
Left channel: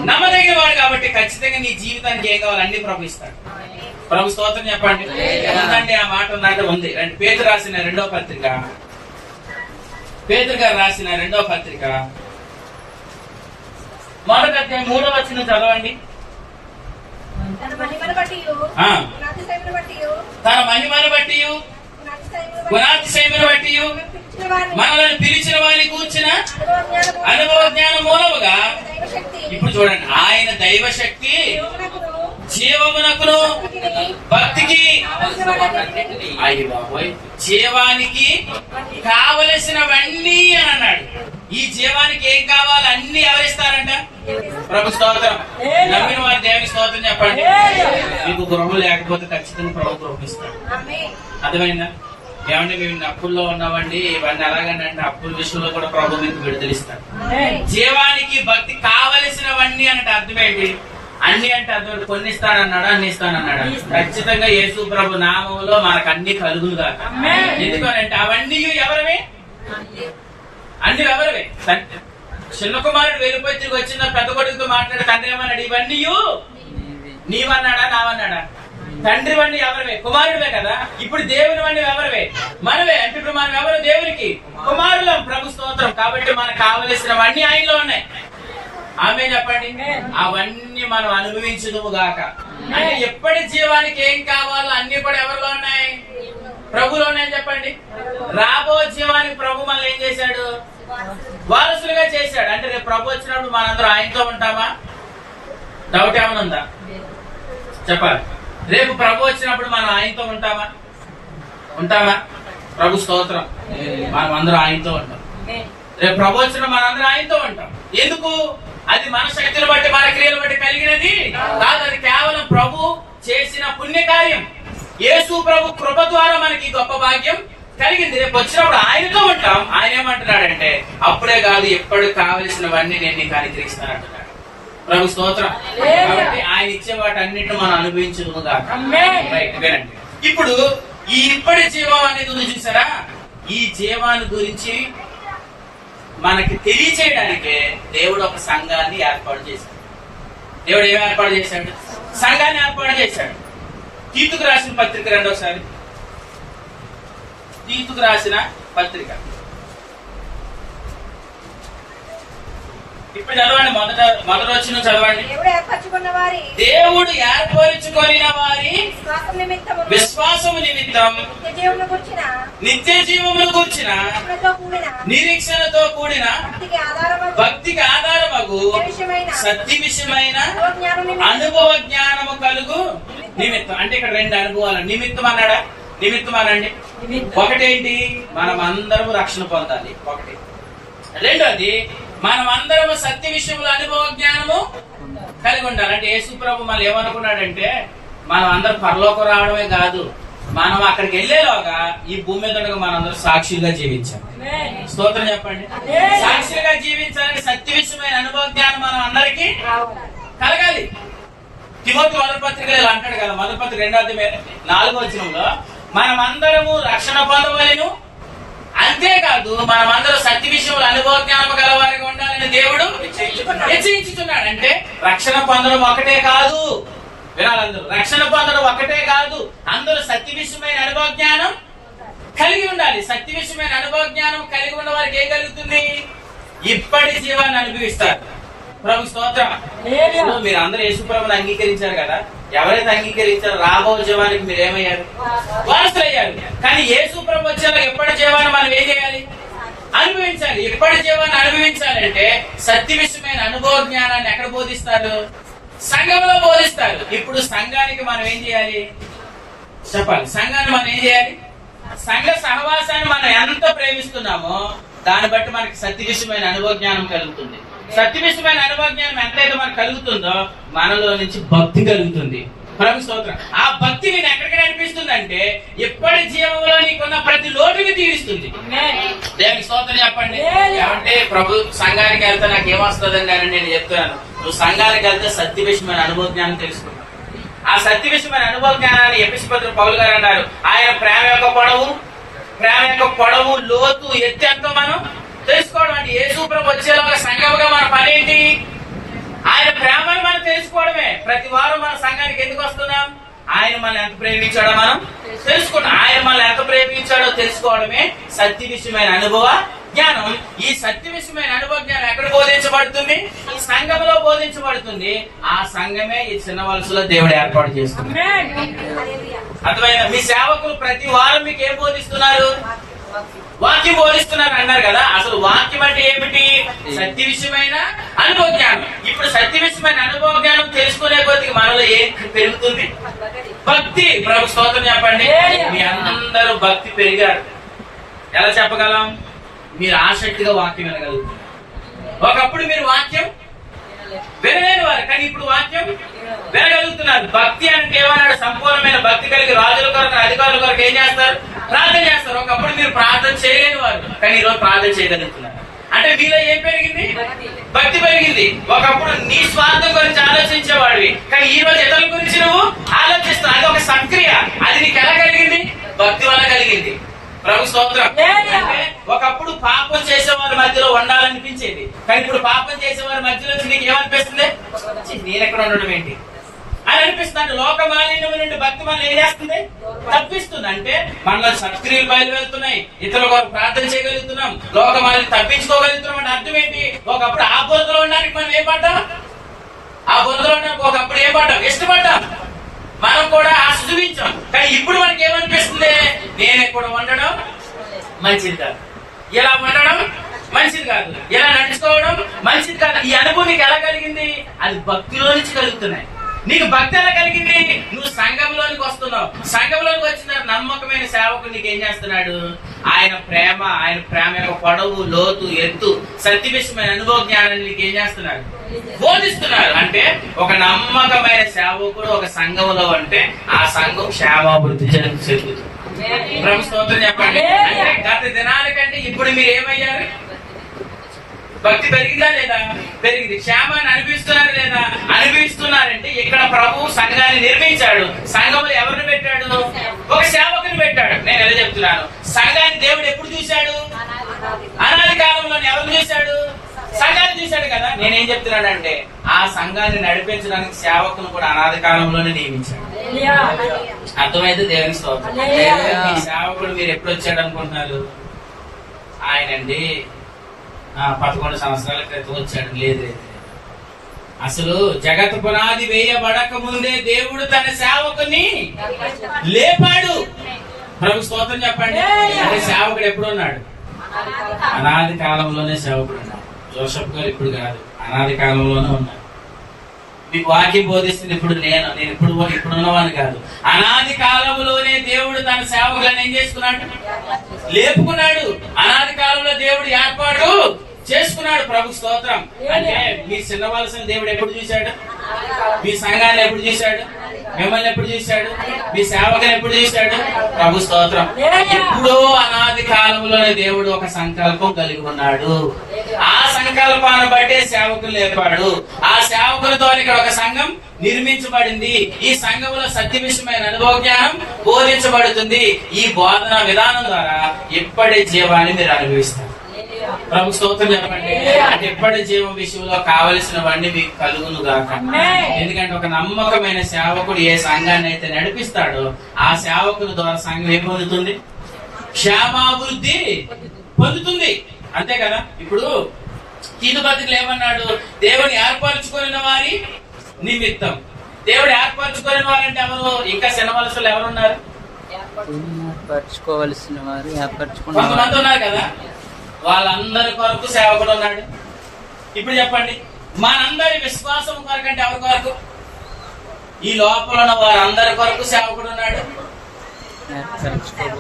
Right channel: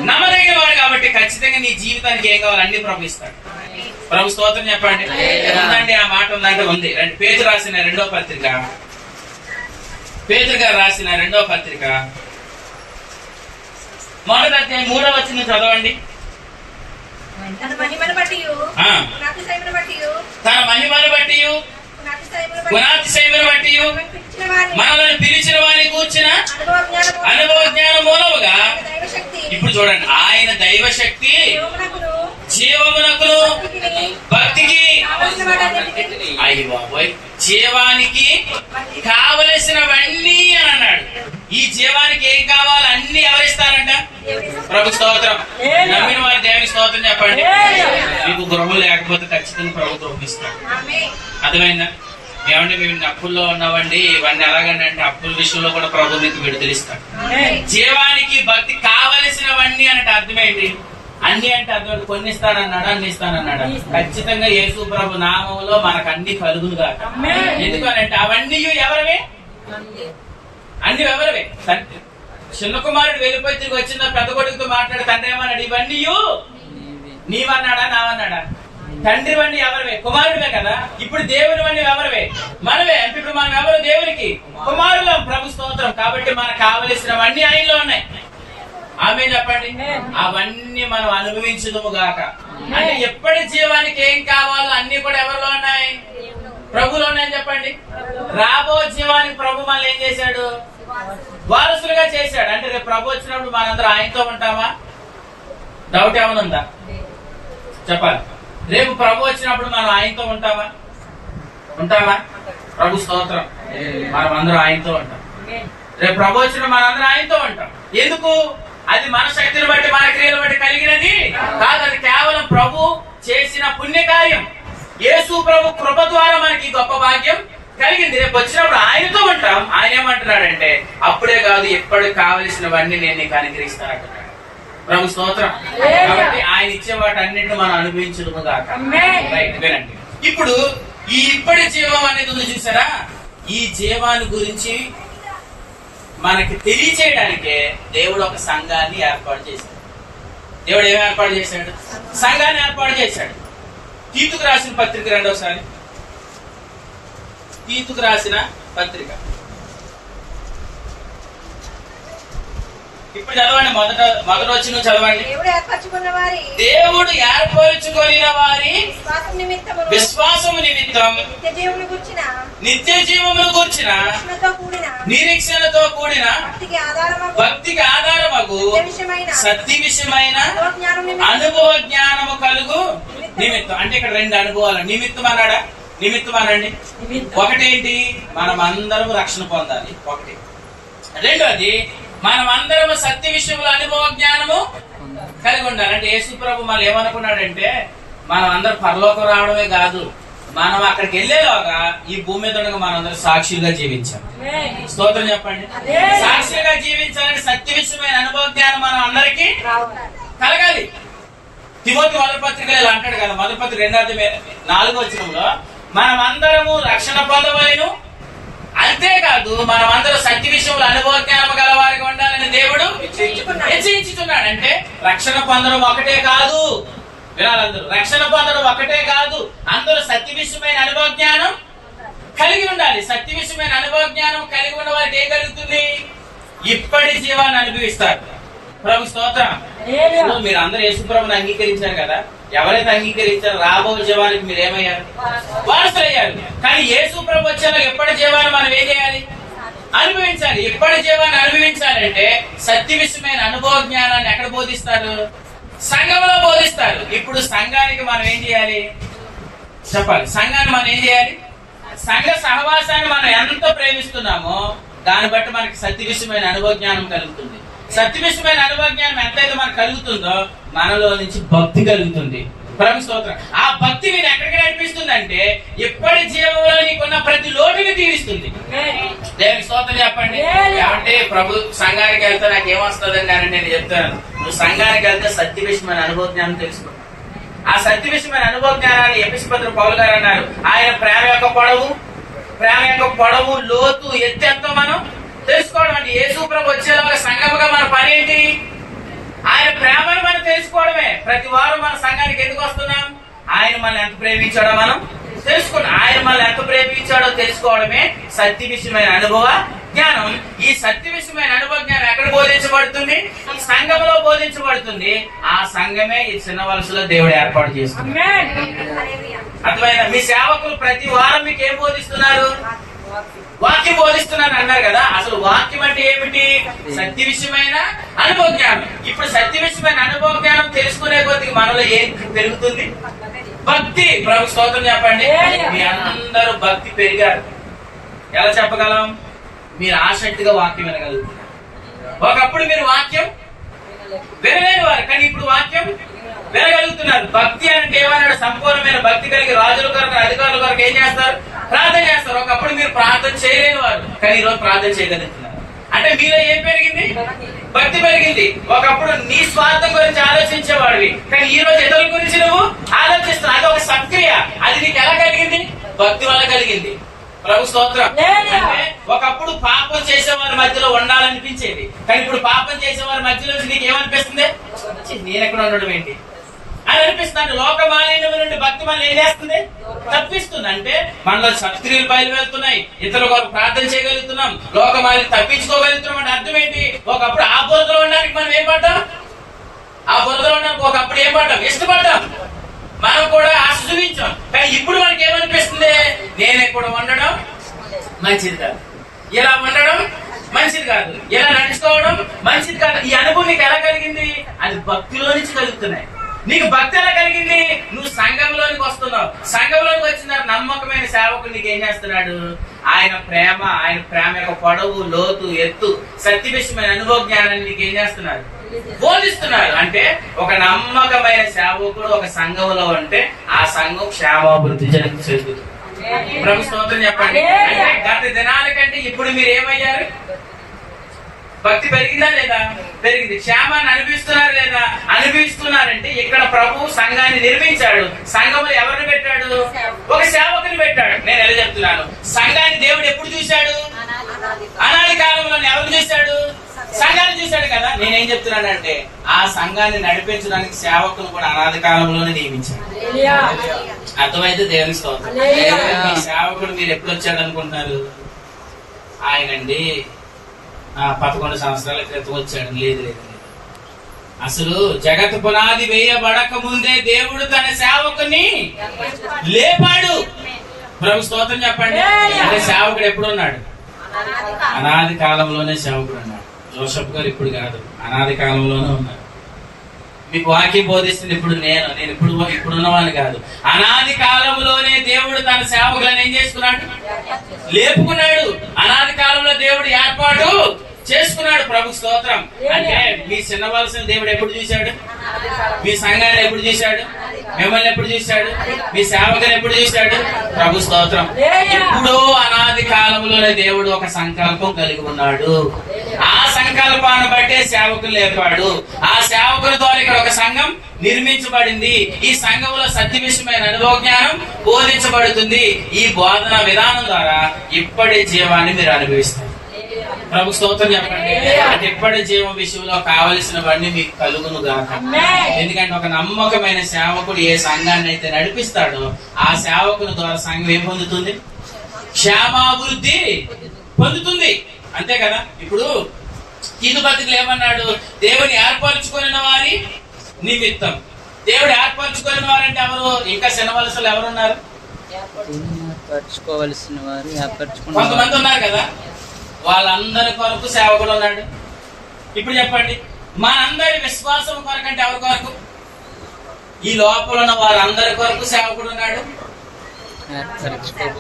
నమ్మదగిన వాడు. కాబట్టి ఖచ్చితంగా నీ జీవితానికి ఏం కావాలి అన్ని ప్రభు ఇస్తాడు. ప్రభు స్తోత్రం చెప్పండి. ఉందండి, ఆ మాట ఉందంటే ఉంది. పేతురు రాసిన రెండో పత్రిక, పేతురు గారు రాసిన రెండో పత్రిక మొదటి అధ్యాయం 3వ వచనం చదవండి. తన మహిమను బట్టి తన మహిమను బట్టి గుణాతిశయమును బట్టి మనల్ని పిలిచిన వారిని కూర్చిన అనుభవ జ్ఞానం మూలముగా. ఇప్పుడు చూడండి, ఆయన దైవశక్తి జీవమునకును భక్తికి, అయ్యి బాబోయ్, జీవానికి కావలసినవన్నీ అని అన్నాడు. ఈ జీవానికి ఏం కావాలి అన్ని ఎవరిస్తారంట? ప్రభు స్తోత్రం. నమ్మిన వారి దేవుని స్తోత్రం చెప్పండి. మీకు గృహం లేకపోతే ఖచ్చితంగా ప్రభు గృహం ఇస్తాడు. అర్థమైందా? ఏమంటే మేము అప్పుల్లో ఉన్నామండి, ఇవన్నీ ఎలాగండి అంటే అప్పుల విషయంలో కూడా ప్రభు మీకు విడుదలిస్తాడు. జీవానికి భక్తి కావలసినవన్నీ అంటే అర్థమేంటి? అన్ని అంటే అర్థం కొన్ని ఇస్తానన్నాడా? అన్ని ఇస్తానన్నాడా? ఖచ్చితంగా యేసు ప్రభు నామంలో మనకు అన్ని కలుగును కాక. ఎందుకనంటే అవన్నీ ఎవరివే? అన్ని ఎవరివే? చిన్న కుమారుడు వెళ్ళిపోయి తిరిగి వచ్చిన పెద్ద కొడుకుతో మాట్లాడే తండ్రి ఏమన్నాడు? ఇవన్నీ నీవన్నాడా నావన్నాడా? తండ్రి వన్నీ ఎవరివే? కుమారుడివే కదా. ఇప్పుడు దేవుని వన్నీ ఎవరివే? మనవే. అంటే ఇప్పుడు మనం ఎవరు? దేవునికి కుమారులం. ప్రభు స్తోత్రం. కాబట్టి మనకు కావలసినవన్నీ ఆయనలో ఉన్నాయి. ఆమె చెప్పండి. అవన్నీ మనం అనుభవించుదుము గాక. అంటే ఎప్పటి జీవానికి ఏం కావాలో అన్ని కూడా ఎవరిలో ఉన్నాయి? ప్రభులోనే చెప్పండి. రాబో జీవానికి ప్రభు మనల్ని ఏం చేశాడు? వారసులుగా చేశాడు. అంటే రేపు ప్రభు వచ్చినప్పుడు మనందరం ఆయనతో ఉంటామా? డౌట్ ఏమైనా ఉందా? చెప్పాలి. రేపు ప్రభు వచ్చినప్పుడు మనం ఆయనతో ఉంటామా? ఉంటామా? ప్రభు స్తోత్రం. మనం అందరం ఆయనతో ఉంటాం. రేపు ప్రభు వచ్చినప్పుడు మనందరం ఆయనతో ఉంటాం. ఎందుకు? అది మన శక్తిని బట్టి మన క్రియలు బట్టి కలిగినది కాదు. అది కేవలం ప్రభు చేసిన పుణ్యకార్యం. యేసు ప్రభు కృప ద్వారా మనకి గొప్ప భాగ్యం కలిగింది. రేపు వచ్చినప్పుడు ఆయనతో ఉంటాం. ఆయన ఏమంటున్నాడంటే అప్పుడే కాదు, ఎప్పటికి కావలసినవన్నీ నేను నీకు అనుగ్రహిస్తాను అంటున్నాడు. ప్రభు స్తోత్రం. కాబట్టి ఆయన ఇచ్చే వాటి అన్నింటిని మనం అనుభవించదు కాక. రైట్, వినండి. ఇప్పుడు ఈ ఇప్పటి జీవం అనేది ఉంది చూసారా? ఈ జీవాన్ని గురించి మనకి తెలియచేయడానికే దేవుడు ఒక సంఘాన్ని ఏర్పాటు చేశాడు. దేవుడు ఏమి ఏర్పాటు చేశాడు? సంఘాన్ని ఏర్పాటు చేశాడు. తీతుకు రాసిన పత్రిక రెండోసారి. తీతుకు రాసిన పత్రిక ఇప్పుడు చదవండి. మొదటి వచ్చిన చదవండి. దేవుడు ఏర్పరచుకొనిన వారి విశ్వాసము నిమిత్తం నిత్య జీవమును కూర్చిన నిరీక్షణతో కూడిన భక్తికి ఆధారమగు సత్య విషయమైన అనుభవ జ్ఞానము కలుగు నిమిత్తం. అంటే ఇక్కడ రెండు అనుభవాలు. నిమిత్తం అన్నాడా? నిమిత్తం అనండి. ఒకటేంటి? మనం అందరం రక్షణ పొందాలి. ఒకటి. రెండోది, మనం అందరం సత్య విషయంలో అనుభవ జ్ఞానము కలిగి ఉండాలి. అంటే యేసు ప్రభు మనం ఏమనుకున్నాడంటే మనం అందరం పరలోకం రావడమే కాదు, మనం అక్కడికి వెళ్లేలోగా ఈ భూమి మీద ఉండగా మనందరం సాక్షులుగా జీవించాలి. స్తోత్రం చెప్పండి. సాక్షులుగా జీవించాలని సత్య విషయమైన అనుభవ జ్ఞానం మనం అందరికీ కలగాలి. తిమోతి మొదటి పత్రిక ఇలా అంటాడు కదా, మొదటి పత్రిక 2:4 వచనంలో మనం అందరము రక్షణ పొందవలెను, అంతేకాదు మనమందరం సత్య విషయంలో అనుభవ జ్ఞానం గలవారిగా ఉండాలని దేవుడు నిశ్చయించుతున్నాడు. అంటే రక్షణ పొందడం ఒకటే కాదు, వినాలందరూ, రక్షణ పొందడం ఒకటే కాదు, అందరూ సత్య విషయమైన అనుభవ జ్ఞానం కలిగి ఉండాలి. సత్య విషయమైన అనుభవ జ్ఞానం కలిగి ఉన్న వారికి ఏం కలుగుతుంది? ఇప్పటి జీవాన్ని అనుభవిస్తారు. ప్రభు స్తోత్రం. ఇప్పుడు మీరు అందరూ యేసుప్రభుని అంగీకరించారు కదా, ఎవరైతే అంగీకరించారో రాబో జీవానికి మీరు ఏమయ్యారు? వారసులయ్యారు. కానీ యేసుప్రభు వచ్చేలా ఎప్పటి జీవాన్ని మనం ఏం చేయాలి? అనుభవించాలి. ఎప్పటి జీవాన్ని అనుభవించాలంటే సత్య విషయమైన అనుభవ జ్ఞానాన్ని ఎక్కడ బోధిస్తారు? సంఘంలో బోధిస్తారు. ఇప్పుడు సంఘానికి మనం ఏం చేయాలి చెప్పాలి? సంఘాన్ని మనం ఏం చేయాలి? సంఘ సహవాసాన్ని మనం ఎంత ప్రేమిస్తున్నామో దాన్ని బట్టి మనకి సత్య విషయమైన అనుభవ జ్ఞానం కలుగుతుంది. సత్య విషయమైన అనుభవ జ్ఞానం ఎంతైతే మనకు కలుగుతుందో మనలో నుంచి భక్తి కలుగుతుంది. ప్రభు స్తోత్రం. ఆ భక్తి నేను ఎక్కడికి నడిపిస్తుందంటే ఇప్పటి జీవంలో నీకున్న ప్రతి లోటుని తీరుస్తుంది. దేవునికి స్తోత్రం చెప్పండి. ఏమంటే ప్రభు సంఘానికి వెళ్తే నాకు ఏమొస్తుందండి అని నేను చెప్తాను. నువ్వు సంఘానికి వెళ్తే సత్య విషయమైన అనుభవ జ్ఞానం తెలుసుకున్నావు. ఆ సత్య విషయమైన అనుభవ జ్ఞానాన్ని ఎఫెసీ పత్రిక పౌలు గారు అన్నారు. ఆయన ప్రేమ యొక్క పొడవు లోతు ఎత్తు ఎంతో మనం తెలుసుకోవడం. అంటే యేసు ప్రభు వచ్చేలాగా సంఘముగా మన పని ఏంటి? ఆయన ప్రేమను మనం తెలుసుకోవడమే. ప్రతి వారం మన సంఘానికి ఎందుకు వస్తున్నాం? ఆయన మనల్ని ఎంత ప్రేమించాడో మనం తెలుసుకున్నాం. ఆయన మనల్ని ఎంత ప్రేమించాడో తెలుసుకోవడమే సత్య విషయమైన అనుభవ జ్ఞానం. ఈ సత్య విషయమైన అనుభవ జ్ఞానం ఎక్కడ బోధించబడుతుంది? ఈ సంఘంలో బోధించబడుతుంది. ఆ సంఘమే ఈ చిన్న వలసలో దేవుడు ఏర్పాటు చేస్తుంది. అర్థమైందా? మీ సేవకులు ప్రతి వారం మీకు ఏం బోధిస్తున్నారు? వాక్యం బోధిస్తున్నారు అన్నారు కదా. అసలు వాక్యం అంటే ఏమిటి? సత్య విషయమైన అనుభవ జ్ఞానం. ఇప్పుడు సత్య విషయమైన అనుభవ జ్ఞానం తెలుసుకునే కొద్దిగా మనలో ఏం పెరుగుతుంది? భక్తి. ప్రభు స్తోత్రం చెప్పండి. మీ అందరూ భక్తి పెరిగారు. ఎలా చెప్పగలం? మీరు ఆసక్తిగా వాక్యం వినగలుగుతారు. ఒకప్పుడు మీరు వాక్యం వినలేని వారు, కానీ ఇప్పుడు వాక్యం వినగలుగుతున్నారు. భక్తి అంటే ఏమన్నాడు? సంపూర్ణమైన భక్తి కలిగి రాజుల కొరకు అధికారుల కొరకు ఏం చేస్తారు? ప్రార్థన చేస్తారు. ఒకప్పుడు మీరు ప్రార్థన చేయలేని వారు, కానీ ఈ రోజు ప్రార్థన చేయగలుగుతున్నారు. అంటే మీలో ఏం పెరిగింది? భక్తి పెరిగింది. ఒకప్పుడు నీ స్వార్థం గురించి ఆలోచించేవాడివి, కానీ ఈ రోజు ఇతరుల గురించి నువ్వు ఆలోచిస్తున్నావు. అది ఒక సక్రియ. అది నీకు ఎలా కలిగింది? భక్తి వల్ల కలిగింది. ప్రభు స్తోత్రం. అంటే ఒకప్పుడు పాపం చేసేవారి మధ్యలో ఉండాలనిపించేది, కానీ ఇప్పుడు పాపం చేసేవారి మధ్యలో నీకు ఏమనిపిస్తుంది? నేను ఎక్కడ ఉండడం ఏంటి అని అనిపిస్తుంది. లోక మాలిన్యం నుండి భక్తి మనల్ని ఏం చేస్తుంది? తప్పిస్తుంది. అంటే మనలో సత్క్రియలు బయలువెళ్తున్నాయి, ఇతరుల కొరకు ప్రార్థన చేయగలుగుతున్నాం, లోక మాలిన్యం తప్పించుకోగలుగుతున్నాం. అంటే అర్థం ఏంటి? ఒకప్పుడు ఆ బురదలో ఉండడానికి మనం ఏం పడ్డాం? ఆ బురదలో ఉండడానికి ఒకప్పుడు ఏం పడ్డాం? ఇష్టపడ్డాం. మనం కూడా ఆశ చూపించాం. కానీ ఇప్పుడు మనకి ఏమనిపిస్తుంది? నేను ఎక్కడ ఉండడం మంచిది కాదు, ఇలా ఉండడం మంచిది కాదు, ఇలా నడుచుకోవడం మంచిది కాదు. ఈ అనుభవం నీకు ఎలా కలిగింది? అది భక్తిలో నుంచి కలుగుతున్నాయి. నీకు భక్తి ఎలా కలిగింది? నువ్వు సంఘంలోనికి వస్తున్నావు. సంఘంలోకి వచ్చిన నమ్మకమైన సేవకుడు నీకు ఏం చేస్తున్నాడు? ఆయన ప్రేమ యొక్క పొడవు లోతు ఎత్తు సత్య విషయమైన అనుభవ జ్ఞానాన్ని నీకు ఏం చేస్తున్నాడు? బోధిస్తున్నారు. అంటే ఒక నమ్మకమైన సేవకుడు ఒక సంఘంలో అంటే ఆ సంఘం క్షేమాభివృద్ధి చెందుతుంది. ప్రభు స్తోత్రం చెప్పండి. అంటే గత దినాల కంటే ఇప్పుడు మీరు ఏమయ్యారు? భక్తి పెరిగిందా లేదా? పెరిగింది. క్షేమాన్ని అనుభవిస్తున్నారా లేదా? అనుభవిస్తున్నారంటే ఇక్కడ ప్రభు సంఘాన్ని నిర్మించాడు. సంఘంలో ఎవరిని పెట్టాడు? ఒక సేవకుని పెట్టాడు. నేను ఎలా చెప్తున్నాను? సంఘాన్ని దేవుడు ఎప్పుడు చూశాడు? అనాది కాలంలో ఎవరిని చూశాడు? సంఘాన్ని చూశాడు కదా. నేనేం చెప్తున్నానంటే ఆ సంఘాన్ని నడిపించడానికి సేవకులు కూడా అనాది కాలంలోనే నియమించాడు. అర్థమైతే దేవుని స్తోత్రం. ఈ సేవకుడు మీరు ఎప్పుడు వచ్చాడు అనుకుంటున్నారు? ఆయనండి 11 సంవత్సరాల క్రితం వచ్చాడు. లేదు, అసలు జగత్ పునాది వేయబడక ముందే దేవుడు తన సేవకుని లేపాడు. ప్రభు స్తోత్రం చెప్పండి. అంటే సేవకుడు ఎప్పుడు ఉన్నాడు? అనాది కాలంలోనే సేవకుడు ఉన్నాడు. జోసెఫ్ గారు ఇప్పుడు కాదు, అనాది కాలంలోనే ఉన్నారు. మీకు వాక్యం బోధిస్తుంది. ఇప్పుడు నేను ఇప్పుడున్నవాడిని కాదు. అనాది కాలంలోనే దేవుడు తన సేవకులను ఏం చేసుకున్నాడు? లేపుకున్నాడు. అనాది కాలంలో దేవుడు ఏర్పాటు చేసుకున్నాడు. ప్రభు స్తోత్రం. అంటే మీ చిన్న వలసని దేవుడు ఎప్పుడు చూశాడు? మీ సంఘాన్ని ఎప్పుడు చూశాడు? మిమ్మల్ని ఎప్పుడు చూశాడు? మీ సేవకుని ఎప్పుడు చూశాడు? ప్రభు స్తోత్రం. ఎప్పుడో అనాది కాలంలోనే దేవుడు ఒక సంకల్పం కలిగి ఉన్నాడు. ఆ సంకల్పాన్ని బట్టే సేవకులు లేపాడు. ఆ సేవకుల ద్వారా ఇక్కడ ఒక సంఘం నిర్మించబడింది. ఈ సంఘంలో సత్య విషయమైన అనుభవ జ్ఞానం బోధించబడుతుంది. ఈ బోధన విధానం ద్వారా ఇప్పటి జీవాన్ని మీరు అనుభవిస్తారు. ప్రభు స్తోత్రం చెప్పండి. అంటే ఇప్పటి జీవం విషయంలో కావలసినవన్నీ మీకు కలుగును గాక. ఎందుకంటే ఒక నమ్మకమైన సేవకుడు ఏ సంఘాన్ని అయితే నడిపిస్తాడో ఆ సేవకుని ద్వారా సంఘం ఏం పొందుతుంది? క్షేమాభివృద్ధి పొందుతుంది. అంతే కదా. ఇప్పుడు కీదు బతుకులు ఏమన్నాడు? దేవుని ఏర్పరచుకున్న వారి నిమిత్తం. దేవుడు ఏర్పరచుకున్న వారంటే ఎవరు? ఇంకా శనవలసలు ఎవరున్నారు? ఏర్పరచుకోవలసిన వారు కొంతమంది ఉన్నారు కదా, వాళ్ళందరి కొరకు సేవకుడు ఉన్నాడు. ఇప్పుడు చెప్పండి, మనందరి విశ్వాసం కొరకు అంటే ఎవరి కొరకు? ఈ లోపల ఉన్న వారందరి కొరకు సేవకుడు ఉన్నాడు.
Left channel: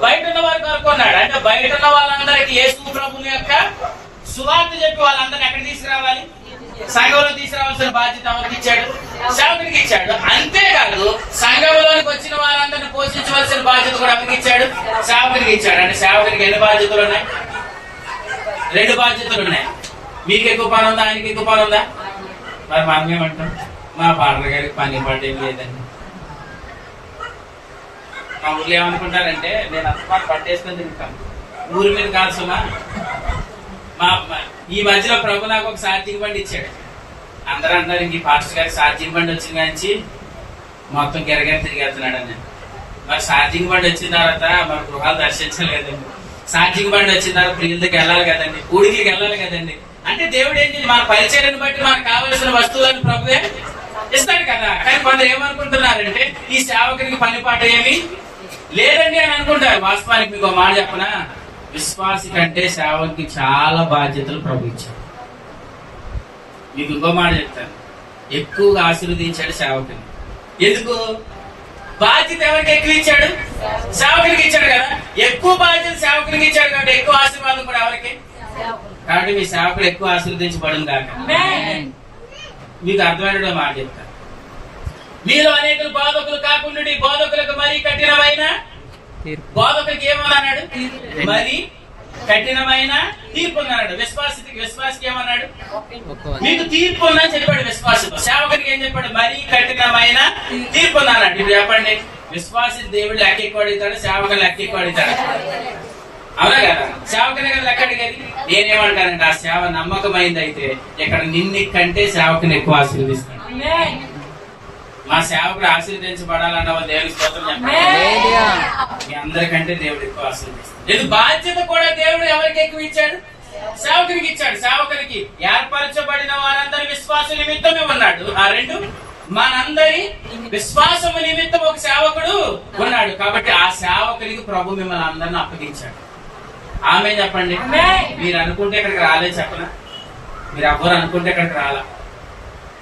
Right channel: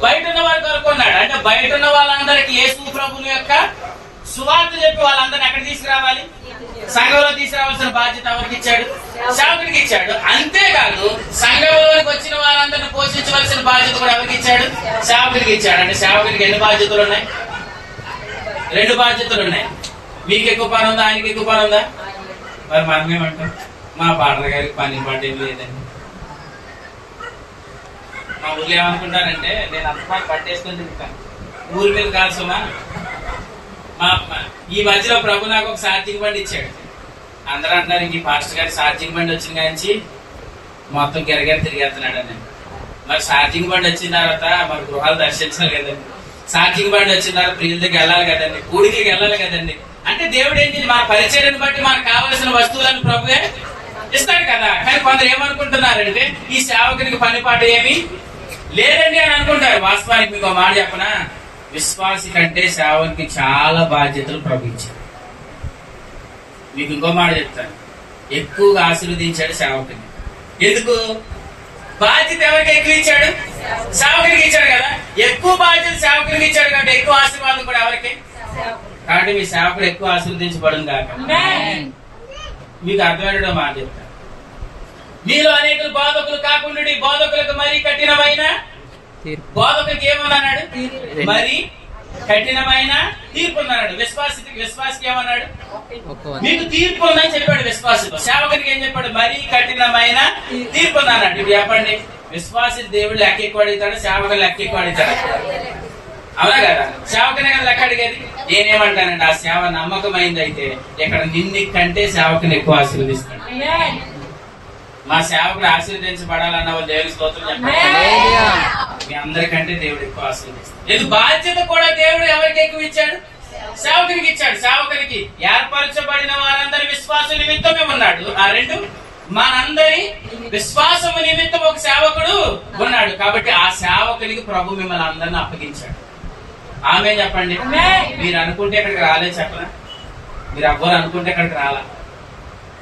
బయట ఉన్న వారి కొరకు ఉన్నాడు. అంటే బయట ఉన్న వాళ్ళందరికీ యేసు ప్రభుని యొక్క సువార్త చెప్పి వాళ్ళందరినీ ఎక్కడ తీసుకురావాలి? సంఘంలో తీసుకురావాల్సిన బాధ్యత ఎవరికి ఇచ్చాడు? సేవకుడికి ఇచ్చాడు. అంతేకాదు సంఘంలోనికి వచ్చిన వారందరిని పోషించవలసిన బాధ్యత కూడా ఎవరికి ఇచ్చాడు? సేవకుడికి ఇచ్చాడు. అంటే సేవకుడికి ఎన్ని బాధ్యతలు ఉన్నాయి? 2 బాధ్యతలు ఉన్నాయి. మీకు ఎక్కువ పని ఉందా, ఆయనకి ఎక్కువ పని ఉందా? మరి మనమేమంటాం? మా పాటల గారికి పని పడేం లేదండి. మా ఊర్లో ఏమనుకుంటారంటే, నేను అంత పని పట్టేసుకొని తిరుగుతాను, ఊరి మీద కాల్సమా. ఈ మధ్యలో ప్రభు నాకు ఒక సార్జింగ్ బండి ఇచ్చాడు. అందరూ అంటున్నారు, ఇంక పాస్టర్ గారి సార్జింగ్ బండి వచ్చిన కాంచి మొత్తం గిరగిర తిరిగేస్తున్నాడు అని. మరి సార్జింగ్ బండి వచ్చిన తర్వాత మన గృహాలు దర్శించాలి కదండి. సార్జింగ్ బండి వచ్చిన తర్వాత ప్రియుల దగ్గర వెళ్ళాలి కదండి, ఊడికి వెళ్ళాలి కదండి. అంటే దేవుడు ఏంటి, మన పరిచర్యను బట్టి మనకు కావలసిన వస్తువులను ప్రభువే ఇస్తాడు కదా. కానీ కొందరు ఏమనుకుంటున్నారంటే, ఈ సేవకునికి పనిపాట ఏమి లేదండి అని అనుకుంటారు. వాస్తవానికి మీకు మాట చెప్పనా, విశ్వాసి కంటే సేవకునికి చాలా బాధ్యతలు ప్రభు ఇచ్చాడు. మీకు ఇంకో మాట చెప్తాను, ఎక్కువగా ఆశీర్వదించాడు సేవకుని. ఎందుకు? బాధ్యత ఎవరికి ఎక్కువ ఇచ్చాడు? సేవకునికి ఇచ్చాడు కదా. ఎక్కువ బాధ్యత సేవకునికి ఇచ్చాడు కాబట్టి ఎక్కువ ఆశీర్వాదం కూడా ఎవరికి? కాబట్టి మీ సేవకుడు ఎక్కువ ఆశీర్వదించబడును కాక. మీకు అర్థమైన మాట చెప్తాను, మీలో అనేకులు బోధకులు కాకుండా బోధకులకు మరీ కఠినమైన బోధకులకి ఏమన్నాడు? మరి కఠినమైన తీర్పు అన్నాడు. విశ్వాసికి ఏమన్నాడు? మీకు తీర్పు ఉందని చెప్పాడు విశ్వాసితో. సేవకునికి ఏం చెప్పాడు? మరి కఠినమైన తీర్పు అన్నాడు. ఇప్పుడు చెప్పండి, విశ్వాసి దేవుడు లెక్క ఎక్కువ అడుగుతాడు, సేవకులు లెక్క ఎక్కువ అడుగుతాడు. అవునా కదా? సేవకునే కదా లెక్క అడిగేది. నేనేమంటానండి, ఆ సేవ నమ్మకమైంది అయితే ఇక్కడ నిన్ను కంటే సేవకుని ఎక్కువ ఆశీర్వదిస్తాడు. మా సేవకుడు ఆశీర్వదించబడాలన్న వాళ్ళు దేవుని స్తోత్రం చెప్పండి. మీ అందరికంటే దేవుడు ఎక్కువ ఆశీర్వదిస్తాడు. బాధ్యత కూడా దేవుడు ఎవరికి ఎక్కువ ఇచ్చాడు? సేవకునికి ఇచ్చాడు. సేవకునికి ఏర్పరచబడిన వారందరి విశ్వాస నిమిత్తమే ఉన్నాడు. ఆ 2, మనందరి విశ్వాసము నిమిత్తం ఒక సేవకుడు ఉన్నాడు. కాబట్టి ఆ సేవకునికి ప్రభు మిమ్మల్ని అందరిని అప్పగించాడు. ఆమె చెప్పండి. మీరు అనుకుంటే ఇక్కడికి రాలేదు చెప్పనా? మీరు ఎవ్వరు అనుకుంటే ఇక్కడికి రాలా.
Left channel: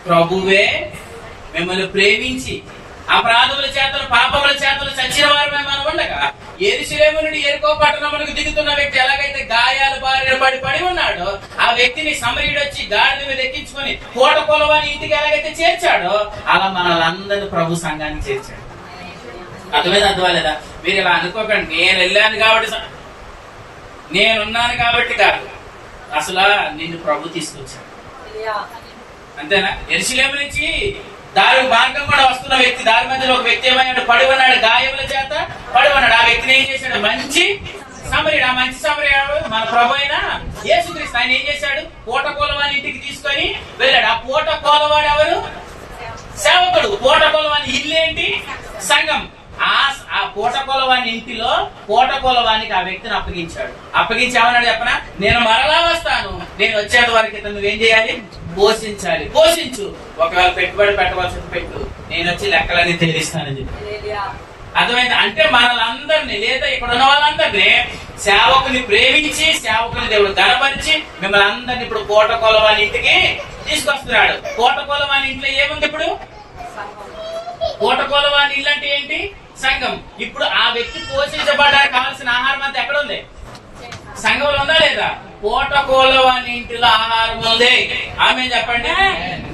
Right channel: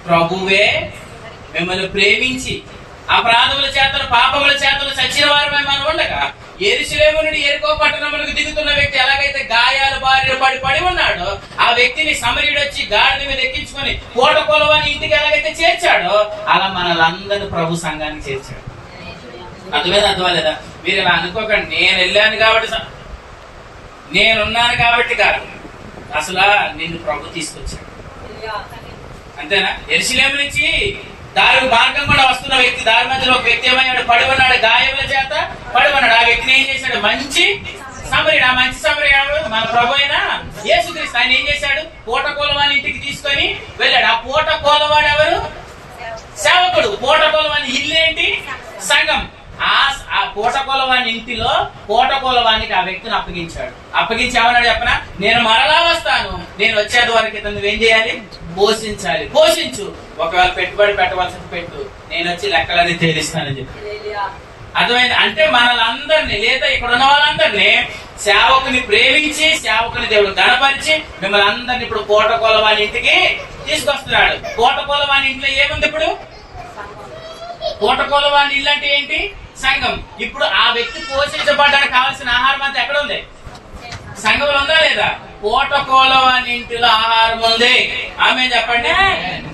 ప్రభువే మిమ్మల్ని ప్రేమించి అపరాధముల చేతలు పాపముల చేతలు చచ్చిన వారు మనం ఉండగా యెరూషలేము నుండి యెరికో పట్టణములకు దిగుతున్న వ్యక్తి ఎలాగైతే గాయాలు బారిన పడి ఉన్నాడో, ఆ వ్యక్తిని సమరయుడు వచ్చి గాడిద మీద ఎక్కించుకొని కోట కొలవాని ఇంటికి ఎలాగైతే చేర్చాడో, అలా మనలందరినీ ప్రభు సంఘానికి చేర్చాడు. అర్థమేదా? మీరు ఇలా అనుకోకండి, నేను వెళ్ళాను కాబట్టి, నేనున్నాను కాబట్టి కాదు. అసలు నిన్ను ప్రభు తీసుకొచ్చాడు. అంతేనా? యెరూషలేము నుంచి దారి మార్గం కూడా వస్తున్న వ్యక్తి, దారి మధ్యలో ఒక వ్యక్తి ఏమయ్యాడు? పడి ఉన్నాడు, గాయముల చేత పడి ఉన్నాడు. ఆ వ్యక్తిని ఏం చేశాడు? మంచి సమరయుడు. ఆ మంచి సమరయుడు మన ప్రభు అయిన యేసుక్రీస్తు. ఆయన ఏం చేశాడు? పూటకోలవాని ఇంటికి తీసుకొని వెళ్ళాడు. ఆ పూటకోలవాడు ఎవరు? సేవకుడు. పూటకోలవాని ఇల్లు ఏంటి? సంఘం. ఆ పూటకోలవాని ఇంటిలో పూటకోలవానికి ఆ వ్యక్తిని అప్పగించాడు. అప్పగించి ఏమన్నాడు చెప్పనా? నేను మరలా వస్తాను, నేను వచ్చేది వరకు నువ్వేం చేయాలి? పోషించాలి. పోషించు, ఒకవేళ పెట్టుబడి పెట్టవలసింది పెట్టు, నేను వచ్చి లెక్కలన్నీ తేలిస్తానని చెప్పి. అర్థమైంది? అంటే మనలందరినీ, లేదా ఇక్కడ ఉన్న వాళ్ళందరినీ సేవకుని ప్రేమించి, సేవకుని దేవుడు గణపరిచి మిమ్మల్ని అందరినీ ఇప్పుడు పూటకోలవాని ఇంటికి తీసుకొస్తున్నాడు. పూటకోలవాని ఇంట్లో ఏముంది? ఇప్పుడు పూటకోలవాని ఇల్లు అంటే ఏంటి? సంఘం. ఇప్పుడు ఆ వ్యక్తి పోషించబడడానికి కావాల్సిన ఆహారం అంతా ఎక్కడ ఉంది? సంఘంలో ఉందా లేదా? పూటకోలవాని ఇంటిలో ఆహారం ఉంది. ఆమె చెప్పండి.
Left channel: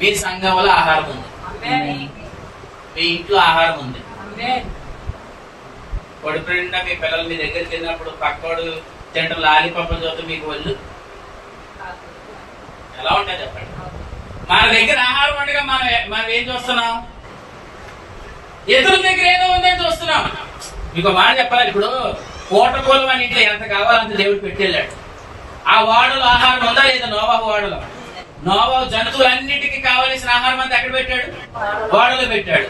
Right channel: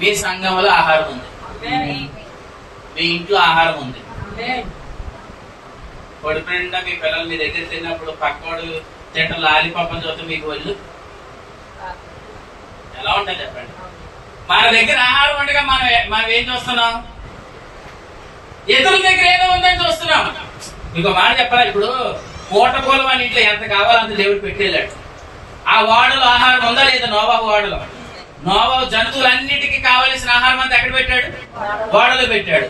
మీ సంఘంలో ఆహారం ఉంది, మీ ఇంట్లో ఆహారం ఉంది. పొడి ఫ్రెండ్ మీ పిల్లలు మీ దగ్గర తిన్నప్పుడు పక్కోడు తింటాం లాలిపాపం చూస్తే మీకు ఒళ్ళు ఎలా ఉంటుంది చెప్పండి? మన దగ్గర ఆహారం ఉండగా మనం ఏం చూస్తున్నాం? ఎదురు దగ్గర ఏదో ఉందని చూస్తున్నాం. మీకు మాట చెప్పాలి, ఇప్పుడు పూటకోలవాని ఇంట్లో ఎంత కావాలంత దేవుడు పెట్టేళ్ళాడు. ఆ వాడలో ఆహారం ఉందా లేదా? నోవాహు వాడలో. నోవాహు జంతువులన్నిటికీ కావలసిన ఆహారం అంతా ఎక్కడ పెట్టాడు? వాడలో పెట్టాడు.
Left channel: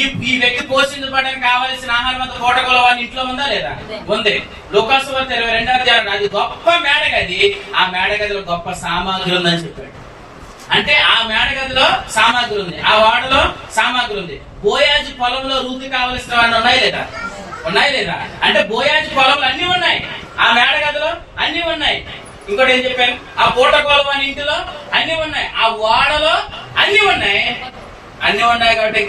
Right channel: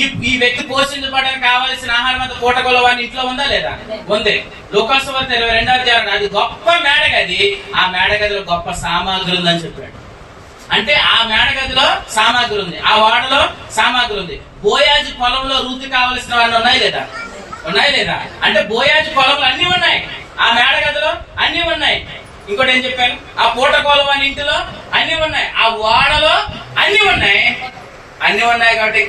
ఈ వ్యక్తి పోషించబడడానికి కావాల్సిన ఆహారం అంతా పూటకొల వాని ఇంట్లో ఉందా లేదా? ఉంది. లూకాసు వార్త 22వ అధ్యాయం అది గొప్ప మేడగది, ఆ మేడగదిలో గొప్ప సామాగ్రి ఉందని చెప్పాడు. అంటే ఆ మేడగదిలో సామాగ్రి ఉంది, ఆ వాడలో సామాగ్రి ఉంది. బోయాజు పొలంలో రూతు కావలసినవన్నీ ఉన్నాయి లేదా? ఉన్నాయి లేదా? అంటే బోయాజు పొలంలో అన్ని ఉన్నాయి, ఆ మేడగదిలో అన్ని ఉన్నాయి. ఇంకోటి ఏం చెప్పాను? ఆ పూటకోల వాని ఇంటిలో అన్ని ఉన్నాయి, ఆ వాడలో అన్ని ఉన్నాయి. అన్ని ఉన్నాయి కాబట్టి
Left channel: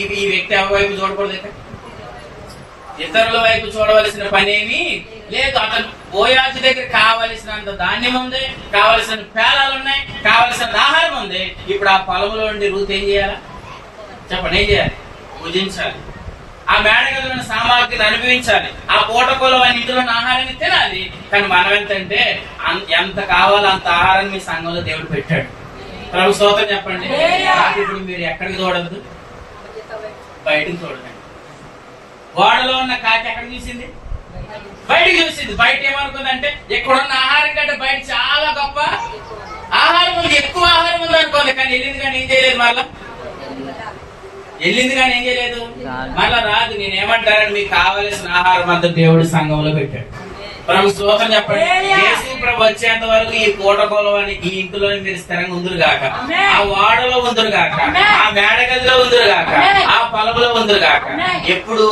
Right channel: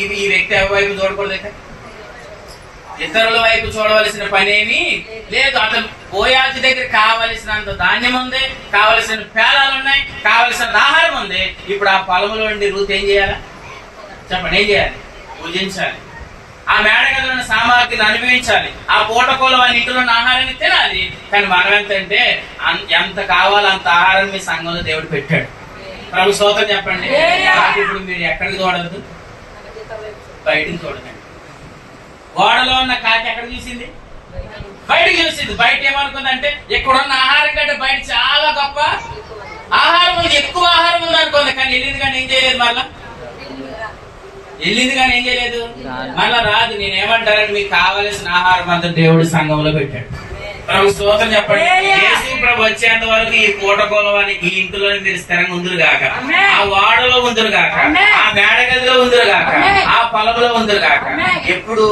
ఈ వ్యక్తి వైపు చూడకూడదు, ఇతరుల వైపు చూడవలసిన పనేమి లేదు. అతను బోయాజు దగ్గర కావలసినంత ధాన్యం ఉంది, కావలసిన పేలాలు ఉన్నాయి, కావలసిన ఆహారం ఉంది. ఇప్పుడు ఆ పొలంలో నుండి రూత్ ఏం చేయాలా చెప్పండి? ఏం చేయాలి? పూజించాలి. ఆ మేడగదిలో ఉన్న సామాగ్రిని అనుభవించాలి. ఆ పూటకోల వాని ఇంటిలో ఉన్న ఆహారాన్ని తినాలి. కానీ మనం ఎంతంటే ఎంత కావాలో అంత ఆహారం మీ సంఘంలో దేవుడు పెట్టాడు. ప్రభు స్తోత్రం చెప్పండి. ఇప్పుడు మీరు ఎక్కడికి చూడద్దు? బయటికి చూడకండి. గోడలో ఉన్న కాకి ఎక్కడ చూసింది? బయటకు చూసింది. బయట ఏమనుకుందంటే ఇక్కడున్న ఆహారం కంటే బయట చాలా గొప్ప ఆహారం ఉంది, ఎక్కువ ఆహారం ఉంది అనుకుంది. కానీ వెళ్ళింది కానీ ఏం చేయలేదు, మళ్ళా వెళ్ళింది కానీ ఏం చేయలేదు, మళ్ళా రాదు. నేనేమంటానని మీకు కావలసిన ఆహారం అంతా దేవుడు సంఘంలో పెట్టాడు. ప్రభు స్తోత్రం చెప్పండి. యేసు ప్రభు వచ్చేంత వరకు ఈ పూటకోలవాని ఈ ఇంటిలో మీరు స్థిరంగా ఉందరు గాక, ఆ వాడలో ఉందరు గాక, ఆ మేడగదిలో ఉందరు గాక, ఆ పొలంలో ఉందరు గాక. ఎప్పుడు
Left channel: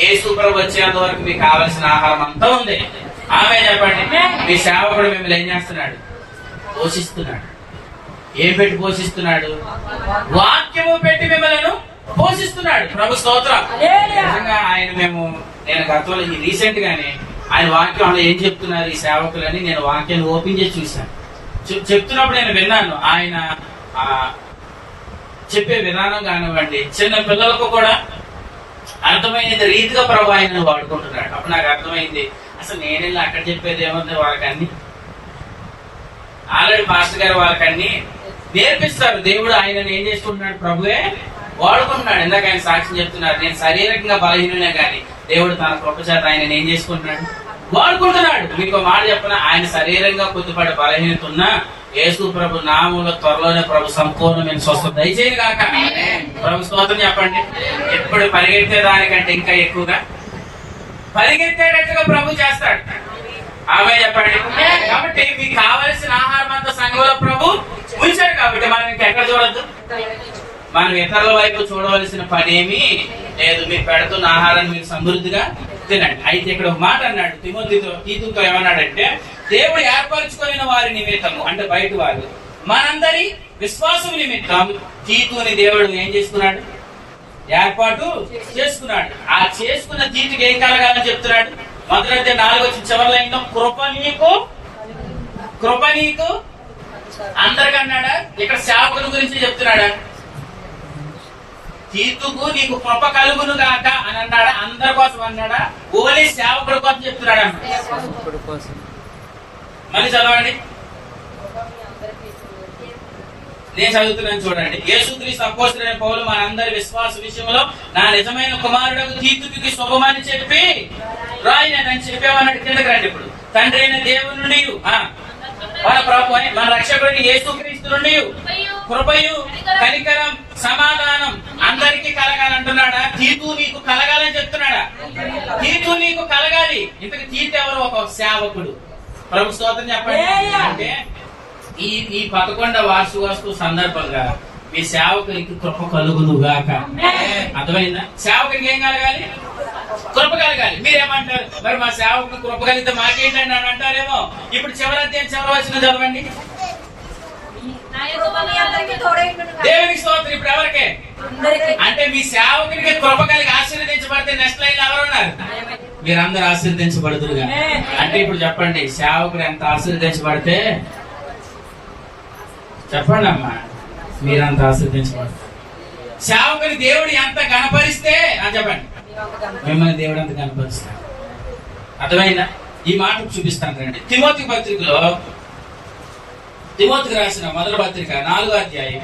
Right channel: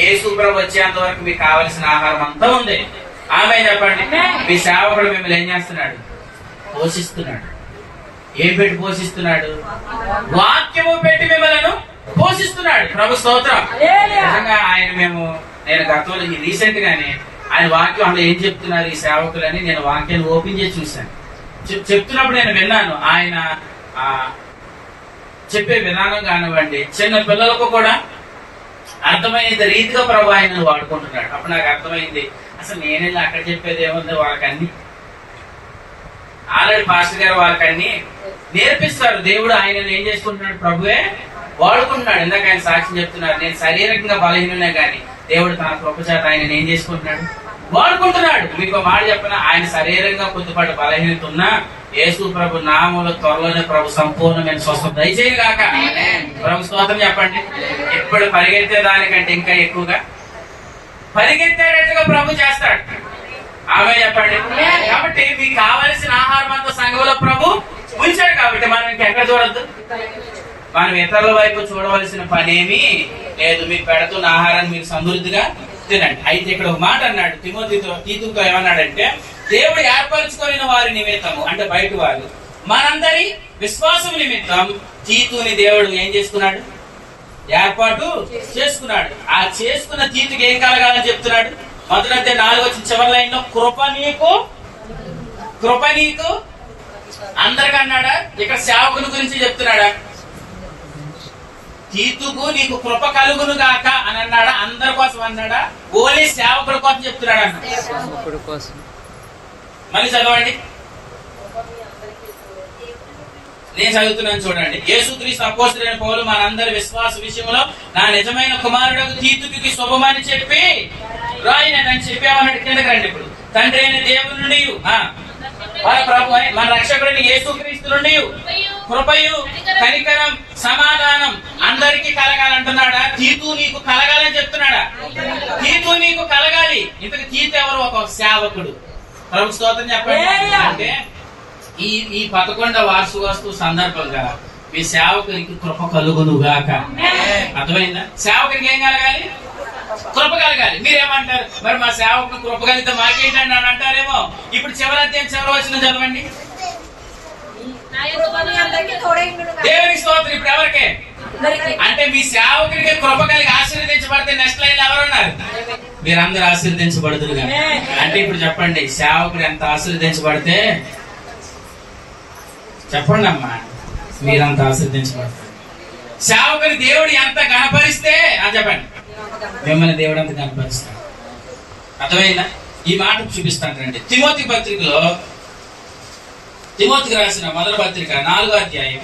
యేసు ప్రభు వచ్చేంత వరకు మీకు కావలసిన ఆహారం అంతా ఉంది. ఆమె చెప్పండి. మీ సేవకుడు మిమ్మల్ని ఏం చేస్తున్నాడు? పోషిస్తున్నాడు. ఏం పెట్టి పోషిస్తున్నాడు? వాక్యము పెట్టి మిమ్మల్ని పోషిస్తున్నాడు. ప్రభు స్తోత్రం. నిజంగా నేను గతంలో రీసెంట్ గానే ఆయన వాక్యం అంటే ఏం చెప్తున్నారు ఈ సేవకులని నేను వాక్యాన్ని ఓపెన్ చేసి చూశాను. చెప్తున్నప్పుడు నేను విన్నాను. ఆయన చెప్పే విధానం కానివ్వండి, చిన్న పిల్లలకు కూడా అర్థమైనంత రీతిగా ప్రభు ఆయన వాడుకుంటున్నాడు. అప్పుడు నాకు అర్థమైంది, అసలు నేనెళ్ళి అక్కడ చెప్పేది ఏముంది, వాళ్ళకన్నీ ఆల్రెడీ పాస్టర్ గారు వాళ్ళకన్నీ నేర్పిస్తారు. దేవుడు ఆయనను ఏం చేసుకుంటున్నాడు? ప్రభువే వాడుకుంటున్నాడు. ఇందాక ఆయన సాక్ష్యం చెప్తున్నారు, నేను శారీరకంగా బలహీననే కానీ దేవుడు తన కృప చేత ఆయన ఏం చేసుకుంటున్నాడు? వాడుకుంటున్నాడు. మీకు మాట చెప్పిన ఆయన శరీరంగా కొద్దిపాటి బలహీనత ఉన్నా యేసు ప్రభు నామంలో త్వరలోనే ప్రభు సంపూర్ణమైన స్వస్థత దయచేయను గాక. ప్రభు స్తోత్రం చెప్పండి. ఎప్పుడు పరిగెత్తే దానికంటే ఇంకా ఎక్కువగా పరిగెత్తేటట్టుగా ప్రభు చేస్తాడు. ఆమె చెప్పండి. కాబట్టి మీకు కావలసిన ఆహారం అంతా సంఘంలో ప్రభు ఉంచాడు. కాబట్టి మనం ఇంకెక్కడ చూడద్దు, మనం ఇతరుల వైపు చూడవలసిన పనేమీ లేదు. మీకు పెడుతున్న ఆహారాన్ని మీరు సమృద్ధిగా తినండి. అయితే ఇక్కడ ఒక మాట అన్నాడు తీతుతో ఏమన్నాడంటే, దేవుడు ఏర్పరచుకున్న వారి నిమిత్తము, అంటే బయట వారు, మనందరి విశ్వాసం నిమిత్తం తీతుని దేవుడు ఏం చేసుకున్నాడు? ఏర్పాటు చేసుకున్నాడు. ఆ చేసుకున్న తీతుకి ఏం కలగాలని చెప్తున్నాడు? మొదలైతే 4 చివరి లైన్ లో కృప నీకు అందరికి అన్నాడా? ఇక్కడ సేవకుని గురించి చెప్తున్నాడా? తీతుకు నీకు కృప కలుగును గాక అని అన్నాడా? అందరి కోసం అన్నాడా? ఓన్లీ సేవకుడి కోసం చెప్తున్నాడు అన్నాడు. మళ్ళీ చదవండి, నేను చదువుతున్నాను చూడండి. యేసుక్రీస్తు అపోస్తలుడైన పౌలు మనందరి విశ్వాస విషయంలో నా నిజమైన కుమారుడు తీతుకి శుభమని చెప్పి రాయినని చెప్పామన్నాడు. కిందకి రండి. ఇప్పుడు తండ్రి అయిన దేవుని నుండి మన ప్రభు మన రక్షకుడిని యేసుక్రీస్తు నుండి కృపయు కనికరం సమాధానం అందరికీ కలగాలంటున్నాడా? తీతు నీకు కలగాలని చెప్తున్నాడా? తీతు నీకు కలగాలి. ఇంతకు తీతు ఎవరు? ఒక సేవకుడు. ప్రభు స్తోత్రం చెప్పండి. అంటే ఈ 11వ వార్షికోత్సవ సందర్భంగా మీ సేవకునికి కృప కలుగునుగాక. అర్థమైందా? సేవకునికి ఏం కలగాలి? కృప కలగాలి. మీరేమంటారు? మరి మా సేవకుని కృప కలిగితే మాకేంటండి అని అంటారేమో. ఇప్పుడు చివరి అధ్యాయం చివరి వచనం చదవండి. దేవునికి స్తోత్రం. ఇప్పుడు ఎవరికే? అంటే మీ సేవకునికి కృప కలిగి ఆశీర్వదించబడితే నెక్స్ట్ లైన్ ఎవరున్నారు? మీరందరూ ఆశీర్వదించబడుతురుగా. అంటే ఇప్పుడు చెప్పండి, సేవకుడు ఎంత ఆశీర్వదించబడితే చెప్పండి అమ్మా, మీరంత ఆశీర్వదించబడతారు. సేవకుని దేవుడు ఎంత గణపరిస్తే చెప్పండి, మిమ్మల్ని దేవుడు ఎంత గణపరుస్తాడు. అర్థమైందా? ఈ మాట చూపిస్తాను రండి. తిమోతి పత్రికలో, తిమోతికి రాసిన మొదటి పత్రిక 4వ అధ్యాయం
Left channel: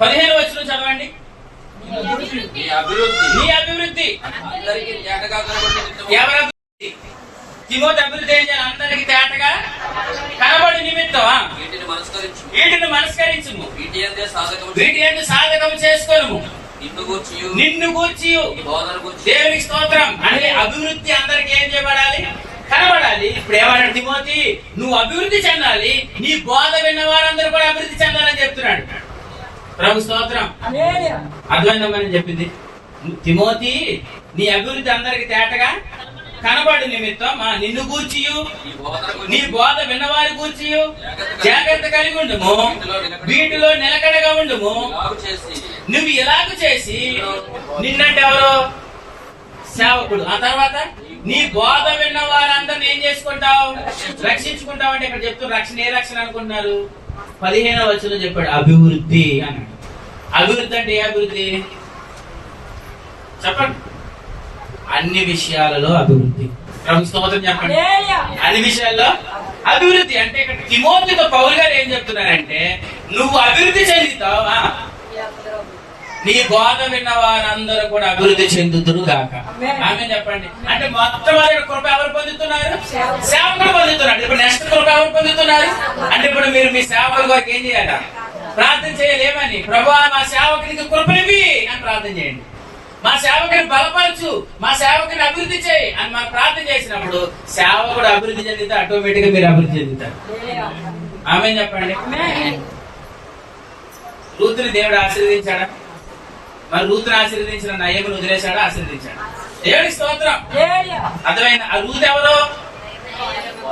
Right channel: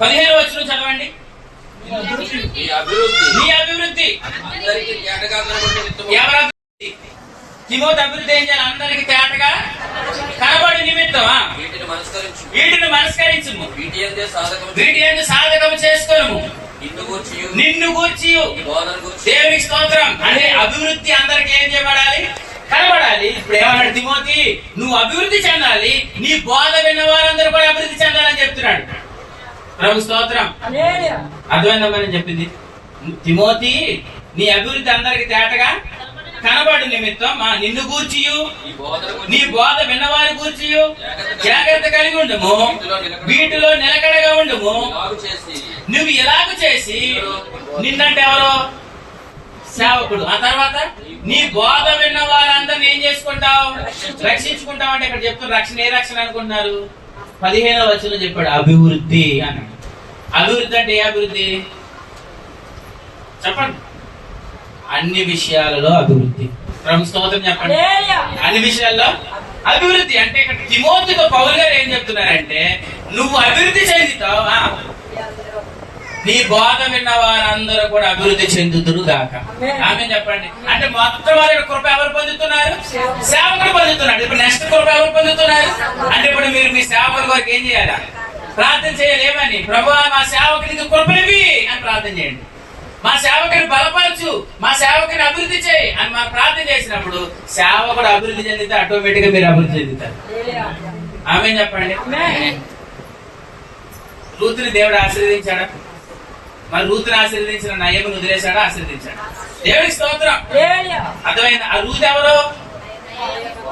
15వ వచనం చదవండి. నీ అభివృద్ధి నీ అభివృద్ధి అందరికీ తేటగా కనబడి నిమిత్తము ఎవరి అభివృద్ధి? తిమోతి అభివృద్ధి ఏం చేయాలి? అందరికి తేటగా కనబడి నిమిత్తం వీటిని మనస్కరించు, వీటిని మనస్కరించుము, వీటి అందే సాధకము వీటి ఏంటి సాధకము చేసుకోము, నిన్ను గూర్చి నిన్ను గూర్చి నీ బోధన గూర్చి దేవునికి స్తోత్రం. అంటే అభివృద్ధి అందరికి ఏం చేయబడాలి? కనబడాలి. ఇప్పుడు ఏమన్నాడు తిమోతి? నువ్వు అభివృద్ధి చెందాలి, నీ బోధ విన్న వారందరూ కూడా అభివృద్ధి చెందాలని చెప్తున్నాడు. ప్రభు స్తోత్రం. అర్థమైందమ్మని చెప్పింది. తిమోతి, నీ అభివృద్ధి అందరికి తేటగా కనబడు నిమిత్తం నిన్ను గూర్చియు ఈ బోధన నీ గూర్చి బోధ విన్నవారి గూర్చియు జాగ్రత్త కలిగి ఉండుము, వీటిలో నిలకడగా ఉండుము. ఇలాగు చేసి నువ్వు ఇలాగ చేసి, నిన్నంటే ఎవరు? సేవకుడు. ఆ తర్వాత నీ బోధ విన్న వారందరిని ఏం చేసుకుంటావు? రక్షించుకుంటావు. అంటే ఇక్కడ చెప్తున్న రక్షణ ఏ రక్షణ అనుకుంటున్నారు? 15వ వచనంలో చెప్పాడు అభివృద్ధి అన్నాడు. అభివృద్ధి అంటే ఏ అభివృద్ధి చెప్పండి? అన్ని విషయాలలో అభివృద్ధి. ప్రభు స్తోత్రం చెప్పండి. అన్ని విషయాల్లో అభివృద్ధి అంటే ఇక్కడ తిమోతితో పౌలు గారు ఏం చెప్తున్నారంటే, నువ్వు అభివృద్ధి చెందుతావు, నీ బోధ విన్న వారందరూ కూడా అభివృద్ధి చెందుతురు గాక. ఆమె చెప్పండి. అంటే మొత్తం వారి కృప ఎవరు పొందుతున్నారు? సేవకుడు పొందుతున్నాడు. ఇప్పుడు నెక్స్ట్ కృప ఎవరు పొందుతున్నారు? అంటే ఇప్పుడు మీరు మీ సేవకుల వరకు ఏం చేయాలా? ప్రార్థన చేయలేమని, ప్రభువా మా సేవకునికి కృపనివి అని ప్రార్థన చేయండి. మా సేవకుని బలపరచు, మా సేవకుని అభివృద్ధి చేయి అని మనం ప్రార్థన చేసినప్పుడు సేవకుడు అభివృద్ధి చెందితే ఆటోమేటిక్ గా మీరు అభివృద్ధి చెందుతారు. ఆమె చెప్పండి. రూతుని దేవుడు ఆశీర్వదించాడా? మరి రూతుని ఆశీర్వదించిన నయమును వదిలేశాడా? ఆశీర్వదించాడు. దేవుడికి స్తోత్రం. అర్థమైంది. ఆ రూతు ఎవరు?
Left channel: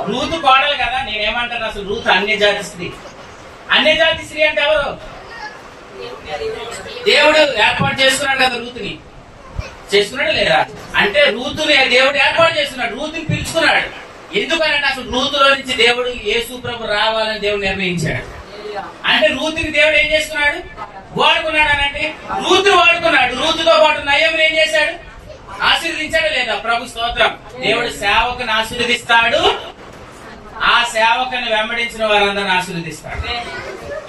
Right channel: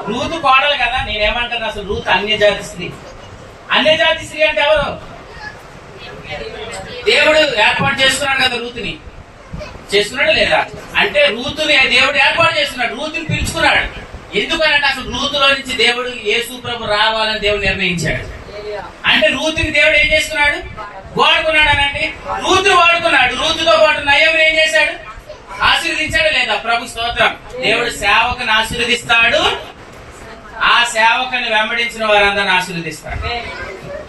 రూతు కోడలు కదా. నేనేమంటాను అసలు రూతు అన్య జాతి స్త్రీ. అన్య జాతి స్త్రీ అంటే ఎవరు? దేవుడు ఏర్పాటు చేసుకున్నాడు కదా రూతుని. చేసుకున్నాడు లేదా? అంటే రూతుని దేవుడు ఏర్పాటు చేస్తున్నాడు, రూతుని పిలుచుకున్నాడు. ఎందుకనంటే అసలు రూతులో నుంచి దేవుడు యేసు ప్రభు రావాలని దేవుడు నిర్ణయించాడు. అంటే రూతుని దేవుడు ఏం చేసుకున్నాడు? వాడుకున్నాడు అనండి. రూతుని వాడుకున్నాడు. రూతుతో పాటు నయముని ఏం చేశాడు? ఆశీర్వదించాడు లేదా? ప్రభు స్తోత్రం. దేవుడు సేవకుని ఆశీర్వదిస్తాడు, ఆ సేవకుని వెంబడించిన వారందరిని ఆశీర్వదిస్తాడు.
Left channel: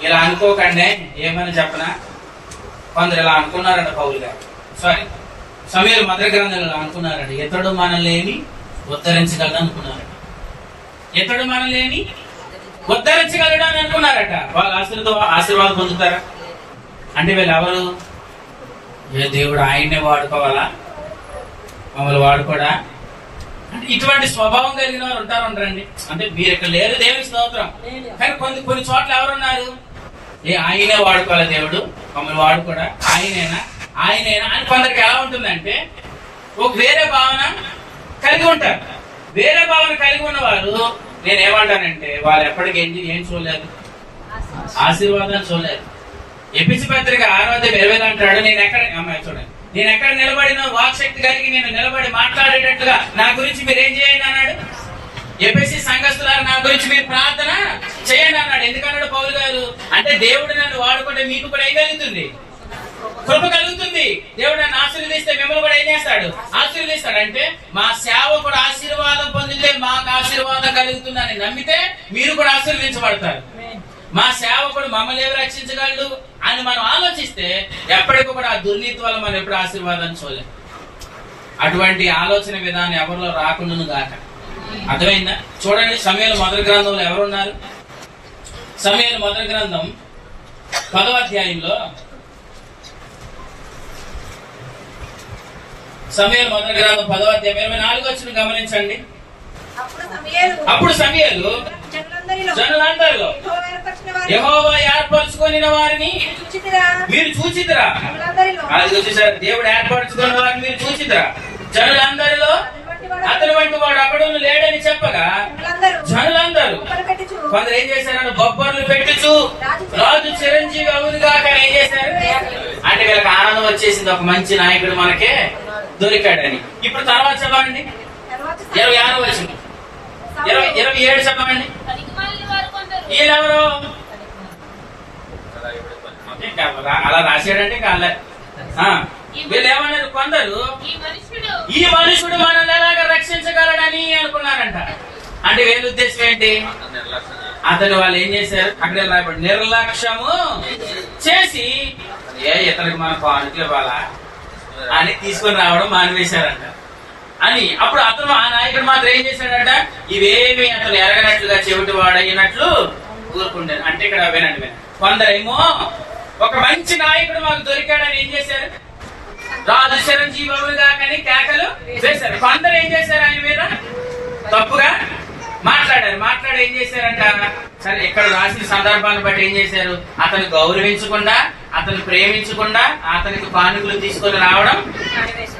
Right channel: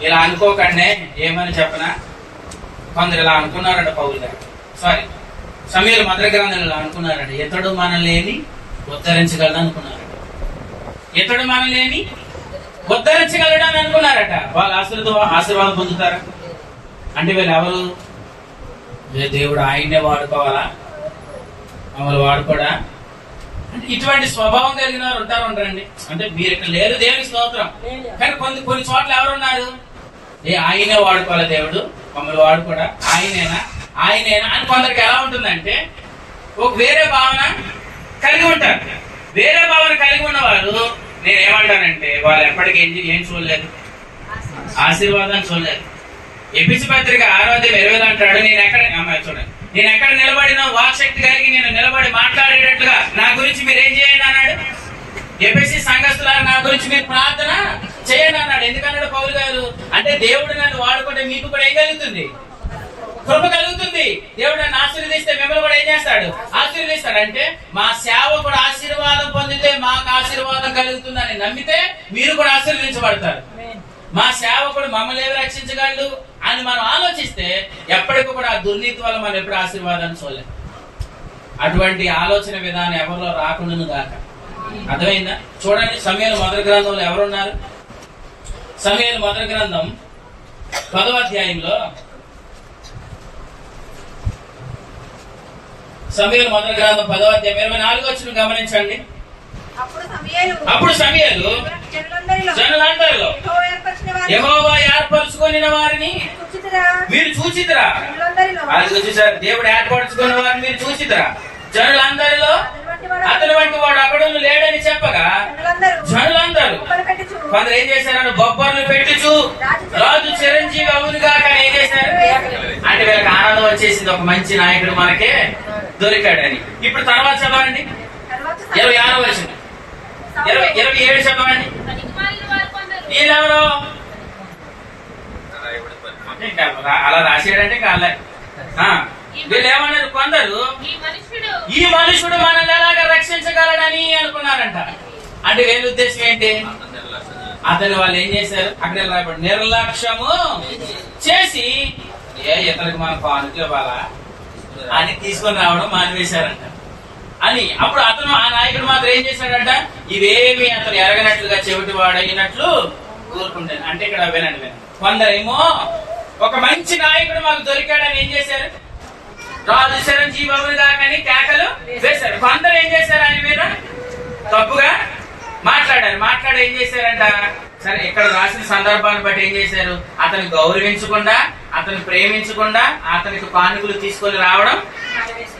ఇలా అనుకోకండి. ఏమని చెప్పనా? కొందరు ఇలా అనుకున్నారట పౌలు గారు, సారీ సమయలు మొదటి గ్రంథంలో అనుకున్నారట, ఇతడు మనల్ని ఉద్ధరించగలడు అనుకున్నారట. ఇతడు మనల్ని ఉద్ధరించగలడు అని అనుకున్నారట. వాళ్ళు ఆశీర్వాదం పొందుతారా? అంటే వీళ్ళు ఎవరు? దేవుడు ఆయన్నే వాడుకోవాలా, మమ్మల్ని వాడుకోడా? అంటే ఇటువంటి స్వభావం కలిగిన వారు ఉంటారండి. అంటే మీరు ఇక్కడ లేరు, దేవుని స్తోత్రం. కానీ కొన్ని చోట్ల ఎవరున్నారు? ఆయనే వాడుకోవాలి, దేవుడు మమ్మల్ని వాడుకోడా, ఆయనేనా అని కొందరికి ఎలా ఉంటుందంటే ఒక వేరే భావన కలిగి ఉంటారు. వేరే భావన కలిగి ఉన్నవారు నేనేమంటానంటే వాళ్ళు ఎప్పటికీ ఏం చూడలేదు? ఆశీర్వాదం చూడలేదు. ఎపిసి పత్రిక 6:20 అంటాడు, చూడండి, నేను ఎక్కడ నిలబడిన వాక్శక్తి కలిగి నేను నిలబడి మాట్లాడేటట్లుగా నా గురించి మీరు ఏం చేయండి అన్నాడు. ఎపిసి సంఘస్థులారా నా గురించి మీరు ప్రార్థన చేయండి అన్నాడు. ఎందుకన్నాడు పౌలు గారు? అంటే దేవుడు నన్ను వాడుకుంటే మీకు కూడా ఏం కలుగుతుంది? కృప కలుగుతుంది. దేవుడు నన్ను ఆశీర్వదిస్తే మిమ్మల్ని కూడా ఏం చేస్తాడు? ఆశీర్వదిస్తాడు. అంటే మా సేవకుడు ఆశీర్వాదం పొందితే మాకు ఆశీర్వాదం కలుగుతుందని నమ్మితే మీరు కూడా ఆశీర్వదించబడతారు. మా సేవకుడు మమ్మల్ని ఎవరు రక్షించగలడు అని మనం ఆలోచిస్తే ఎప్పటికీ కూడా ఆ దుర్నీతి వల్ల మనం ఎప్పుడు ఆశీర్వాదాన్ని చూడలేం. అటువంటి ఆలోచన విధానం ఎవరిలో రాకుండాను గాక. అర్థమైందా? చూడండి, సమూయేలు మొదటి గ్రంథంలో ఎవరున్నారు? సమూయేలు మొదటి గ్రంథం 10వ అధ్యాయంలో, సమూయేలు మొదటి గ్రంథం 10వ అధ్యాయం 24వ వచనం గమనించండి. అప్పుడు సమూయేలు జనులందరిలో యెహోవా ఏర్పరచుకుని వారిని మీరు చూచితిరా. అది చూసారు, దేవుడు ఏర్పరచుకున్న వారిని మీరు చూచితిరా. జనులందరిలో అతని వంటి వాడు అక్కడ లేడని చెప్పగా జనులందరూ కొందరు ఏం చేశారు? బొబ్బర్లు పెట్టుచు రాజు చిరంజీవి అవునుగా కానీ ఏం చేశారు? అంటే వీళ్ళకి ఆనందం వచ్చేసింది, ఒక మంచి నాయకుడు మనకే దొరికాడని. ఇప్పుడు తర్వాత చదవండి 26వ వచనం, 27 చెప్పండి. ఈయనెవరు? అలా రాశాడంటే కాలే. వీళ్ళు ఏమన్నారు? కొందరు ఈ మనుషుడు మనల్ని ఎలాగా రక్షించగలడని అనుకున్నారంట. అంటే వీళ్ళ ఉద్దేశం ఏంటి? అతను వాళ్ళు ఏం చేశారు? అక్కడ రాయబడి నిర్లక్ష్యము చేసి ఇతనికి మన కానుకలు ఇవ్వాలా అని తీసుకొని రావడం మానివేశారంట. అని అప్పుడు అతను ఆ నాయకుడు మాత్రం ఏం చేశాడంట, ఇవేమి అతను ఎరగనట్లుగా చెవిటి వాడయినట్లు ఊరుకుంటాను. అంటే ఇక్కడ వినండి, కొందరేమో ఒక మంచి నాయకుడు మాకు దొరికాడని ఏం చేశారు, రాజు చిరంజీవి బాబుని దాకని కేకలు వేశారు. కొందరు ఏం చేశారు, ఆయన మీద తప్పుగా మాట్లాడారు. మాట్లాడి ఏం చేశారంట, సరే ఇక్కడ రాసిన సందర్భాన్ని బట్టి ఏం చేశారు, అతను గౌరవించకుండా, అతను ప్రేమించకుండా అతనికి కానుకలు తీసుకొని రావడం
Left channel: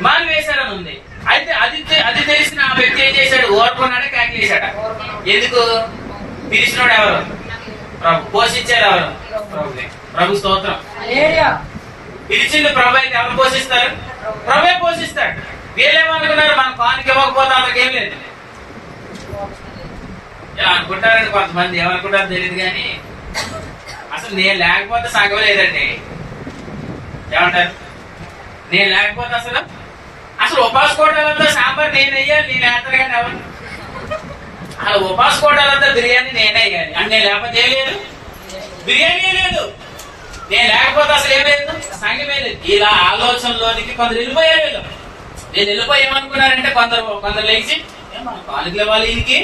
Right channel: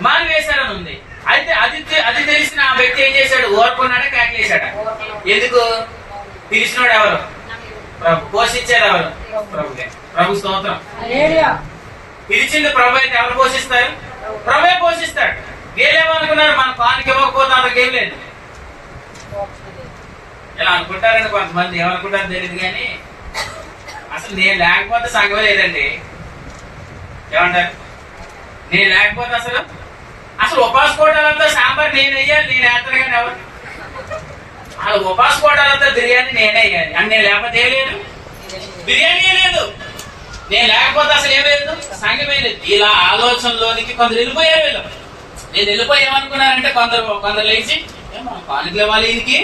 మానివేశారని ఉంది. అయితే అది తెలిసిన ఆ వ్యక్తి ఏం చేశాడు, ఓర్కొన్నాడు, కేకలేశాడు. ఎందుకు? పిలిచినోడు ఎవరు? ప్రభు. పోషించారు ఎవరు? ప్రభుదే. ప్రభు స్తోత్రం. పిలిచింది ప్రభు అయితే ఎవరు పోషిస్తారు? ప్రభే పోషిస్తాడు. వీళ్ళేమనుకున్నారు, మన కానుక ఇవ్వకపోతే అతనికి ఏం లేదు ఇలా అనుకుంటారని కొంతమంది. ఏమనుకుంటారో తెలియదు కానీ అసలు నేను లేకపోతే సంఘం లేదండి. ఏమంటారు? నేను లేకపోతే అసలు ఉపాస కోటాలంతా సాంబార్ నేను వేయాలి, నేను వేస్తాను కానీ ఎవరు అసలు ఉపాస కోటాలంతా బిర్యానీ నేనే వేయాలి అని. నేను లేకపోతే ఏం లేదు, బిర్యానీ లేదు. నేను లేకపోతే అసలు ఏం లేదు, సంఘమే లేదు. ఇలా ఆలోచనలోనికి కొందరు వెళ్ళిపోయారు. వీళ్ళు నేను వెళ్ళిపోయి ఏమనుకున్నారంటే, కొందరు లేచి మనం కానుకలు ఇవ్వాలి ఈయనకి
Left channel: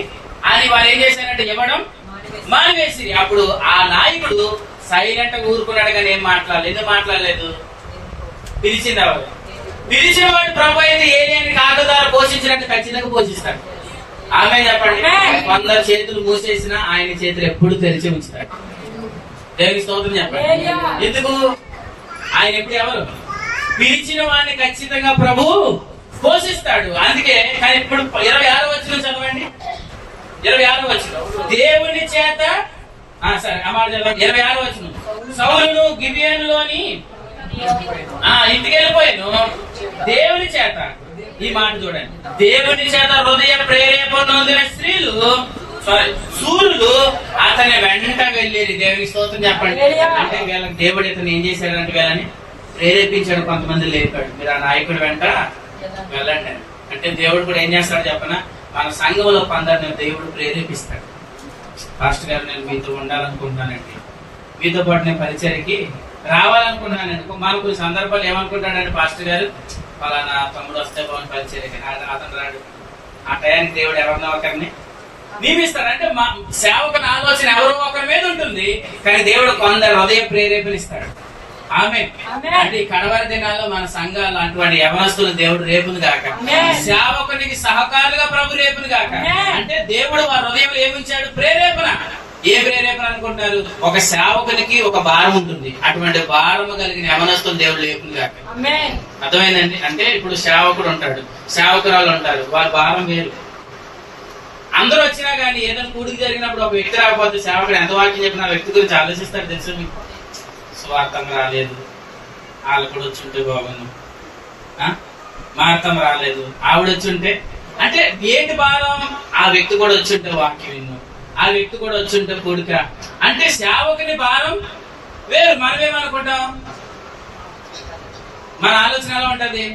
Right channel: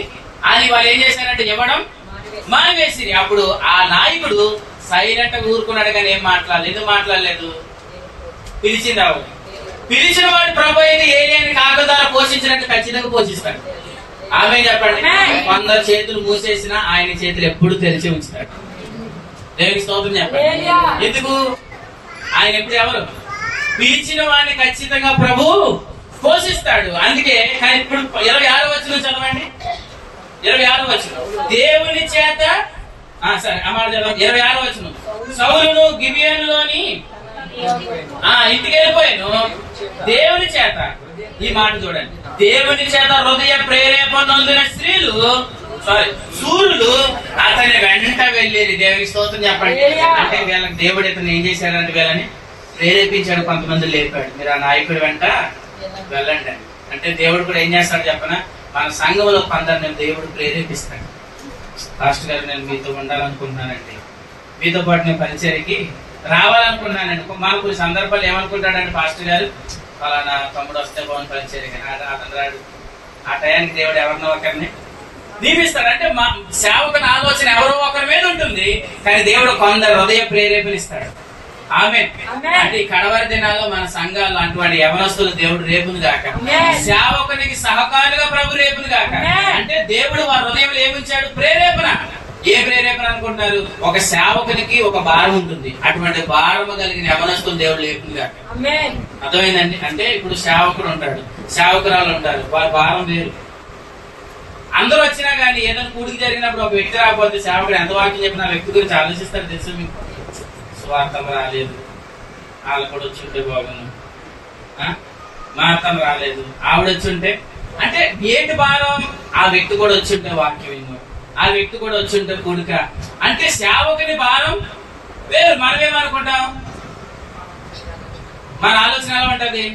అని వాళ్ళు ఏం చేశారంటే ఇవ్వడం మానివేసిరి. అప్పుడు ఆ నాయకుడు సైలెంట్ గా ఊరుకున్నాడు కానీ ఏం మాట్లాడలేదు. ఎందుకు మాట్లాడలేదు? పిలిచింది ఎవరు? పిలిచిన వాడు ప్రభు అయితే ఏలియాని కాకుల ద్వారా పోషించినట్టు ఖచ్చితంగా పోషిస్తాడు. ఆమె చెప్పండి. కొందరు చేతులు మూసేసిన ఆయన చేతులు ఎప్పుడు తెరిచి ఉంచుతాడు. దేవునికి స్తోత్రం చెప్పండి. ఎందుకు? ఆయన ఎప్పుడు ఎవరు? పిలిచిన వాడిని ఖచ్చితంగా ప్రభు పోషిస్తాడు. అందుకే ఇప్పుడు 26వ వచనం చదవండి. 26వ వచనం, దేవుని చేత సరే అమ్మాడు చదవండి. 26వ వచనం, సౌలును గిబియోనులోని ఇంటికి వెళ్ళిపోయాను దేవుని చేత. ఈ మాట చూడండి, దేవుని చేత హృదయ ప్రేరేపణ నొందిన స్త్రీలు సూర్యులు అతని వెంట వెళ్ళేది. దేవునికి స్తోత్రం చెప్పండి. అంటే వీళ్ళకి దేవుడు ఇతను ఏం చేశాడంటే వీళ్ళని ప్రేరేపించాడు. కొంతమంది లేపాడు, మీరు ఆ నాయకుడి వెంట వెళ్ళండి. అంటే దేవుడు కూడా ఏం చేస్తాడు చెప్పనా, మన సంఘంలో కొందరిని దేవుడు ప్రేరేపిస్తాడు. పాస్టర్ గారు నేను మీతో ఉండాలనుకుంటున్నానండి, మీతో పాటు నేను పరిచర్యకి రావాలనుకున్నానండి. మనకు కొన్ని సందర్భాలు ఏమనుకుంటాడంటే, పాస్టర్ గారు ఫలానా తమ్ముడు వస్తే బాగుంది పరిచర్యకి, అతను రాడు. ఆ టయానికి దేవుడు ఎవరినో ఒకరిని నియమిస్తాడు. అంటే మా సేవకుని ఆలోచన ఎవరో ఒకరి మీద ఉంటుంది, కానీ దేవుడు కొందరు హృదయ ప్రేరేపణిస్తాడు. ఆమె అంటే ఈ కడవరి దినాల్లో మన సంఘాలు అటువంటి యవనస్తులు దేవుడు రేపును గాక, సేవకునికి సహకారులుగా ప్రభు రేపును గాక. అంటే దేవుడు వారి హృదయంలో ఏమించాడు? ప్రేరేపణ. ఏ ప్రేరేపణ అనుకుంటారు? ఒక సేవకునికి ఒక భారం ఉంటుంది, అటువంటి భారము కలిగిన యవనస్తులు దేవుడు లేపును గాక. అర్థమైందండి? అంటే ఇప్పుడు సేవకుడు ఉంటాడు, సేవకురాలు ఉంటారు, వారి భారం వేరు. అందరూ వచ్చినా గానీ ఏదైనా కూడికి జరిగినప్పుడు ఒక వ్యక్తి రాకపోతే సేవకుడు ఎంత వాక్యం చెప్పిన వ్యక్తి గురించి ఆలోచిస్తాడు. తెలుసు మీకు, స్వార్థం రాలేదు, వాళ్ళు కూడా వచ్చి ఉంటే బాగున్నాం, మార్తం రాలేదు, ఆవిడ వచ్చి ఉంటే, అంటే ఏంటి భారం? ఆ వ్యక్తి కూడా వచ్చి ఉంటే వాక్యం విన్నాం, ఆ వ్యక్తి కూడా వచ్చి ఉంటే కూడిక. అంటే సేవకుని భారం వేరు. మనమేమనుకుంటాం? మన ఆలోచన ఎలా ఉంటది?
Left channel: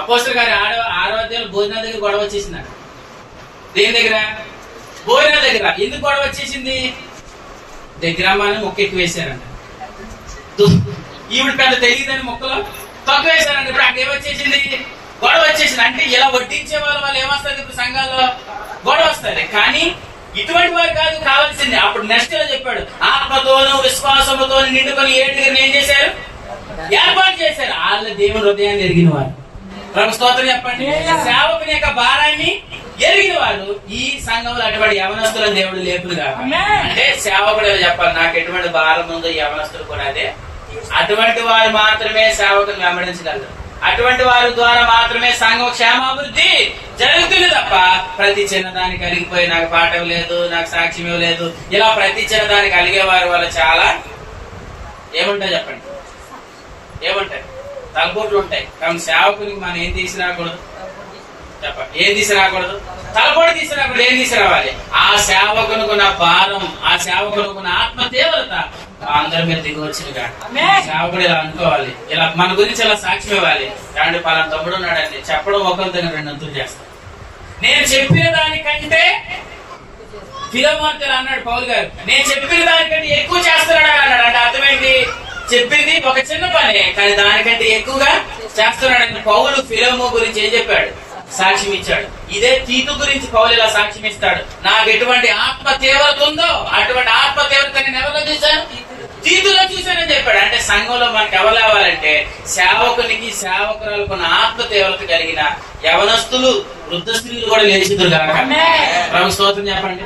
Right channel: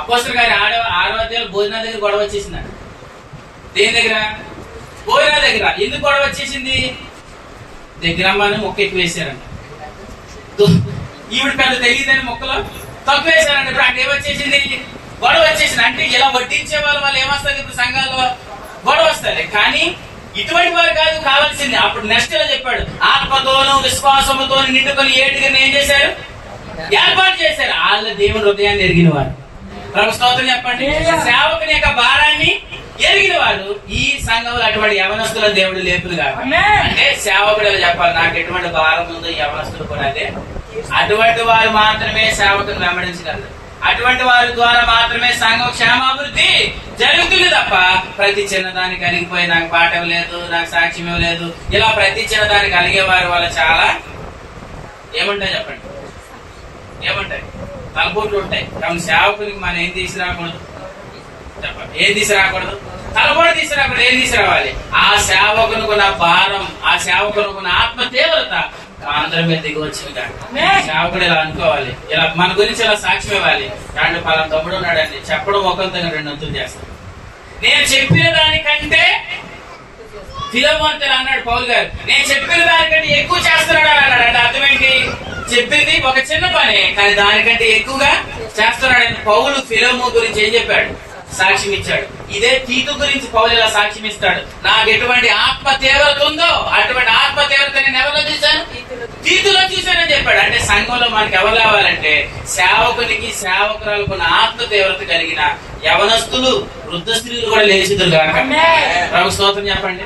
అపోస్తలుల గారి 6వ అధ్యాయంలో భోజనాల దగ్గర గొడవ వచ్చేసింది. దేని దగ్గర? భోజనాల దగ్గర. ఎందుకు గొడవ వచ్చేసింది? దగ్గర అమ్మని మొక్క ఎక్కువ వేశారంట. ఈవిడ పెద్ద తెలియదని మొక్కలో తక్కువ వేశారంట. ఇప్పుడు అక్కడ ఏమొచ్చేసింది? గొడవ వచ్చేసింది. అంటే ఇలా వడ్డించే వాళ్ళు ఏమొస్తారు ఇప్పుడు సంఘాల్లో? గొడవ వస్తారు. కానీ ఇటువంటి వారు కాదు కావాల్సింది. అప్పుడు నెక్స్ట్ ఇలా చెప్పాడు, ఆత్మతోనూ విశ్వాసముతో నిండుకొని ఏడుగురిని ఏం చేశారు? ఏర్పాటు చేశారు. వాళ్ళ దేవుని హృదయాన్ని ఎరిగిన వారు. ప్రభు స్తోత్రం చెప్పండి. సేవకుని యొక్క భారాన్ని ఎరిగిన వారు ఈ సంఘంలో అటువంటి యవనస్తులను దేవుడు లేపును కాదు. అంటే సేవకుడు చెప్పాలి, నాకు ఎటువంటి భారం ఉందో యవనస్తుడు కూడా అదే. అటువంటి వారు మాత్రమే సేవకుని వెంబడించగలరు. అటువంటి వారి ద్వారా మాత్రమే సంఘం క్షేమాభివృద్ధి జరుగుతుంది తప్ప ప్రతి చిన్నదానికి అలిగిపోయి నాకు పాఠం లేదు, నాకు సాక్ష్యం లేదు, ఇలా ప్రతి చిన్నదానికి అలిగే వారి వల్ల చాలా ఏముంటాయి చెప్పండి? ఏముంటాయి? తలపోట్లు ఉంటాయి. కాబట్టి సేవకునికి మనం ఏం తీసుకురాకూడదు చెప్పండి? ఏం తీసుకురాకూడదు? తలపోటు తీసుకురాకూడదు. ఏం తీసుకురావాలి? ఆ సేవకునుకున్న భారం, ఆ సేవకునుకున్న ఆత్మ తీవ్రత అందరి మీద దిగి వచ్చింది. సేవకుడు ఇలా అనుకోవాలి, ఇలా మన గురించి ఇలా సాక్ష్యం ఇవ్వాలి. దాంట్లో పలానా తమ్ముడు ఉన్నాడండి చెప్పడం ఒకరితో రెండంతులు చేస్తాం. నేను చెప్పిన దానికంటే ఫిలోమోనుతో అన్నాడు పౌలు గారు, నేను చెప్పిన దానికంటే ఎక్కువ చేస్తున్నాడు అన్నాడు. అంటే అర్థమేంటి? చెప్పింది ఒక చిన్న పనే, కానీ దానికంటే ఎక్కువగా చేస్తున్నాడని పౌలు ఫిలోమో గురించి ఏం చెప్పాడు? సాక్ష్యం ఇచ్చాడు. ఇదే తీతు గురించి పౌలు ఇలా సాక్ష్యం ఇస్తాడు. నాకు ఎటువంటి ఆత్మ తీవ్రత ఉందో అటువంటి ఆత్మ తీవ్రత నేను ఎవరిలో చూశాను? తీతులో చూశానని చెప్పాడు. అంటే సంఘంలో మనకు ఎవరు లేవాలంటే సేవకునికి సేవకురాలకు ఆత్మ తీవ్రత కలిగిన యవనస్తులు, వృద్ధ స్త్రీలు కూడా లేచిదురు కాక. ప్రభు స్తోత్రం చెప్పండి.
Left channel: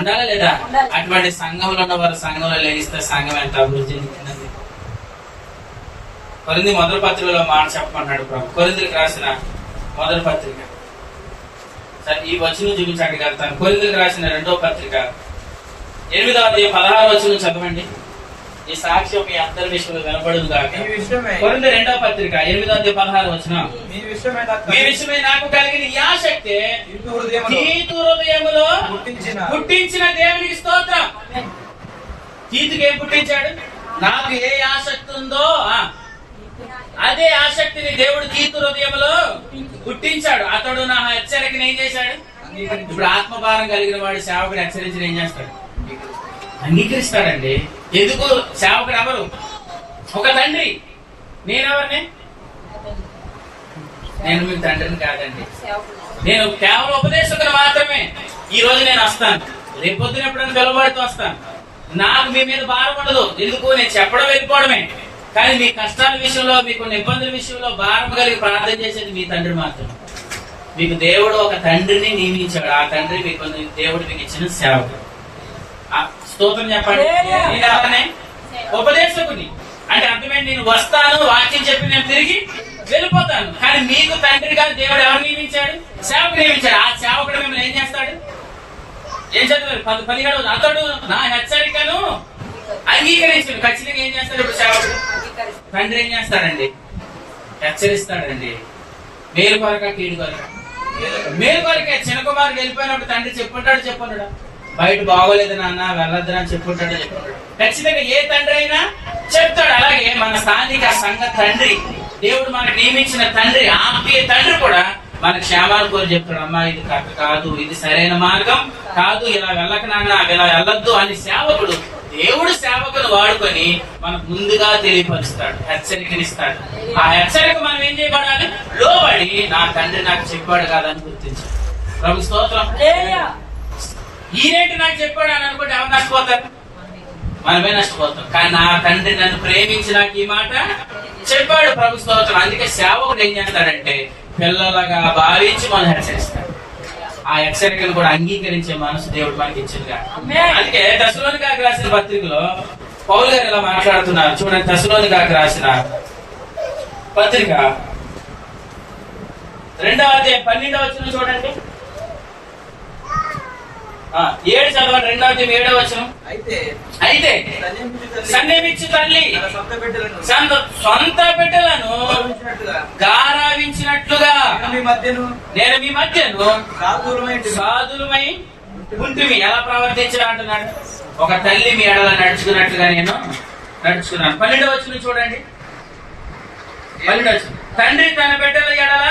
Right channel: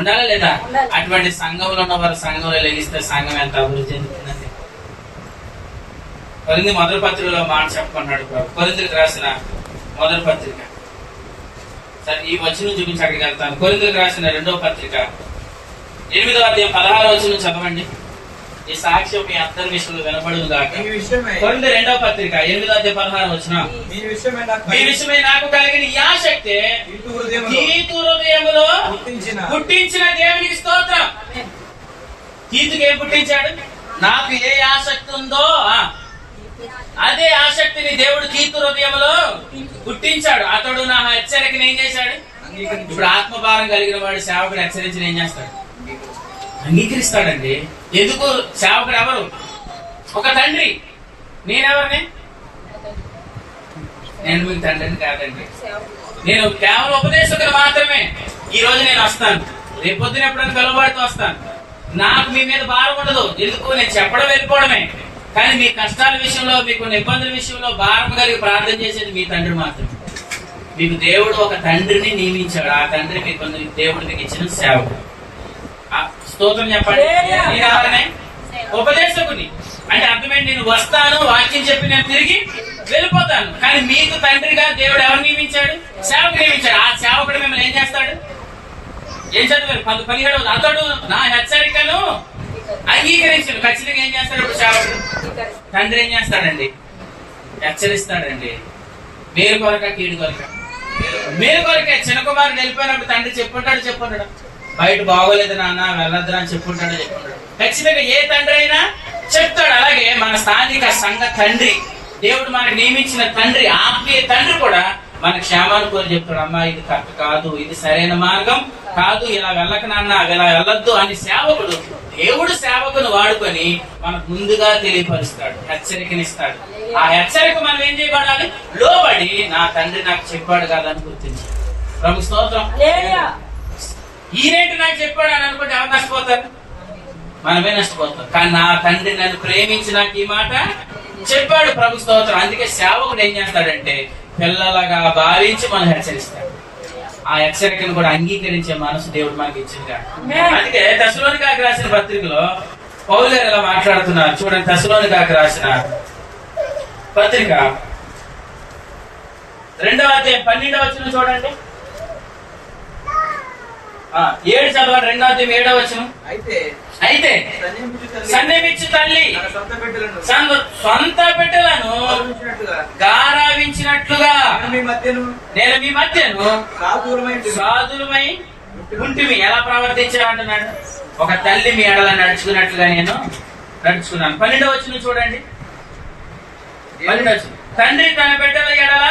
ఉండాలా లేదా? అటువంటి సంఘంలో ఉన్న వారు సంఘంలో లేగిస్తే సంఘం ఎంత అభివృద్ధి చెందుతుందండి. కొరింథీ మొదటి పత్రికలో మాట చెప్పమన్నాడు ప్రభు. కొరింథీలకు రాసిన మొదటి పత్రిక, సరే ఈ వచనం చూపించడానికి వెళ్తాను. కొరింథీలకు రాసిన 2వ పత్రిక 8వ అధ్యాయం 16వ వచనం చదవండి. ఈ సాక్ష్యం మీ అందరి విషయంలో వినపడును గాక. కొరింథీ 2వ పత్రిక 8వ అధ్యాయం 16వ వచనం, మీ విషయమై నాకు కలిగిన ఈ ఆసక్తి తీతు హృదయములో పుట్టించిన దేవునికి స్తోత్రం. తీతుకి ఏం పుట్టించాడు? నాకు ఏ ఆసక్తి ఉందో అదే ఆసక్తిని దేవుడు తీతు హృదయంలో పుట్టించాడు. అతడు నా హెచ్చరికను ఏం చేశాడు? ఇప్పుడు ఆత్మభారం కలిగిన వాడు సేవకుడు హెచ్చరించిన ఏం చేస్తాడు? అంగీకరిస్తాడండి. ఎందుకు? సేవకుడు ఎవరు? ఒక తండ్రి. నేనెవరిని? నేను మీకు తండ్రిని కాదండి. నేను కేవలం ఉపదేశకుడు మాత్రమే. ఈ రోజు నేను వస్తాను, రేపొద్దున ఎప్పుడైనా పిలువబడుతూ వస్తాను. నాకు మీ మీద భారం ఉండదు. ఎందుకు? నేను చెప్పడం వెళ్ళిపోవడమే. కానీ మీ కష్టాల విషయంలో, మీకు ఇబ్బందుల విషయంలో భారం కలిగి ప్రార్థన చేసేది మీ తండ్రి మాత్రమే. మీకు దేవుడు ఒక తండ్రిని నియమించాడు. ఆ తండ్రి మీకు దేవుడు మీకు ఇచ్చిన సేవకుడు. స్తోత్రం చెప్పండి. నేను ఎవరిని? ఉపదేశకుని. అంటే అర్థమైంది, నేను వస్తాను, వాక్యం చెప్పి నేను తిరిగి వెళ్ళిపోతాను. కానీ మీకు తండ్రిగా దేవుడు ఎవరు నియమించాడు? సేవకుడు నియమించాడు. ఆ సేవకుడు మిమ్మల్ని ఏం చేస్తాడు? ఏం చదివారు? 17 అతడు నా హెచ్చరికను అంగీకరించాడు. ఖచ్చితంగా ఏం చేస్తాడు? ఇప్పుడు సేవకుడు తండ్రి ఏం చేస్తాడండి? హెచ్చరిస్తాడండి. మేలు కొరక కీడు కొరక? మేలు కొరకే. చిన్న కుమారుడు వెళ్ళిపోయినప్పుడు తండ్రి చెప్పుంటాడు బయట బాగోలేదు నాన్న, వెళ్ళొద్దు అని చెప్పుంటాడు. ఖచ్చితంగా ఏ తండ్రి అయినా చెప్తాడు. అలాగే మన స్థానిక సంఘ తండ్రి, దేవుడు మనకు నియమించిన తండ్రి, ఆత్మీయ తండ్రి కూడా మన క్షేమాన్ని కోరి చెప్తాడు. అమ్మా ఇది కరెక్ట్ కాదు, ఇది సరైన మార్గం కాదు, ఇలా వెళ్ళక నాన్న, ఇలా వెళ్ళొద్దు అని సేవకుడు, దేవుడు సేవకును వాడుకొని మనకు ముందుగా తెలియపరుస్తాడు, హెచ్చరికనిస్తాడు. ఆ హెచ్చరిక మనం ఏం చేయబడాలి? లోబడి నా తండ్రి నాకు చెప్పాడు కాదని గుర్తించాలి. ప్రభు స్తోత్రం. ఈరేంటి నాకు చెప్పాడు అని అనుకుంటే ఎవరు నష్టపోతారు? మనమే నష్టపోతాం. కానీ నా తండ్రి నన్ను ప్రేమించి నాకు ఈ మాట చెప్పాడు. ప్రభు స్తోత్రం. అందుకే సేవకుడు ఏం చేస్తాడంటే పిల్లలుగా భావించి మనం హెచ్చరిస్తాడు. ఆ హెచ్చరికను కూడా అంగీకరించే మనసు దేవుడు మనకి ఇచ్చిందిగా. అందుకే తెస్సలోనికైకి రాసిన పత్రికలో పౌలు గారు ఇలా మాట్లాడుతున్నారు. చూడండి, తెస్సలోనికైకి రాసిన పత్రిక 2వ అధ్యాయం 12వ వచనం చూడండి. 7 చదవండి. 2వ అధ్యాయం 7వ వచనం. అయితే సన్నిమిచ్చు తల్లి సొంత బిడ్డలను గారావించినట్లుగా నేను మీ మధ్యను సాధులమై ఉంటిమి. ఎలా ప్రవర్తించాలంటున్నాడు? ఒక తల్లి మీ ఎడల నడుచుకున్నట్లుగా నేను నడుచుకున్నాను. 12వ వచనం చూడండి. 12వ వచనం. తండ్రి తన బిడ్డల ఎడల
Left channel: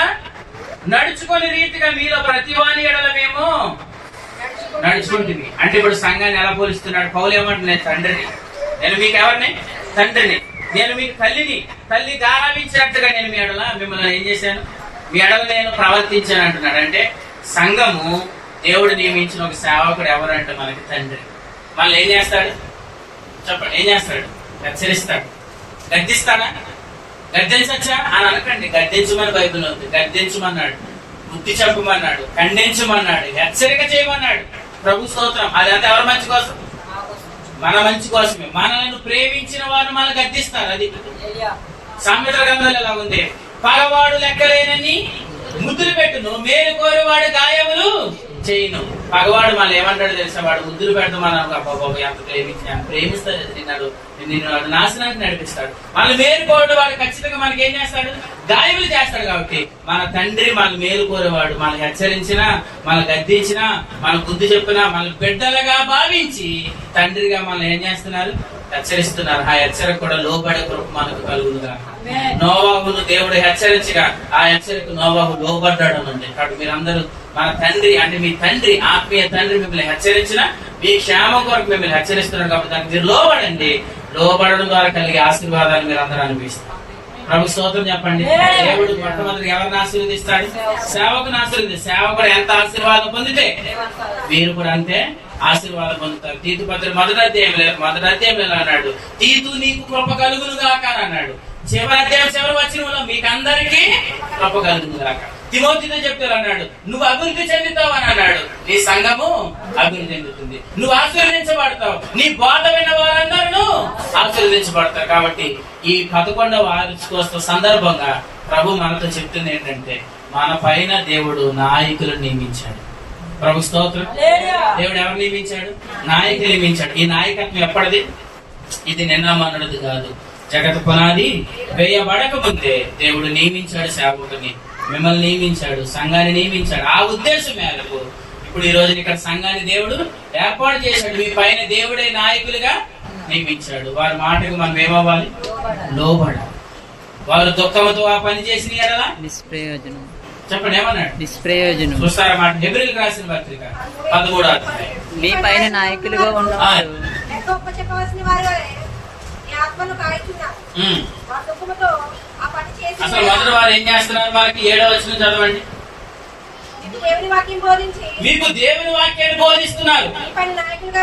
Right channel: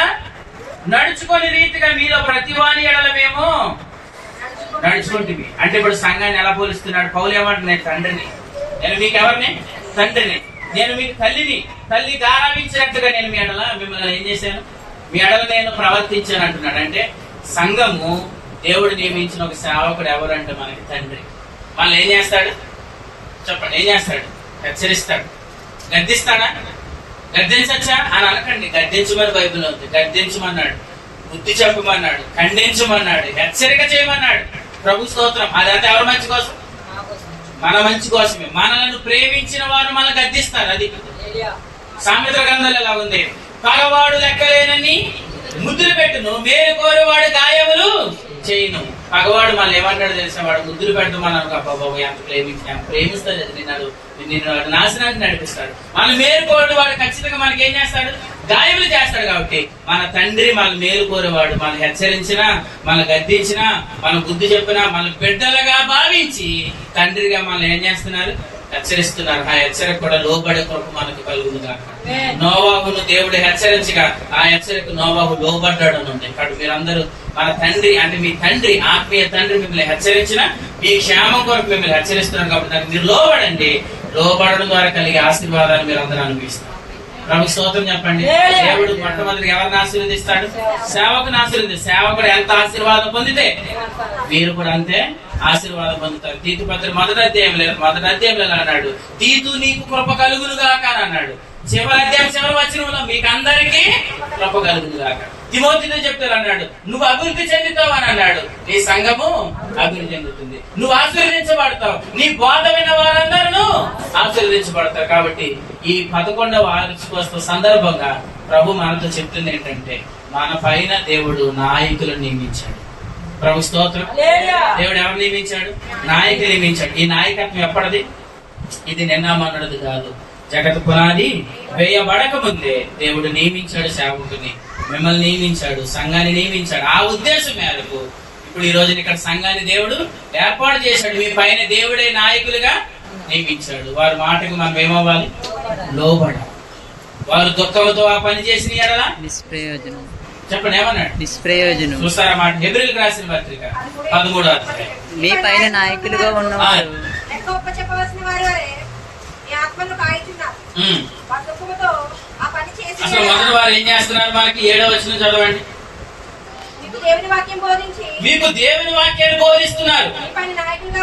నడుచుకునే రీతిగా మీలో ప్రతివాని ఎడల మేము నడుచుకుంటుంది. అంటే ఇప్పుడు సంఘాన్ని ఎలా పోలిస్తున్నాడు పౌలు? ఏమంటే నేను తండ్రిని, నేను మీకు ఎవరిని? తండ్రిని. నేను మీకు తల్లిని. తల్లి గారావించినట్టుగా నేను మీ ఎడల మిమ్మల్ని ఏం చేశాను? మీ ఎడల నేను ప్రవర్తించాను అంటున్నాడు. అంటే సంఘము దేవుడు నియమించిన ఒక సేవకుడు ఎవరు అంటే మనకి తండ్రి. మళ్ళీ ఏం చేస్తాడు చెప్పండి? ఏం చేస్తాడు? హెచ్చరిస్తాడు. గద్దిస్తాడా? గద్దించచ్చా అని అనకండి. గద్దించమని బైబిల్ ఉంది. గద్దించమన్నాడు, బుద్ధి చెప్పమన్నాడు, ఖండించమన్నాడు, హెచ్చరిక చేయమన్నాడు. ప్రభు స్తోత్రం. అదంతా ఎవరి మంచి కోసం? మన మంచి కోసమే. మనల్ని ప్రేమించిన వారు మనల్ని గద్దిస్తారు. అది సామెతల గ్రంథంలో ఎలా ఉంది? పగవాడు లెక్కలేనని ముద్దులు పెట్టును, మేలు కోరేవాడు గాయములు చేయను. పగవాడు మనం ఏమంటాడు తెలిసిన వాడు ముద్దులు పెడతాం. మనం ఎంత ప్రేమిస్తాడు, నిన్ను నాశనానికి నడిపిస్తాడు. మన మేలు కోరేవాడు వాడు ఖచ్చితంగా మనకి ఏం చేస్తాడు? గాయములు చేస్తాడు. కాబట్టి మన తండ్రి మన మేలు కోరేవాడు. మనం హెచ్చరించినా, మనం గద్దించినా, మనం బుద్ధి చెప్పినా, మన బిడ్డలుగా భావించి తండ్రిగా మనం ఏం చేస్తున్నారు? హెచ్చరిస్తున్నారు. ఆ హెచ్చరిక కూడా లోబడే కృప మనకు కలుగునుగా. నోవాహును దేవుడు హెచ్చరించగా ఆ హెచ్చరిక నోవాహు లోబడ్డాడు ఉంది. కాబట్టి మీరందరూ మన తండ్రి అంటే మీ తండ్రి, ఆత్మీయ తండ్రి మిమ్మల్ని హెచ్చరించిన మీ క్షేమం కొరకు మిమ్మల్ని హెచ్చరిస్తున్నారు. కాబట్టి దానికి మీరు లోబడండి. లోబడడం ద్వారా కలిగే ఆశీర్వాదాలు మీరు అందరూ అనుభవిస్తారు. ప్రభు స్తోత్రం చెప్పండి. దేవుడు మొట్టమొదటి ఎవరిని ఆశీర్వదిస్తాడు? సేవకుని ఆశీర్వదిస్తాడు. సేవకుడు ఎంత ఆశీర్వాదం పొందితే మీరు కూడా అంతే ఆశీర్వాదం పొందుతారు. తీతు పత్రిక మొదటి అధ్యాయంలో అన్నాడు, తీతు నీకు కృప కలుగునుగాక అని అన్నాడు. చివరి అధ్యాయం చివరి వచనంలో మీకు అందరికీ కృప కలుగునుగాక. తిమోతితో చెప్తారు అన్నాడు, నువ్వు అభివృద్ధి చెందుతావు అని అన్నాడు. నీ సంఘము అభివృద్ధి చెందుతుంది. నువ్వు ఆశీర్వదించబడతావు. నీ బోధ విన్న వారందరూ ఆశీర్వదించబడతారు. కాబట్టి ఈ 11వ వార్షికోత్సవ సందర్భంగా ప్రభు మనతో చెప్తుంది ఏంటంటే, మన పైన దేవుడు నాయకులను నియమించాడు. ప్రభు స్తోత్రం. దేవుడు ఎవరు నియమించాడు? నాయకులు నియమించాడు. ఈ నాయకత్వం ఎప్పటిది? ఇది నిన్న మొన్నటిది కాదు. జగత్ పునాది వేయబడక ముందే దేవుడు నియమించాడు. సేవకుని మిమ్మల్ని నియమించాడు, సంఘాన్ని నియమించాడు. ఆ ఉద్దేశం మేరకు ఇప్పుడు ఈ రోజున ఇక్కడ సంఘాన్ని దేవుడు ఏర్పాటు చేశాడు. మీ పైన దేవుడే నాయకులుగా నియమించాడు. వారి మాటకు మనం ఏమవ్వాలి? లోబడాలి. వారు దుఃఖంతో ఆ పని చేసిన ఎడల నిష్ప్రయోజనం. చెప్పండి ఏమన్నాడు? నిష్ప్రయోజనం. చూస్తారా మాట? హెబ్రీయులకు రాసిన పత్రిక 13వ అధ్యాయం. మీ పైన నాయకులుగా ఉన్నవారు లెక్క చెప్పవలసిన వారు ఈ ఆత్మను కాయిచున్నారు. వారి దుఃఖముతో ఆ పని చేసి అసలు మొదటి వారు ఏం చేస్తున్నారు? మనకి 7వ వచనం చదవండి. మీకు దేవుని వాక్యం బోధించి మీకు దేవుని వాక్యాన్ని బోధిస్తున్నారు.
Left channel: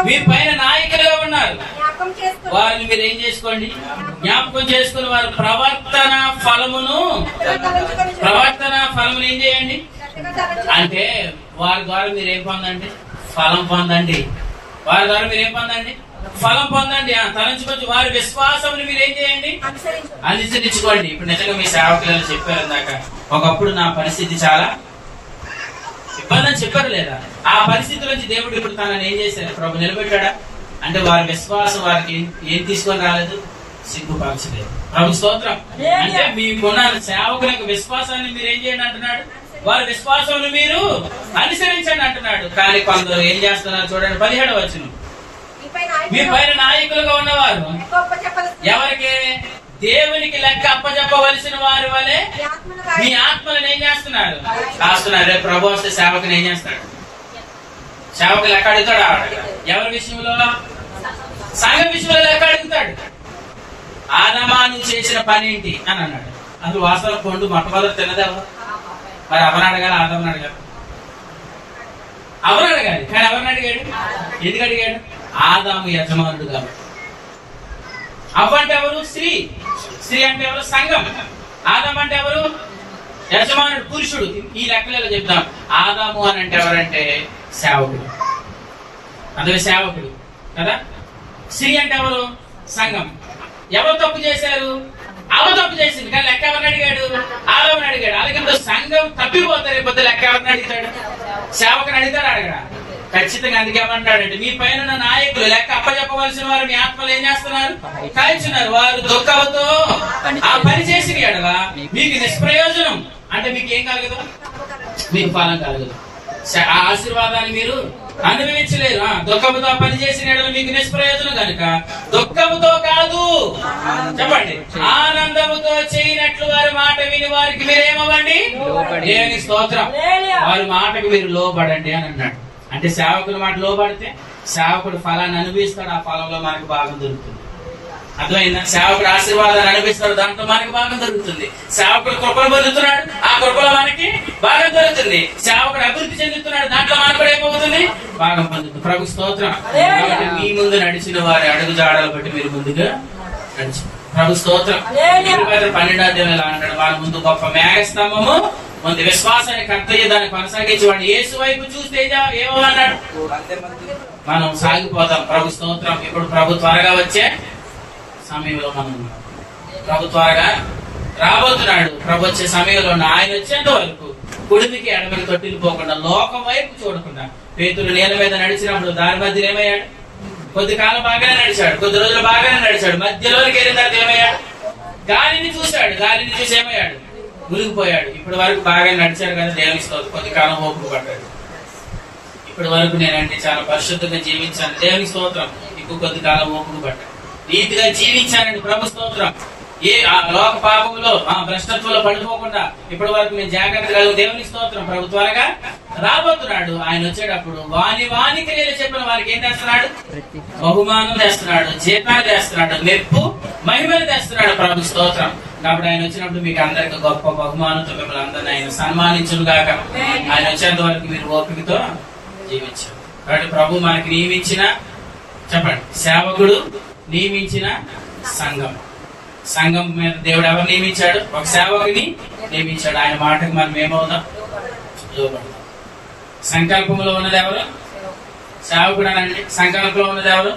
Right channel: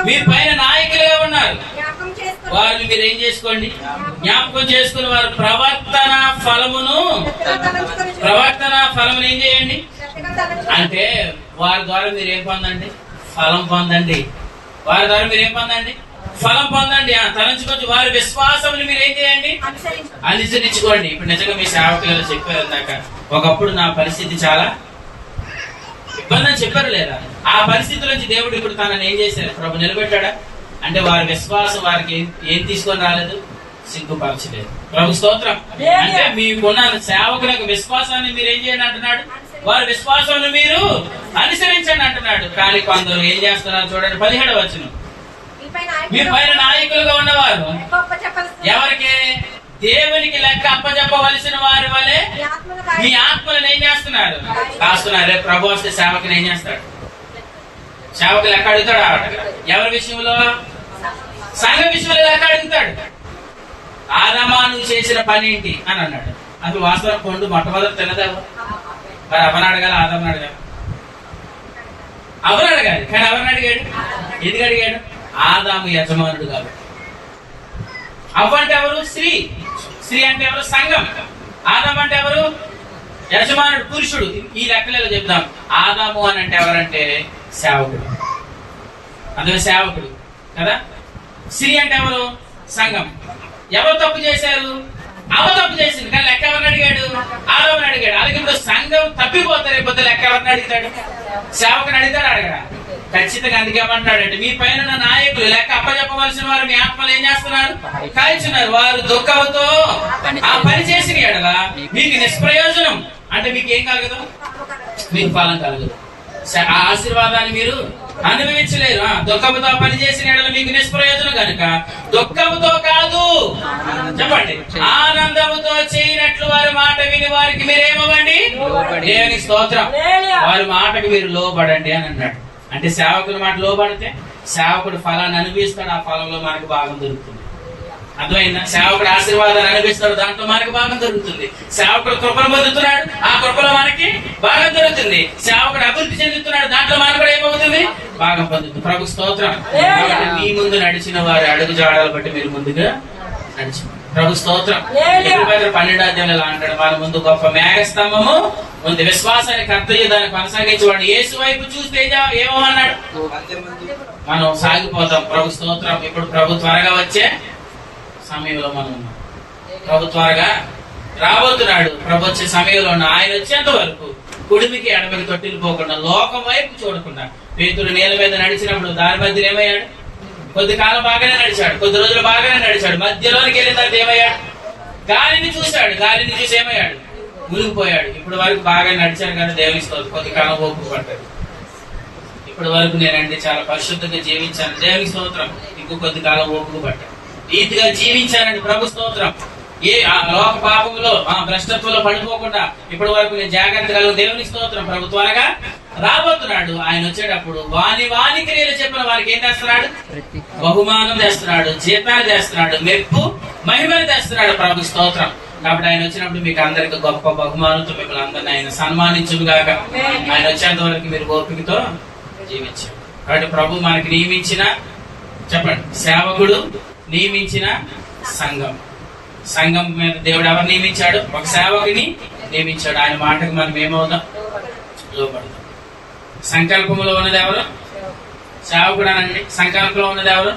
మీ పైన నాయకులుగా ఉన్నారు. జ్ఞాపకం చేసుకుని వారిని మీరు ఏం చేసుకోండి? జ్ఞాపకం చేసుకుని వారు ప్రవర్తన ఫలమును ఏం చేయండి అంటే వారి ద్వారా మీరు ఏం పొందండి? ఫలం పొందండి. వారి ద్వారా మీరు ఏం పొందండి? ఫలం పొందండి. తలంచుకొచ్చి వారి విశ్వాసముని మీరు ఏం చేయండి? అనుసరించుకోండి. ఇప్పుడు నిజంగా మీ సేవకులు చెప్పారు ఇందాక, ఒకప్పుడు నా పరిస్థితి చాలా ఇబ్బంది అని చెప్పారు లేదా? ఆ పరిస్థితి నుంచి దేవుడు ఇప్పుడు తనని ఏం చేశారు? ప్రభు నిలబెట్టాడా? అంటే వారి విశ్వాసం వారికి ఏం తీసుకొని రాలేదు? సిగ్గుపరచలేదు. ప్రభు స్తోత్రం. అంటే మీకున్న సేవకుల యొక్క విశ్వాసాన్ని మీరు ఏం చేయండి అంటున్నాడు? వారి విశ్వాసాన్ని మీరు అనుసరించండి అంటున్నాడు. కానీ కొందరు ఏం చేస్తున్నారు చూడండి, 17వ వచనం. మీ పైన నాయకులుగా ఉన్నవారు ఎవరికి? దేవునికి లెక్క అప్పచెప్పవలసిన వారి వలె మీ ఆత్మలను ఏం చేస్తున్నారు? కాస్తున్నారు. రేపు ప్రభు వస్తే సేవకుని ఏం చేస్తాడు? సేవకులు లెక్క అడుగుతాడు. ఎవరి విషయంలో? సంఘ విషయంలో లెక్క అడుగుతాడు. ఆదామా నువ్వు చేసిన పని ఏంటి అని అన్నాడు. అది వాస్తవం. పండు మొట్టమొదటి తినదావు. మరి అవని అడగాలి, ఆదామని అడగాలి? అవని అడగాలి. కానీ ఎవరిని అడిగాడు? ఎందుకు అడిగాడు? ఆదాము యజమానుడు కాబట్టి. అవ్వ అంటే ఎవరు? స్త్రీ. స్త్రీ అంటే ఎవరు? సంఘం. ఆదాము అంటే ఎవరు? యజమానుడు, పురుషుడు. ఈ లెక్కలలో చెప్తాం. ఆదాము అని అంటే ఎవరంటే సేవకుడు. అందులో సేవకుడు కదా. స్త్రీ అంటే ఎవరు? సంఘం. ఎవరు తప్పు చేశారు? అవ తప్పు చేసింది. కానీ లెక్క ఎవరిని అడిగాడు? ఆదాముని అడిగాడు. అలాగే ఇప్పుడు సంఘం తప్పిపోతారు. రేపు లెక్క ఎవరిని అడుగుతాడు? సేవకుని అడుగుతాడు, అడగడా? ఖచ్చితంగా. అందుకేమంటాడంటే మీ పైన నాయకులు లెక్క అప్పచెప్పవలసిన వారు మీ ఆత్మలు ఏం చేస్తున్నారు? కాల్చున్నారు. వారు దుఃఖంతో ఆ పని చేసిన ఎడల మీకు నిష్ప్రయోజనం. అంటే మీకు ఏం కలగదు? మీకు ఫలం కలగదు. ఆ ఆశీర్వాదాన్ని మీరు అనుభవించలేరు. దుఃఖంతో ఆ పని చేసిన ఎడల మీకు నిష్ప్రయోజనం కనుక దుఃఖంతో కాదు, చెప్పండి, ఆనందముతో చేయనట్లు వారి మాట విని వారికి మీరేమవ్వండి? దేవునికి స్తోత్రం. వారి మాటకు మీరు లోబడండి అని అన్నాడు. అంటే సేవకుల మాట లోబడితే సేవకుడు ఫలాన్ని అనుభవిస్తాడు. ఆ ఫలంలో మనకు భాగం దొరుకుతుంది. అర్థమైందా? సేవకుడు ఆశీర్వాదాన్ని అనుభవిస్తాడు. దాంట్లో మనకు భాగం దొరుకుతుంది. సేవకుడు కృపను పొందుతున్నాడు. ఆ కృపలో మనకి భాగం దొరుకుతుంది. సేవకుడు అభివృద్ధి చెందుతున్నాడు. దాంట్లో మనకు కూడా ఏమవుతుంది? భాగం పొందుతుంది. ప్రభు స్తోత్రం. కాబట్టి మీ ముందు నడిచిన వారి అడుగు జాడలు బట్టి మీరు ముందుగా నడిచి ప్రభు స్తోత్రం. 12వ అధ్యాయంలో అంటాడు, వాళ్ళ ముందు గొప్ప మేఘస్తంభము ముందు విశ్వాసాన్ని కర్తయ్య దాన్ని కొనసాగించేవాడు. యేసు వైపు చూస్తే ఏమన్నాడు? మనం సాగిపోతాం. ప్రభు స్తోత్రం. ఇప్పుడు ప్రభు త్వరగా వచ్చే సమయంలో మనం ప్రభు త్వరగా రాబోతున్నాడు. ప్రభు వచ్చే సమయంలో ఆయన వచ్చేంత వరకు కుడిమికి ఎడమికి తొట్టిల్లిపోకుండా లోకం వైపు చూడకుండా పేతురు నీళ్ళ మీద నడిచినప్పుడు దాని మధ్యలో ఏమయ్యాడు? కొద్ది కాలం బాగానే నడిచాడు, కొద్ది రోజులు బాగానే నడిచాడు. మధ్యలోనికి వెళ్ళిన తర్వాత ఏమయ్యాడు? గాలిని చూశాడు. గాలిని చూసి ఏమయ్యాడు? మునిగిపోయాడు. ఇప్పటి వరకు బాగా నడిచాడు కదా, దేవుని స్తోత్రం. కొద్ది కాలం ఓపిక పడ్డాడు. ఇప్పటి వరకు నేనంటే చాలా పరిశుద్ధంగా జీవించాను, దేవుని స్తోత్రం. ఇంకో కొద్ది కాలం ఓపిక పడ్డాడు. నీతిగా జీవించానండి ప్రభు స్తోత్రం. ఏ లోక పాపంలో భ్రష్టత్వంలో పడిపోకుండా ఇప్పటి వరకు నేను జాగ్రత్త కలిగి దేవుని స్తోత్రం. ప్రభు త్వరగా రాబోతున్నాడు. ఆయన వచ్చేటప్పుడు వాని క్రియలు చెప్పిన వారికి ఏం చేస్తున్నాడు? బహుమానం తెస్తున్నాడు, జీతాన్ని తెస్తున్నాడు, మెప్పు మహిమను తెస్తున్నాడు ప్రభు స్తోత్రం. కాబట్టి ఆయన వచ్చినప్పుడు మీకు అందరికి గొప్ప బహుమానంతో మిమ్మల్ని అందరినీ ఆయన సన్మానించును గాక. ఆయన వచ్చేంత వరకు మీరు ఓపికతో జీవించారు. కాబట్టి ప్రభు మనకి నియమించిన చెప్పండి సేవకుడు, నియమించిన సంఘం. సంఘం మీద దేవుడు ఎవరు నియమించాడు? ఒక సేవకుని నియమించాడు. ఆయన మాటకు మనం ఏమవుదాం? లోపడదాం. సంకల్పంలో ఉన్నది ఎవరు? సేవకుడు అనండి. సంకల్పంలో ఉన్నది ఎవరు?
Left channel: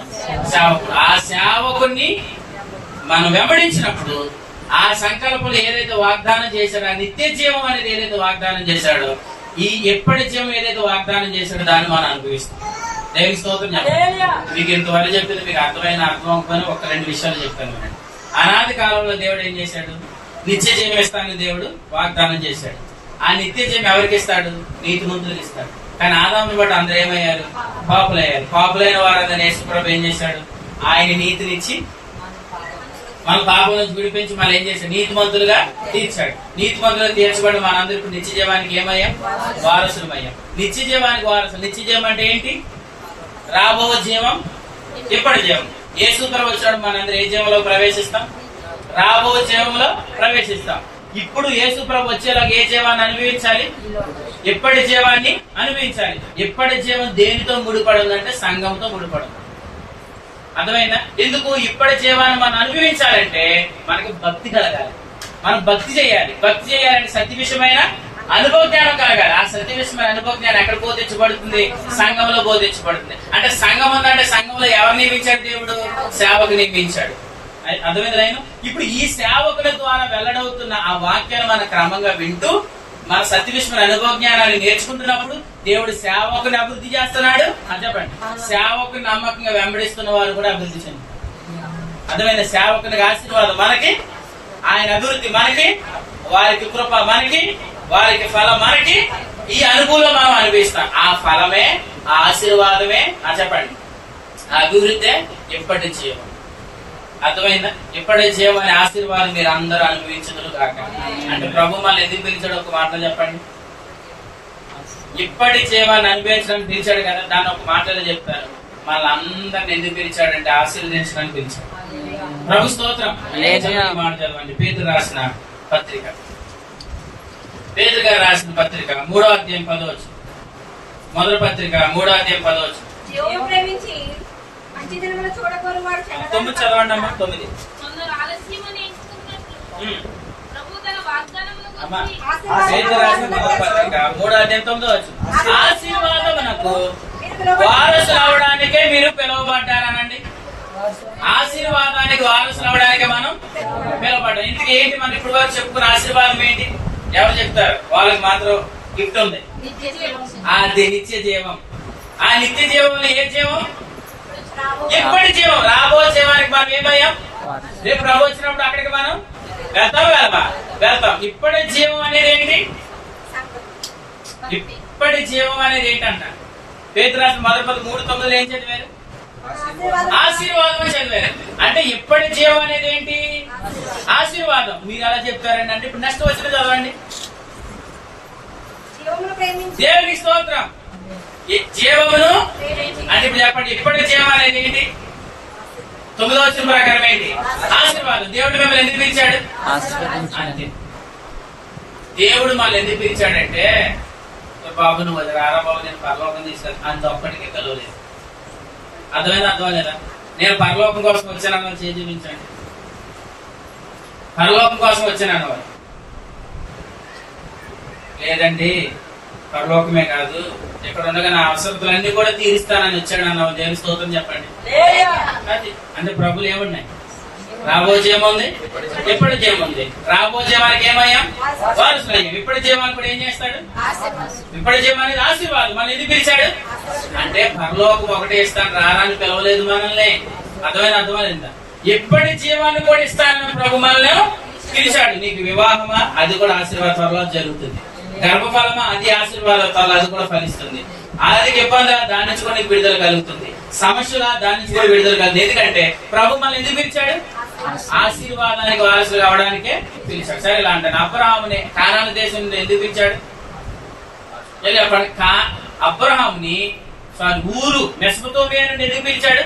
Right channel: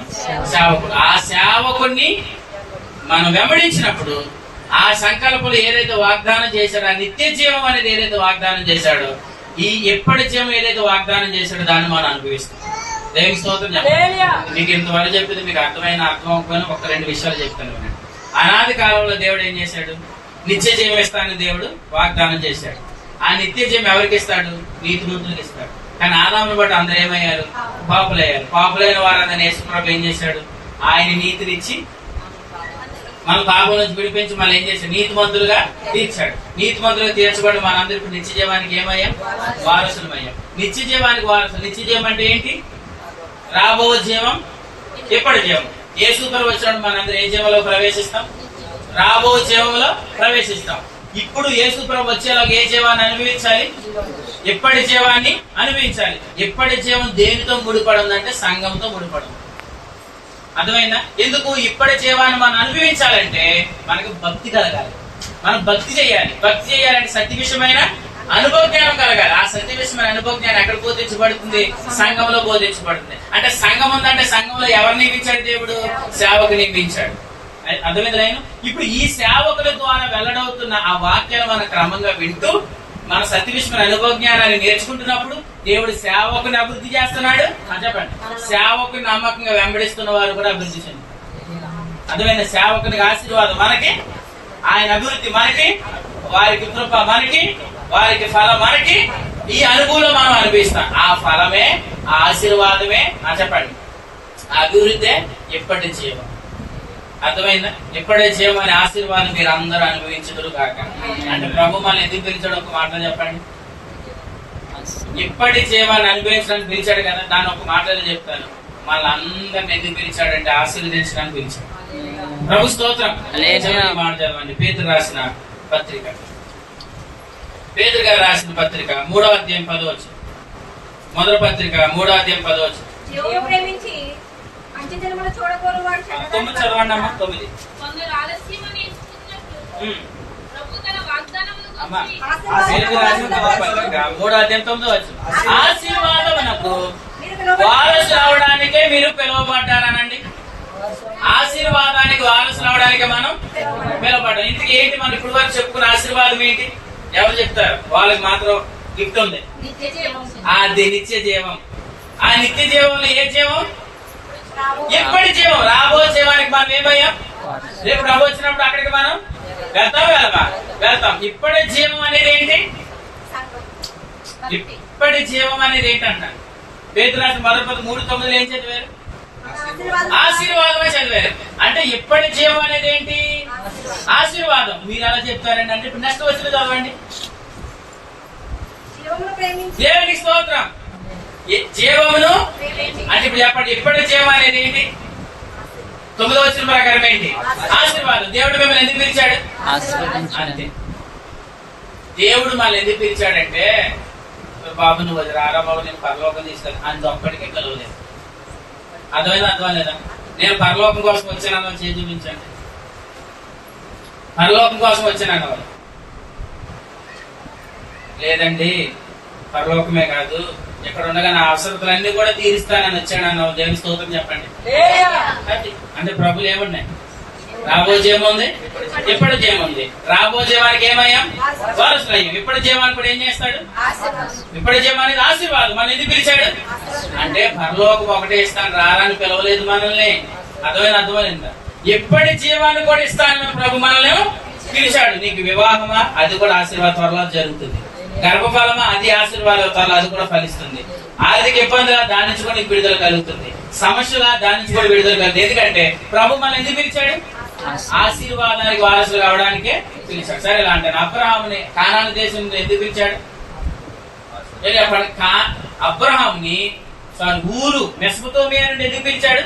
సేవకుడు. ఆ సేవకుడిని మనం వెంబడించినప్పుడు ఆ సంకల్పంలో ఏదైతే వాగ్దానం చేశాడో, ఆ నిత్య జీవం అనేది ఏదైతే వాగ్దానం చేశాడో, ఈ ఎప్పటి జీవం ఏదైతే వాగ్దానం చేశాడో దాన్ని మనం అనుభవిస్తాం. దేవుని స్తోత్రం. మీకు ఇంతవరకు చెప్పింది మీకు అర్థం అవ్వకపోయినా ఒక 2 విషయాలు చెప్తాను వినండి. అనాది కాలంలో దేవుడు ఏం చేశాడు? నిత్య జీవం ఇస్తానని దేవుడు వాగ్దానం చేశాడు. ఆ నిత్య జీవం ఎవరికి ఇస్తాడు? నీతిమంతులకు ఇస్తాడు. కానీ ఆదామును బట్టి అందరూ ఏమయ్యారు? పాపులయ్యారు. పాపులైన వారందరినీ యేసుప్రభు ఏం చేశాడు? ఆయన నీతినిచ్చి మన పాపం నుంచి విడిపించి మళ్ళీ ఏం చేశాడు? నీతిమంతులుగా తీర్చాడు. నీతిమంతులుగా తీర్చబడి మనందరూ ఇప్పుడు నిత్య జీవానికి ఏమయ్యాం? వారసులమయ్యాం. నిత్య జీవానికి వారసులు. నిత్య జీవం అంటే ఏంటి? రాబో జీవం, ఎప్పటి జీవం. యేసుప్రభు వచ్చినప్పుడు మనందరూ ఏ జీవంలో ప్రవేశిస్తాం? రాబో జీవంలో ప్రవేశిస్తాం. ఇప్పుడు యేసుప్రభు వచ్చేలాగా ఏ జీవాన్ని అనుభవించాలి? ఎప్పటి జీవాన్ని అనుభవించాలి. ఎప్పటి జీవం దేనితో ముడిపడి ఉందంటే సంఘంతో ముడిపడి ఉంది. అర్థమైందా? ఎందుకు ఇప్పటి జీవాన్ని మనం అనుభవించాలంటే మనకు భక్తి కలగాలి. మనం భక్తి చేయాలి. భక్తి చేయాలంటే సత్య విషయమైన అనుభవ జ్ఞానం కలగాలి. ఆ సత్య విషయమైన అనుభవ జ్ఞానం ఎక్కడ బోధించబడుతుంది? సంఘంలో బోధించబడుతుంది. అంటే సంఘం ఉందంటే సంఘంలో ఎవరు నియమించాడు? దేవుడు సేవకు నియమించాడు. అర్థమైంది. ఇప్పుడు ఈ సేవకుల ద్వారా వెల్లడవుతున్న ఆ వాక్యాలు మనం క్రమంగా వింటూ మన సత్య విషయమైన అనుభవ జ్ఞానాన్ని నేర్చుకుంటున్నప్పుడు దేవుడు సేవకుని అభివృద్ధి చేస్తున్నాడు. చెప్పండి. సేవకుని నమ్మకంగా వెంబడిస్తున్న వారు కూడా అభివృద్ధి చెందుతారు. అర్థమైంది. సేవకునికి ఆశీర్వాదం మనకి, ఆయన అభివృద్ధి మనకి, వారికి కృప మనకి, వారికి ఫలం మనకి. ఈ అనుభూలం మనం అనిపిస్తాం. ఆ ఫలమే, ఆ ఆశీర్వాదమే చెప్పండి, ఆ అభివృద్ధి ఎప్పటి జీవం. అర్థమైందా? ఎప్పటి జీవం అనే ఆశీర్వాదం మీరు అందరూ అనుభవించదురు కాక. అంటే ప్రభు మళ్ళీ ఎందుకు పిలిచాడు? ఒక మాటలో చెప్పండి. ఇప్పటి జీవాన్ని అనుభవించడానికి పిలిచాడు కదా, దాన్ని ఒక మాటలో చెప్తాను. మళ్ళీ అందరిని ఎందుకు పిలిచాడంటే ఆశీర్వదించడానికి పిలిచాడు. ప్రభు స్తోత్రం. మాట చదవండి. పేతురు రాసిన పత్రిక, పేతురు గారు రాసిన పత్రిక 3వ అధ్యాయం 10వ వచనం. మొదటి పత్రిక 3వ అధ్యాయం 10వ వచనం. 9 చదవండి అమ్మా. 9 పేతురు రాసిన మొదటి పత్రిక 3వ అధ్యాయం 9వ వచనం. ఆశీర్వాదమునకు వారసులు అవడానికే మీరు పిలువబడ్డారనండి. ఆశీర్వాదానికి వారసులు అవడానికి మనం పిలువబడ్డాం. ఇంతకు ఏంటి మనం ఇప్పుడు వరకు చెప్పుకున్న ఆశీర్వాదం ఏంటి? ఎవరు చెప్తారు? వాళ్ళకి మాత్రం గిఫ్ట్ ఉంది. అది నిత్య జీవం. ఆ నిత్య జీవంలో ఏ జీవం? ఎప్పటి జీవం. రాబో జీవానికి మనం ఏమయ్యాం? రేపు ప్రభు వచ్చినప్పుడు అక్కడికి మనం వెళ్తాం. ఇప్పటి జీవం అనేది ఏంటి? ఇప్పటి జీవం అనేది ఏంటంట? పేతురు రాసిన మొదటి 3:9 ఏం చదివారు? ఆశీర్వాదం చదివారు. అంటే ఇప్పటి జీవం అనేది ఏంటి? ఆశీర్వాదం. మీరు అలా చెప్తారండి. అంటే ఇప్పుడు నెక్స్ట్ వచ్చిన చదవండి. దేవునికి స్తోత్రం. జీవమును అంటే ఇప్పుడు చెప్పండి. ఇప్పటి జీవం అనేది ఏంటి? 9వ వచనం ప్రకారం ఏంటి? ఆశీర్వాదం. దేవుడు మిమ్మల్ని ఎందుకు పిలిచాడు? అంతే. దేవుడు మళ్ళీ ఎందుకు పిలిచాడంటే, బాబు నువ్వు అది రారా బాబు, నేను పరలోకం తీసుకెళ్ళి అంత ఒక్కడికే కలవలేదు. అర్థమైందా? అర్థం లేదా? నేను పరలోకం కోసం వచ్చానన్న చేసి చూపించండి. పరలోకం కోసం వచ్చానన్న వారు లేదండి, పరలోకమే కాదు ఇక్కడ ఉండగా నా అవసరతలన్నీ కూడా తీరుస్తానని వచ్చాడు అన్న జగన్ స్తోత్రం చెప్పండి. అంటే ప్రభులు ఏమున్నాయి? రాబో జీవం ఉంది, ఇప్పటి జీవం ఉంది. రాబో జీవానికి ఏమయ్యాం? వారసులు అయ్యాం. ఇప్పటి జీవానికి కూడా ఏం చేస్తాడు? ఇప్పటి జీవానికి ఆశీర్వాదం. మన ఎందుకు పిలిచాడు అంటే పరలోకం ఒకటే ఇస్తాను, రారాని పిలవలేదు మనల్ని. అర్థమైందా? ఎప్పటి జీవాన్ని కూడా ఇస్తానని ప్రభు మనల్ని పిలిచాడు. నీకు వివాహమా? అది కూడా ఆశీర్వాద త్వరలో జరుగుతుంది. గర్భఫలమా? అది ఆశీర్వాద త్వరలో అది కూడా ఫలిస్తుంది. ఆర్థిక ఇబ్బందులు దాని నుంచి కూడా నీకు విడుదల కలుగుతుంది. సమస్యల దాని నుంచి కూడా విడుదల కాదు. ఎందుకంటే ప్రభు మనల్ని ఎందుకు పిలిచాడు? ఆశీర్వాదానికి వారసులు కావడానికే పిలిచాడు. సరే ఇలా అంటాను, అబ్రహాముని కానాను దేశం నుండి ఎందుకు పిలిచాడు? అబ్రహాంని ఊరు మెసొపొతామియా నుండి ఎందుకు పిలిచాడు?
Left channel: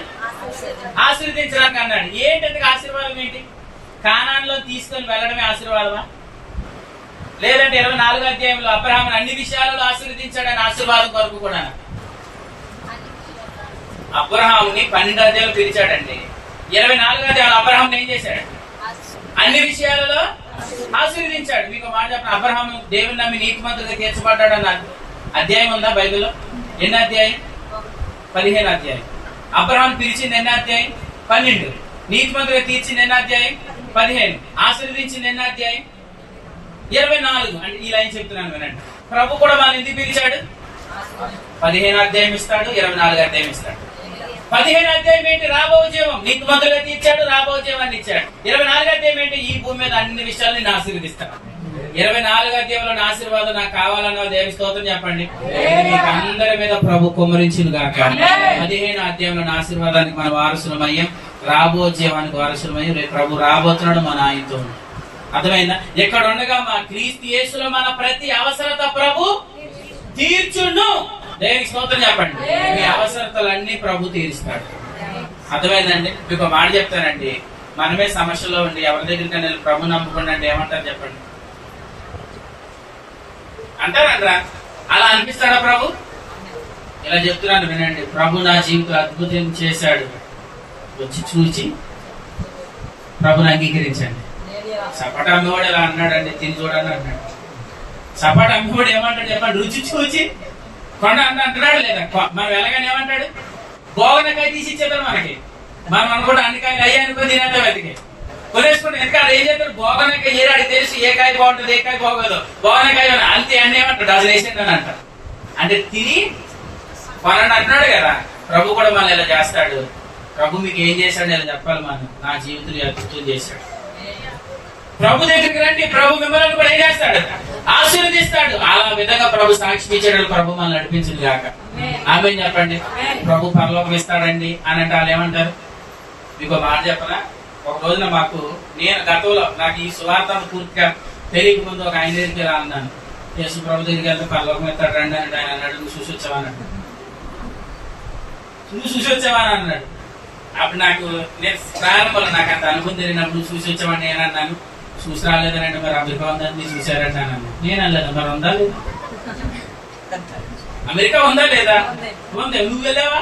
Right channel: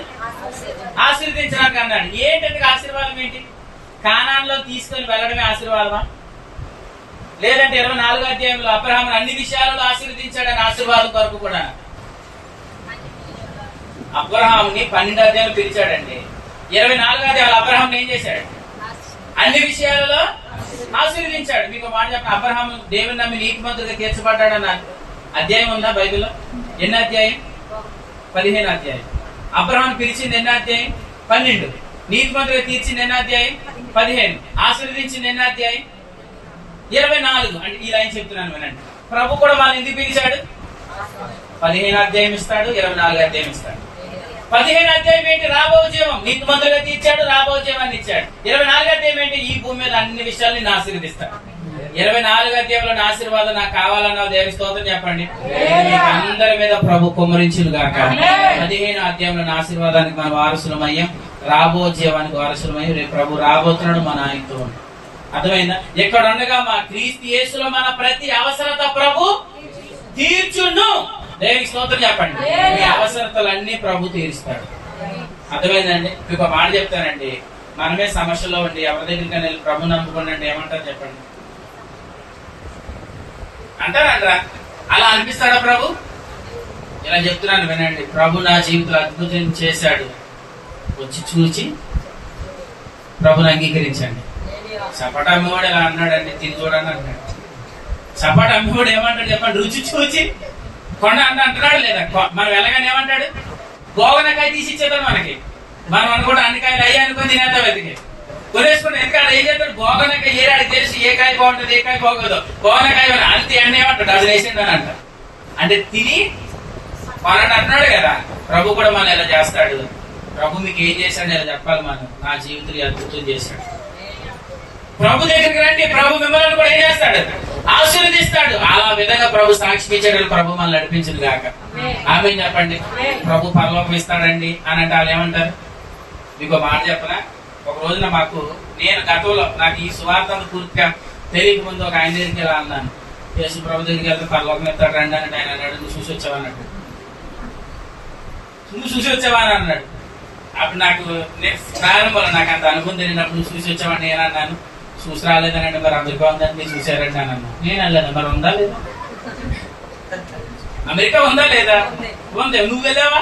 ఆశీర్వదించడానికి అన్నాడు. ఏంటంటే ఆశీర్వాదం ఏంటి? కానాన్లో తీసుకొని వెళ్ళడమే ఆశీర్వాదమా? లేదంటే 24వ అధ్యాయంలో అబ్రహాముని అన్ని విషయాలలో ఆశీర్వదించాడని ఆశీర్వాదం కొరకు కూడా అబ్రహాముని 12వ అధ్యాయంలో పిలిచాడండి. 24వ అధ్యాయంలో అబ్రహాం ఏం చేశాడు? అన్ని విషయాలలో ఆశీర్వదించాడు. మీకు మాట చెప్పిన అబ్రహాము దేవుని నమ్మి నీతిమంతుడిగా తీర్చబడ్డాడు అన్న అధ్యాయం ఉందా బైబిల్లో? ఎన్ని అధ్యాయం? 15వ అధ్యాయం. అబ్రహాం పిలిచింది ఎన్ని అధ్యాయం? 12. నీతిమంతుడిగా తీర్చింది ఎన్ని అధ్యాయం? 15. ఆశీర్వదించింది ఎన్ని అధ్యాయం? 24. అంటే ఈ లైన్ చెప్తున్నాను వినండి. ప్రభు కూడా వాళ్ళు ఎందుకు పిలిచాడు? 15వ అధ్యాయం ఇస్తాడు, 24వ అధ్యాయం ఇస్తాడు. 15వ అధ్యాయం ఏంటి? రాబో జీవం. నీతిమంతులుగా తీర్చాడు, రాబో జీవాన్ని ఇచ్చాడు. 24వ అధ్యాయం ఏంటి? ఈ భూమి మీద అన్ని విషయాలు నేను ఆశీర్వదిస్తాడు. 24వ అధ్యాయంలో నా ఆశీర్వాదం నాకు కావాలన్న దేవి స్తోత్రం చెప్పండి. మీకు అందరి మీద ప్రభు కుమ్మరించును గాక. 15వ అధ్యాయంలో నా ఆశీర్వాదానికి మన వారసులమయ్యాం, రాబో జీవానికి వారసులమయ్యాం. రేపు ప్రభు రాబోతున్నాడు మన ఆయనతో. అర్థమైందా? ఎక్కడ ఉండగా మా క్రీస్తు యేసులో మన ప్రతి అవసరత ప్రభు తీర్చును. దేవునికి స్తోత్రం చెప్పండి. మీ అవసరతలన్నీ ప్రభు తీరుస్తాడు. అర్థమైందండి? మీకు ఒక మాట చెప్తానండి. మనమే సమస్యలో ఉండి ఎవరి దగ్గరికి వెళ్ళి ప్రభు నమ్ముకోండి ఏమంటారు చెప్పండి? అంటారా? అలా అనిపిస్తాడా ప్రభు? ఇలా చెప్తున్నాను వినండి. ప్రభు నా జీవితంలో అద్భుతం చేశాడు, వచ్చి చూచి ప్రభుని అంగీకరించండి. సపాట అమ్మవాడు ఇలా అన్నాడండి, తిని చూడని అన్నాడు. సపాట అమ్మవాడు ఏమంటాడు చెప్పండి? రుచి చూచి కొండ అంటున్నాడు లేదా? మనం వెళ్ళగానే ఏమంటాడు? బోగనకాయ తీసి ఇచ్చేద్దాం మనకి. మనం అనుకుంటే అన్ని కాయలు అయ్యా అనుకుని తినేద్దాం వెతికి కొనేసుకుంటే ఇంకా ఏం చేస్తాడు? బోగనకాయ ఏడాడికి తెలిసి ఏ కాయ బాగుంటుంది ఏ కాయ బాగోదు. బోగనకాయ అంతే అన్నీ ఏమంటాడు? డజన్ వేసిండు అని అంటారు. అంటే తిని కొనండి అంటున్నాడు కదా. ప్రభు కూడా మనం ఇలా చేస్తాడు. ప్రభు మీకు ఏం చేశాడు ఇలా చెప్పాలి. మనం నా జీవితంలో అద్భుతం చేశాడు. ప్రభు దగ్గరికి రండి. ప్రభు మిమ్మల్ని కూడా ఏం చేస్తాడు? ఆశీర్వదిస్తాడు. అలా విధంగా ప్రభు సాక్షి ఇచ్చాడు. ప్రభు మనల్ని నడిపించడు గాక. ఆమె చెప్పండి. ప్రభు పరలోకం ఇస్తాడండి అని అంటే వాళ్ళు ఏమంటారు? మీకు మాట చెప్పనా? ఒక రోజున నేను గతంలో నాకు ఈ సువార్తను పూర్తిగా తెలియక ముందు ఒక ఆయన దగ్గరికి ఇలా అన్నాను. యేసు ప్రభు దగ్గరికి వెళ్తే పరలోకం ఇస్తాడు రండి అని ఆయన అన్నాడు. నువ్వు చూసి వచ్చావా అన్నాడు. నువ్వు చూసి వచ్చావా అని అన్నాడు. అప్పుడు నేను ప్రారంభంలో నాకు అంత అనుభవం తెలియనప్పుడు నువ్వు చూసి వచ్చావని నేను అన్నాను. చూసి రాలేదనంటే మరి అమెరికా ఉందని మీరు చూసారంటే అన్నాను. నేను అనలేదు. మరి ఉందా లేదా? అమెరికా ఉందా లేదా? ఉంది. నువ్వు వెళ్ళావా?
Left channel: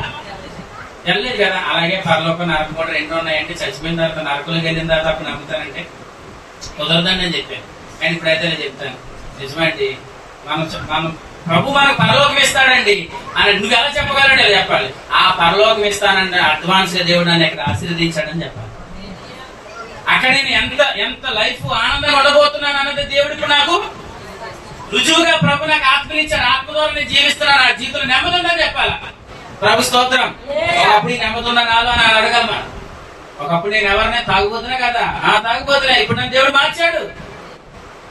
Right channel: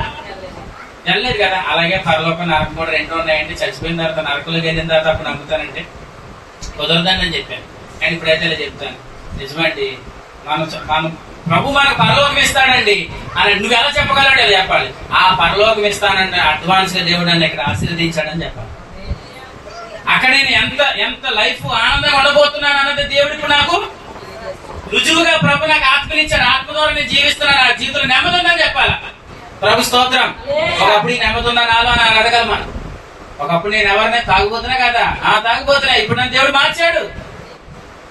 వెళ్ళలేదు కదా. అలాగే పరలోకం నరకం కూడా రెండు ఉన్నాయంటే చచ్చిపోయిన తర్వాత నరకంలోకి వెళ్ళిన తర్వాత అప్పుడు నమ్ముతానంటే కుదరదని నేను చెప్పాను. కానీ ఇప్పుడైతే ఇలా చెప్తాను. నిజమండి, మనం ప్రభు మనకు పరలోకం ఇస్తాడండి అని నువ్వు ఎలా చెప్పగలడు? ఇలా చెప్పాలి. ఆ పరలోకం ఇస్తానంటే అడ్వాన్స్ గా దేవుడు నన్ను ఇక్కడ ఆశీర్వదించాడని చెప్పాలి. అక్కడ నేను ఎంత లైఫ్ ఆనందంగా ఉండబోతున్నాను అన్నది దేవుడికి నాకు రుజువుగా ప్రభు నాకు ఆత్మనిచ్చాడు. ఆత్మ ద్వారా నేను జీవిస్తున్నాను. ఆ జీవితంలో నెమ్మది ఉందని చెప్పాలా? ప్రభు స్తోత్రం. ఒకప్పుడు ఈ నెమ్మది ఉన్నా నాలో అని అడగలమా? ఒకప్పుడు నేను ఎవరినే తాగుబోతున్నా కదా, తాగుబోతున్నా. ఇప్పుడు నన్ను దేవుడు మార్చాడు.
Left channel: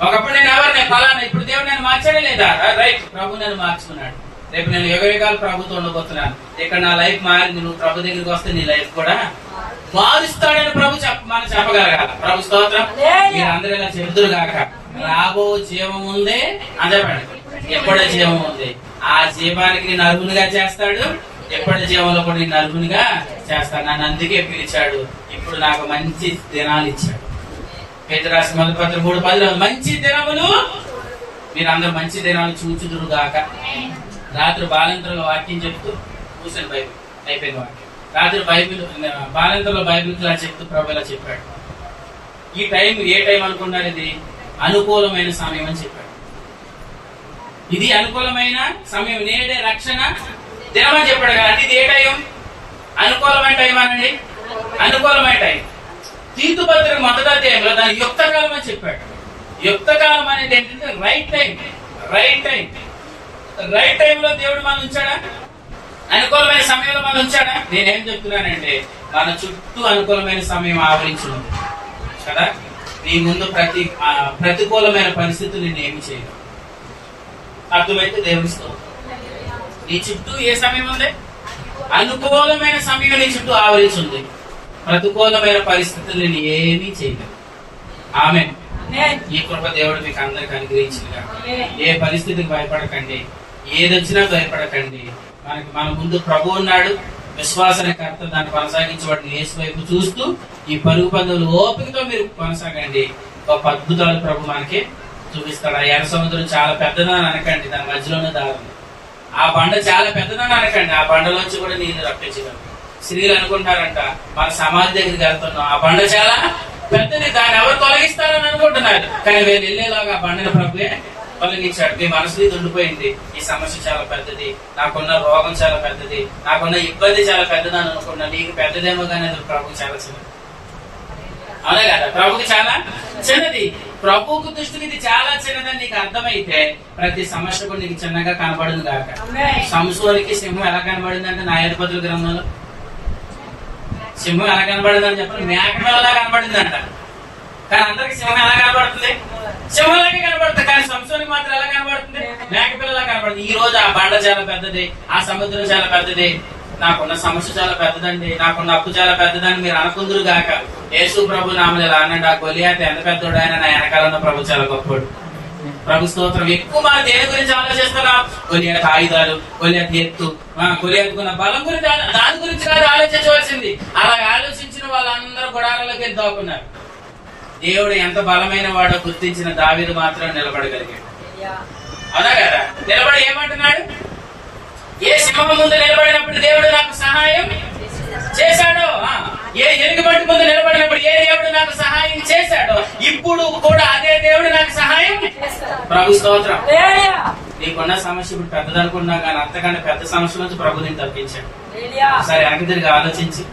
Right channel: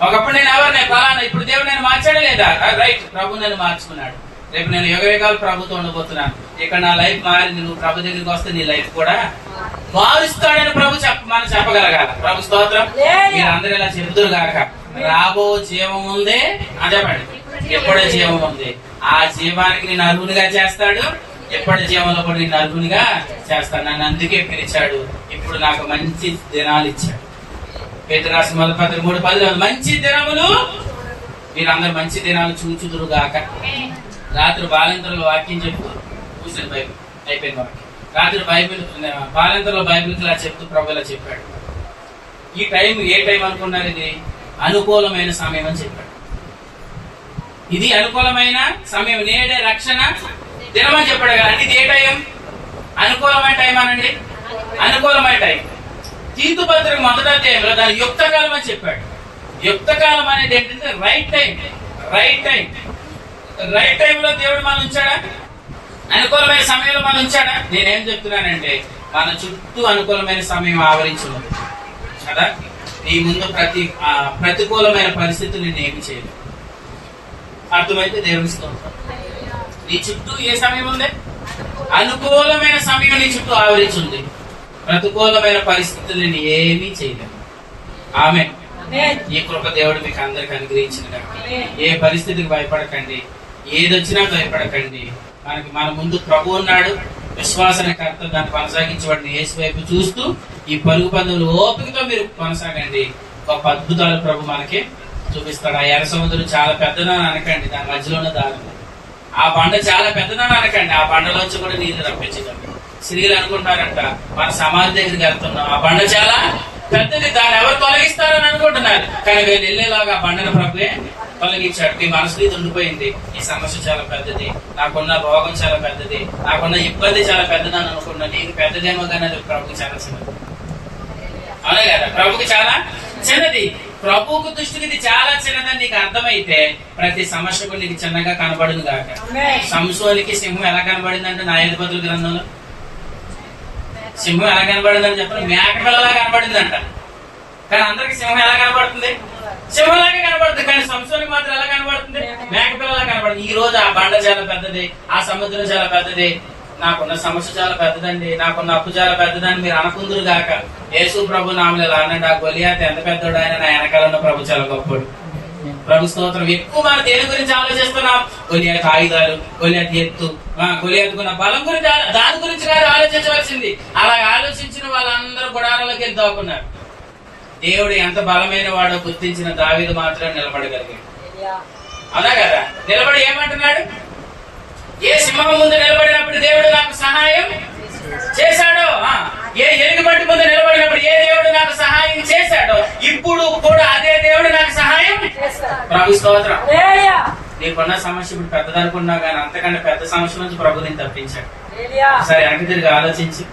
ఒకప్పుడు నేను ఎవరినే ఫలానా, ఇప్పుడు దేవుడు నేను మార్చాడే లేదా? రైట్, ప్రభు నన్ను మార్చుకున్నాడు. రేపు నేను యుగయుగాలు ప్రభుతో ఉండబోతున్నాను. ఇక్కడ నా లైఫ్ మారింది. నువ్వు ప్రభు దగ్గరికి వస్తే నీ లైఫ్ కూడా మారుస్తాడని ప్రభు మనం చెప్పగలగాల. ప్రభు స్తోత్రం. మీరు అందరూ ఇలా చెబుతురు గాక. రాబో జీవం ఉందే అని చెప్పండి. ఎప్పుడో జీవం ఉంది. ఆ జీవానికి నేను అర్హునిగా చేస్తాడు. ఎప్పటి జీవంలో కూడా నేను అర్హునిగా చేస్తాడు. నన్ను అందుకే పిలిచాడు. ఇప్పుడు నాకు మంచి దినాలు ఇచ్చాడు. పేతురు రాసిన మొదటి పత్రిక 3:10 మంచి దినములు మీరు అందరూ మంచి దినాలు చూచుదురు గాక. రాత్రి బాలింతరంలో వాక్యం చెప్తూ కూర్చొని బైబిల్ అయిపోయిన వాక్యం. రాత్రి బాలింతరంలో బైబిల్ ఇలా చెప్తూ ప్రభు ఇలా చెప్పాడు. ఈ టైం ఏ టైం అనుకున్నారు? ఇది అనుకూలమైన సమయం అని చెప్పాడు. ఇది అనుకూలమైన సమయం. నేడే రక్షణ దినం అని చెప్పాడు కదా. అంటే ఇది ఏ టైం? అనుకూలమైన టైం అనండి. అనుకూలమైన టైం. తీతు పత్రిక మొదటి అధ్యాయంలో దాని యుక్త కాలం అని చెప్పాడు. యుక్త కాలం అనేది ఏంటంటే right time. Right time. Right టైంలో దేవుడు మనం ఉంచాడా? అనుకూలమైన సమయంలో మనం ఉంచాడా? నేనేం చెప్తున్నానంటే మన చుట్టూ అనుకూలమైన సమయం ఆవరించున్నది కదా. నీ ముందు ప్రతికూలమైన పరిస్థితులు నేను ఏమి చేయను. అర్థమైతే దేవుని స్తోత్రం. నీ చుట్టూ ఏ సమయం ఉంది? అనుకూలమైన సమయం నీ చుట్టూ ఆవరించింది, ప్రతికూలమైన పరిస్థితులను ఏమీ చేయలేదు. ఆమె ఈ కృప దేవుడు మీకు అందరికి అనుగ్రహించిందిగా. ఏ పరిస్థితికి భయపడకండి, ఏదొచ్చినా భయపడకండి. మన ముందు ప్రభు ఉన్నాడు, విశ్వాసానికి కర్త, దాన్ని కొనసాగించేవాడిని యేసు వైపు చూస్తూ ఈ పరుగు పందులు ఓపికతో మీరు కొనసాగండి. గొప్ప అద్భుతాలు ప్రభు మనకి చూపిస్తాడు. ఆ ఎర్ర సముద్రం చాలా పెద్దదని అనకండి, దాని మధ్యలోనే దారి. ఆ బండ చాలా పెద్దదని అనకండి, ఆ బండలోంచి కూడా నీళ్ళు రప్పించగలరు. స్త్రీలు అనుకుంటారంట మన సమాజం దగ్గరికి వెళ్తున్నాం, ఆ బండ చాలా పెద్దది, దాన్ని ఎవరు తొలగిస్తారని అనుకుంటున్నారు. కానీ వీళ్ళు వెళ్ళేలాగా ఆ బండను ప్రభువే తొలగించాడు. మీ మనసు ఇది ఉండిపోయింది, ఈ సమస్య చాలా పెద్దది, నాకున్న రోగం చాలా పెద్దది, నాకున్న ఇబ్బంది చాలా పెద్దది అని అనుకున్నా. నీకు పెద్దదేమో కానీ అది ప్రభుకి చాలా చిన్నది. అవునా కదా? ప్రభుకి చాలా చిన్నది. ప్రభువుకు దృష్టికి ఇది చాలా చిన్నదని నీకు అర్థమైతే ప్రతి సమస్యకు నీకు చిన్నగా కనబడును గాక. సంసోనికి సింహం ఎలా కనబడిందంటే న్యాయాధిపతుల గ్రంథంలో సింహం ఎలా కనబడిందని చెప్పండి, మేక పిల్లలా కనబడిందంట. కానీ అందరికి సింహం ఎలా కనబడుతుంది? సింహంలాగే కనబడుతుంది. కానీ సంసోనికి మాత్రం ఎలా కనబడుతుంది? మేక పిల్లలా కనబడుతుంది. ఈ రోజు ఆ బండ చాలా పెద్దది, ఆ సముద్రం చాలా పెద్దది, నాకున్న సమస్య చాలా పెద్దదండి, నాకున్న అప్పు చాలా పెద్దదని మీరు అనుకుందురు గాక. యేసు ప్రభు నామని ఇలా అనండి, ఆ గొలియాత ఎంత పెద్దోడు, ఆయన నా వెనకాల ఉన్న ప్రభు చాలా గొప్పడు. ప్రభు స్తోత్రం. ఎక్కువ మనం దేని గురించి ఆలోచిస్తున్నాం? గొలియాత ఆయుధాలు, గొలియాత ఎత్తు, గొలియాతకున్న బలం గురించి, దాని గురించి కాదు ఆలోచించవలసింది. అలా ఆలోచించిన వాళ్ళందరూ గుడారాలకు వెళ్ళి దాక్కున్నారు. దేవుడు ఎంత బలమైన వాడో గుర్తించిన దావీదు మాత్రం నిలబడగలిగాడు. అవునా కదా? నిలబడి ఏమంటున్నాడు? ఏ సింహం ముందు నిలబడినప్పుడు దేవుడు నాకు సహాయం చేశాడో, ఏ ఎలుగుబంటి ముందు నిలబడినప్పుడు ఏ దేవుడు నాకు సహాయం చేశాడో, ఇప్పుడు కూడా అదే దేవుడు నాకు సహాయం. ప్రభు స్తోత్రం. నీకున్న సమస్య ఇప్పుడు పెద్దదనుకున్నా కానీ అంతకంటే పెద్ద సమస్య నుంచి ప్రభు నేను తప్పించాడు. సరే వెనక్కి తిరిగి ఆలోచించి,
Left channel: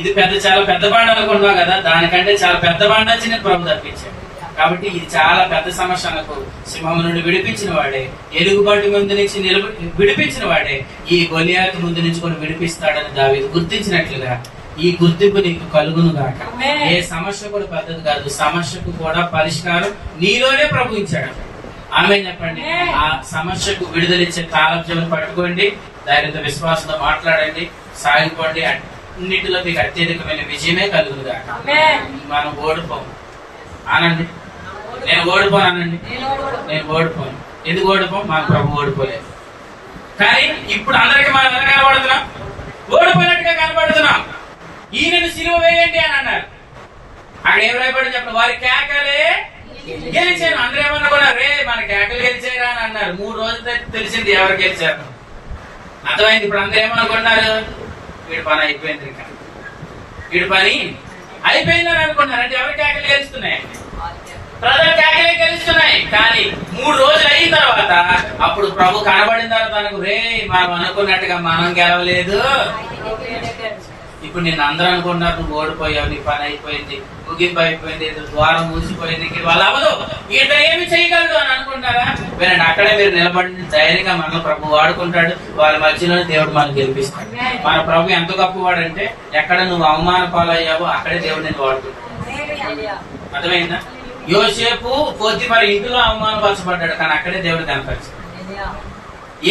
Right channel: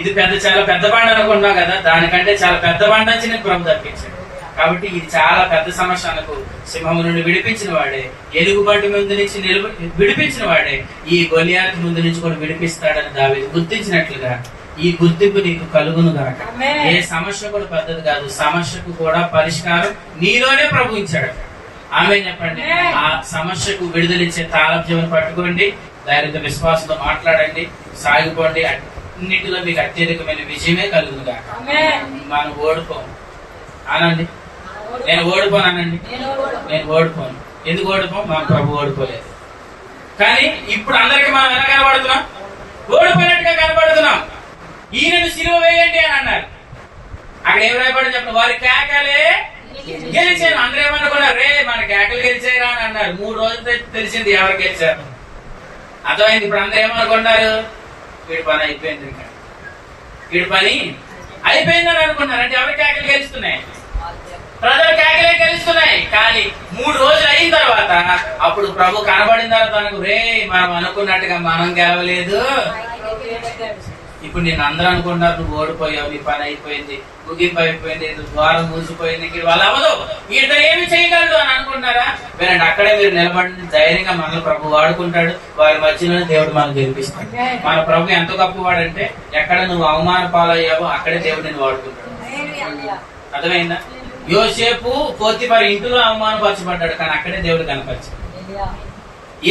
ఇది చాలా పెద్ద బండ అనుకున్నావు కదా, దానికంటే చాలా పెద్ద బండ నుంచి నేను ప్రభు తప్పించాడు. కాబట్టి ఇది చాలా పెద్ద సమస్య అనకు. సింహం నుండి విడిపించిన వాడే, ఎలుగుబంటి ముందు నుంచి విడిపించిన వాడే ఈ గొలియాతు ముందు నుంచి కూడా విడిపిస్తాడని దావీదు గుర్తించినట్లుగా ఈ గుర్తింపు నీకు కలుగును గాక. ఏ సమస్య కూడా పెద్దది కాదు, సమస్యకు కూడా పరిష్కారం నీలోనే ప్రభు ఇచ్చాడు. ఆమె చెప్పండి. ఆ సమస్యకు విడుదలిచ్చే తాళం పట్టుకోండి, ధైర్యంతో విశ్వాసంతో మాట్లాడండి, సాగిపోండి. అన్నిటిలో మీకు అత్యధికమైన విజయమే కలుగును గాక. మనం ఓడిపోము అనండి. నేను ఓడిపోనండి, నేను ఓడిపోను. ఎందుకు ఓడిపోం? మన ప్రభు ఓడిపోలేదు. కానీ ఇప్పుడు అందరికి మనం ఎలా కనబడుతున్నాం? ఓడిపోయినట్టుగా కనబడుతున్నాం. ఈయనను సిలువ వేయండి అని అన్నారు. అక్కడ ఏం రాయబడి చెప్పండి, వారి కేకలే గెలిచాను. అందరూ ఏమనుకున్నారు? రే మన కేకలు గెలిచారా అని అన్నారు. 3 రోజులు తెలిసింది ఎవరు గెలిచారు, అర్థమైంది. ఇప్పుడు అందరూ ఏమనుకున్నారు? వీడి పని అయిపోయింది, ఇంకా వీడి పని అయిపోయిందని అనుకున్నారు. అంటే ఎవరి కేకలు గెలుస్తున్నాయి? ప్రజల కేకలే గెలుస్తున్నాయి. కానీ 3 రోజులు అయిన తర్వాత అప్పుడు ప్రభు కనబడిన తర్వాత తనకు, రే మనం అనుకున్నట్టుగా మనం గెలవలేదు. ఇప్పుడు నేను అందరూ అనుకున్నారు నువ్వు ఓడిపోయావు, నీ పని అయిపోయింది, ముగింపు అయిపోయింది, ద్వారం మూసిపోయింది, వాళ్ళు అవ్వదు, ఇతను ఏమి చేయగలడు అని అనుకుంటారా? వినండి, అక్కడే మీరు నిలబడి ధైర్యంగా మనల్ని ప్రభు వాడుకుంటాడు. వారి మధ్యలోనే దేవుడు మనల్ని గెలిపిస్తాడు. మన ప్రభు ఎంత గొప్పవాడంటే ఎక్కడ నువ్వు అవమాన పాలయ్యావో అక్కడే దేవుడు నేను వాడుకుంటాడు. అర్థమైందా? యోసేపు పోతిఫరు ఇంటిలో అవమానపరచబడ్డాడు, కానీ అక్కడే దేవుడు కనపరిచాడు.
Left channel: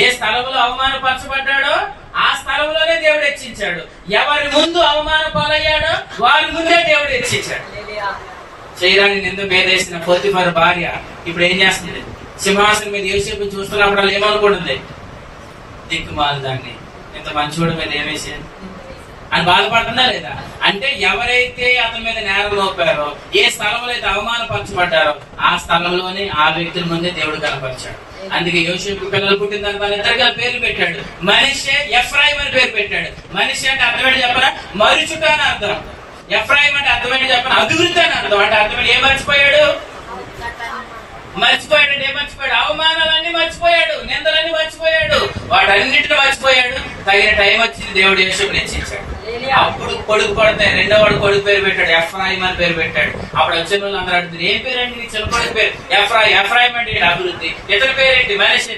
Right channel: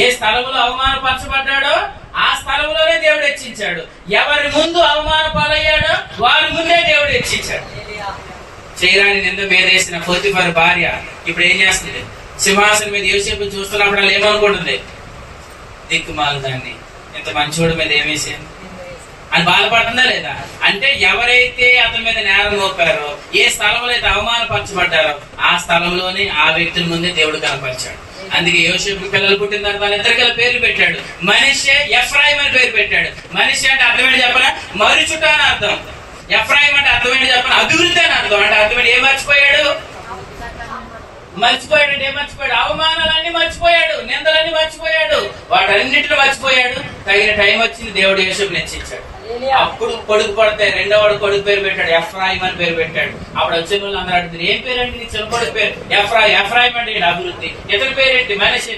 ఏ స్థలంలో అవమానపరచబడ్డాడో ఆ స్థలంలోనే దేవుడు హెచ్చించాడు. ఎవరి ముందు అవమాన పాలయ్యాడో వారి ముందే దేవుడు హెచ్చించాడు. చేయరాని నింద మీదేసిన పోతిఫరు భార్య ఇప్పుడు ఏం చేస్తుంది? సింహాసనం మీద యోసేపు చూస్తున్నప్పుడు వాళ్ళు ఏమనుకుంటుంది? దిక్కుమాలి దాన్ని, ఇంత మంచివాడి మీద ఏమేసింది అని బాధపడుతుందా లేదా? అంటే ఎవరైతే అతని మీద నేరం మోపారో, ఏ స్థలంలో అయితే అవమానపరచబడ్డారో ఆ స్థలంలోనే ఆ వ్యక్తుల ముందే దేవుడు కనపరిచాడు. అందుకే యోసేపు పిల్లలు పుట్టిన తర్వాత వాళ్ళిద్దరు గల పేర్లు పెట్టాడు. మనిషే, ఎఫ్రాయిం అని పేరు పెట్టాడు. మనిషి అంటే అర్థమేంటి చెప్పనా? మరుచుట అని అర్థం. ఎఫ్రాయిం అంటే అర్థమేంటి చెప్పనా? అభివృద్ధి అని అర్థం. అంటే అర్థమేంటి? ఏం మర్చిపోయాడు? మర్చిపోయాడు. ఏం మర్చిపోయాడు? అవమానాలన్నీ మర్చిపోయాడు, నిందలన్నీ మర్చిపోయాడు, వాటన్నిటిని మర్చిపోయాడు. తగిన టైం వచ్చింది, దేవుడు యోసేపుని హెచ్చించాడు. అప్పుడు కొడుకు పడతాయి. రెండోవాడు కొడుకు పేరు పెట్టాడు, ఎఫ్రాయిం అని పేరు పెట్టాడు. అప్పుడు వచ్చిన వాళ్ళు అందరూ అడుగుతారు, ఏం పేరు అండి నీ చిన్న కొడుకు పేరు? ఎఫ్రాయిం. ఎఫ్రాయిం అంటే అభివృద్ధి. ఇతని పేరేంటి? మనిషి.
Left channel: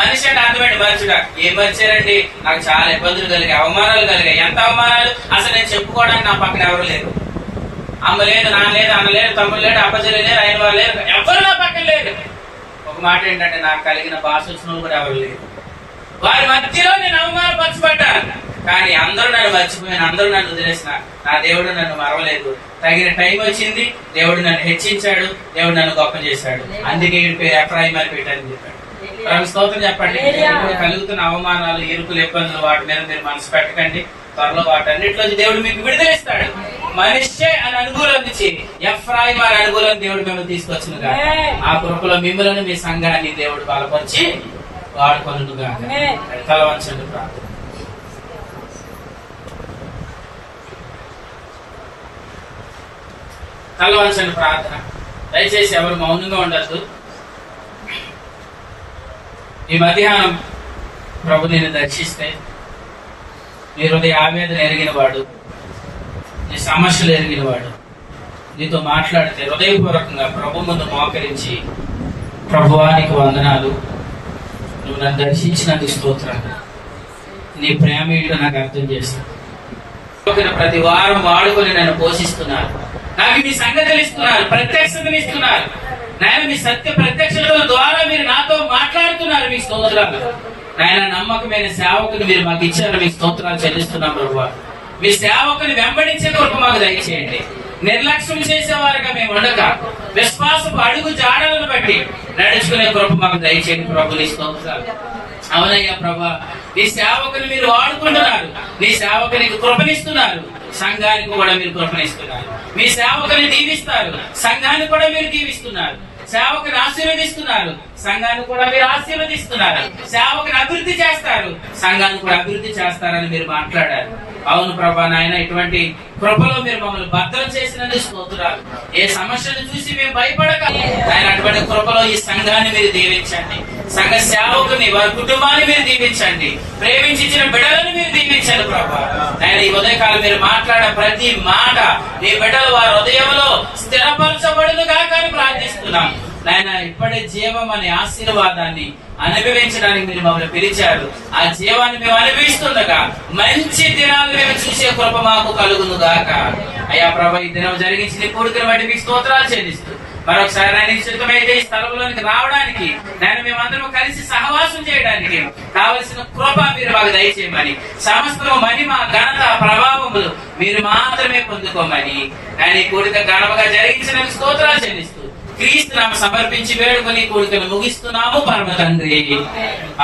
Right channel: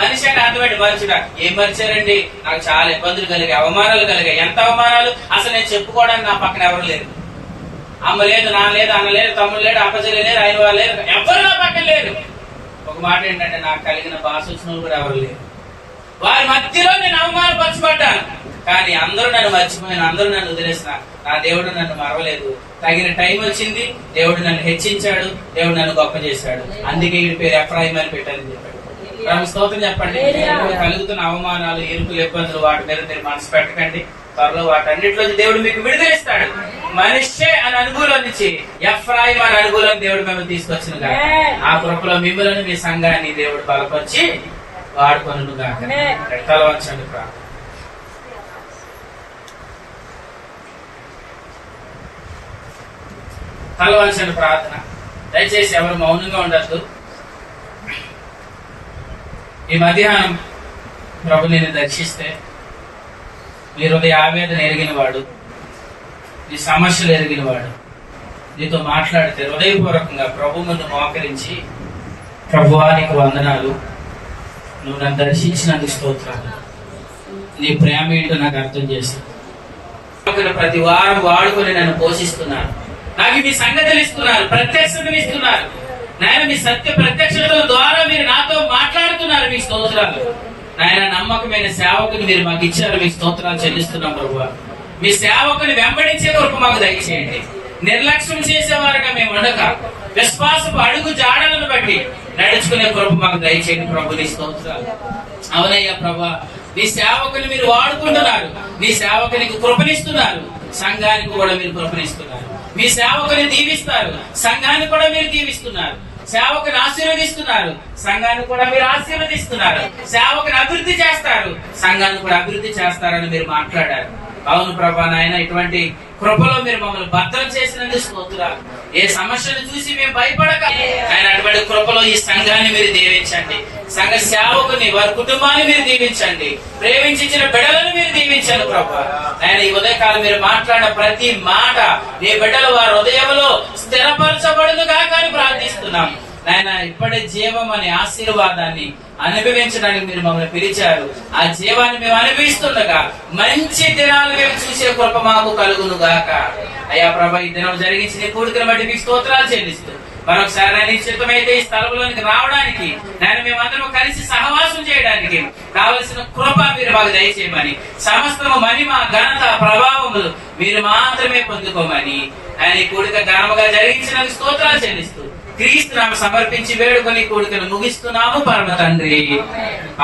మనిషి అంటే అర్థమేంటి? మర్చిడా. ఏం మర్చారండి? నాకు చాలా ఇబ్బందులు కలిగాయి, అవమానాలు కలిగాయి. ఎంత అవమానాలు అసలు నేను చెప్పుకోవడానికి నా పక్కన ఎవరు లేరు. అమ్మ లేదు, నాన్న లేదు, అన్న లేదు, తమ్ముడు లేడు, అప్పచెల్లి లేరు, అయిన వాళ్ళు లేరు, ఎవరు నా పక్కన లేరు. ఒక మాట ఏంటంటే నాకు కలిగిన భాష వచ్చిన వాళ్ళు కూడా ఎవరు లేరు. వారి మధ్యలో నేను అవమానపరచబడ్డాను, కానీ అందరూ నన్ను మర్చిపోయాను, అందరూ నన్ను వదిలేసిన, నా దేవుడు నన్ను మరవలేదు. తగిన టైం వచ్చింది, దేవుడు నన్ను హెచ్చించాడు, దేవుడు నన్ను గొప్ప చేశాడు, అందుకే ఈ పేరు ఎఫ్రాయిం అని పెట్టాలని చెప్పాడు. స్తోత్రం చెప్పండి. కలుగుతున్న అవమానాలు, ఇరుకులు, ఇబ్బందులు, వాటి మీద మీరు మనసు పెట్టకండి. త్వరలో వాటన్నిటిలో దేవుడు మీకు విడుదలిస్తాడు. మనిషే అని అనుకూలం నుంచి ఎఫ్రాయిం అని అనుకూలం దేవుడు మిమ్మల్ని తీసుకొచ్చిన ఆ కృపలో మిమ్మల్ని, మీ సంఘాన్ని దేవుడు బలపరిచి వాడుకొనుగా. తల వంచండి ప్రార్థన. తలవంచండి ప్రార్థన. దయచేసి ఎవరు మౌనంగా ఉండద్దు. ఈ మధ్యాహ్నం ప్రభు నిన్ను దర్శిస్తే, నీ హృదయ ఆవేదన ఎరిగిన వాడు, నీ సమస్యలు ఎరిగిన వాడు నీతో మాట్లాడితే హృదయపూర్వకంగా ప్రభు ముందు మోకరించి, ప్రభువానికి వందనాలు, నువ్వు నన్ను దర్శించినందుకు స్తోత్రాలు, నీ ప్రేమ ఏంటో నాకు అర్థం చేస్తాను, ప్రతి వారం వాడుకొని నన్ను పోషిస్తున్నారు, నాకు మీ సంగతులు ఇస్తున్నారు, ప్రత్యక్షతలు ఇస్తున్నారు నాయన, మీ సత్య ప్రత్యక్షతల ద్వారా మీరు నాతో మాట్లాడుతున్నారు, మీ స్తోత్రాలు నాయన. నమ్మకమైన సేవకుని మీరు మాకు ఇచ్చారు, మీ స్తోత్రాలు చెల్లిస్తున్నాం ప్రభువా. మీ సేవకుని వెంబడించే కృప మాకు దయచేయండి. నిర్లక్ష్యం చేసేవారుగా మేము ఉండక విశ్వాసపు అడుగు జాడలను బట్టి నడుచుకునే కృప మాకు దయచేయండి ప్రభు. నీ స్తోత్రాలు. అవునయ్యా ప్రభా, నీ సేవకుని మీరు వాడుకుంటున్నారు, నీ సేవకునికి కృపనిస్తున్నారు, సంఘానికి కూడా మీరు కృపనిస్తున్నారు. మీ సేవకుని దీవిస్తారు, సంఘాన్ని కూడా మీరు దీవిస్తున్నారు. సేవకుని ఆశీర్వదిస్తున్నారు, సంఘాన్ని కూడా మీరు ఆశీర్వదిస్తున్నారు. సేవకుని అభివృద్ధి చేస్తారు, సంఘాన్ని కూడా అభివృద్ధి చేస్తారని మీరు మాట్లాడారు. అవును ప్రభా నాయన, ఇటువంటి కృపలో మీరు మమ్మల్ని భద్రం చేసినందుకు స్తోత్రాలు. ఏ సమస్యను చూసి మేము భయపడక ఆయన, అటువంటి కృపలో ఈ సంఘాన్ని మీరు దీవించండి, సంఘ సేవకుని, వారి కుటుంబాన్ని మీరు దీవించండి, ప్రేమించిన బిడ్డలను మీరు దీవించండి ప్రభా. ఆయన ఈ ఉదయకాలం మీరు మాట్లాడే ప్రతి మాట నీ బిడ్డలు వారి హృదయంలో స్థిరపరచబడును గాక అని ప్రార్థిస్తున్నాం నాయన. ఇప్పటి జీవం అనే ఆశీర్వాదాన్ని అనుభవించడానికి మీరు మమ్మల్ని పిలిచారు. ఆ జీవాన్ని మేము అనుభవిస్తుండగా మంచి దినాలు మేము చూసే కృప మాకు కలుగును గాక. అయ్యా ప్రభా, ఈ దినం జరిగించిన కోరికలు బట్టి మీకు స్తోత్రాలు చెల్లిస్తూ మరొకసారి ఆయన ఇష్టమైతే ఈ స్థలంలోనికి రావడానికి, నేను మేమందరం కలిసి సహవాసం చేయడానికి కావలసిన కృప మీరు మాకు దయచేయమని, సమస్తము మహిమ, ఘనత, ప్రభావములు మీరు మాత్రమే పొందుకోమని ఆయన ఈ కోరిక ఘనముగా జరిగించిన స్తోత్రాలు చెల్లిస్తూ క్రీస్తు నామ సమర్పించి వేడుకొని కోరికను ముగిస్తున్నాము పరమ తండ్రి.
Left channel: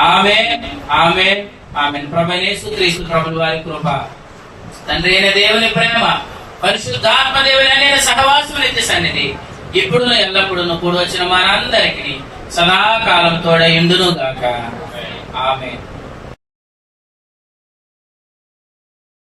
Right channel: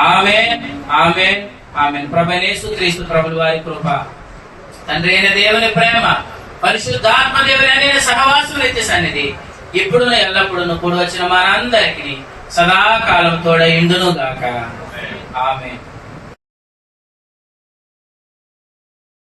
ఆమేన్, ఆమేన్, ఆమేన్. ప్రభువైన యేసు క్రీస్తు ప్రభుల వారి కృప, తండ్రి అయిన దేవుని ప్రేమ, పరిశుద్ధాత్మ దేవుని అనే సహవాసం నిత్య సన్నిధి ఇప్పుడు ఎల్లప్పుడూ కూడి వచ్చిన మనందరికీ సదాకాలం తోడై ఉండును గాక. ఆమేన్.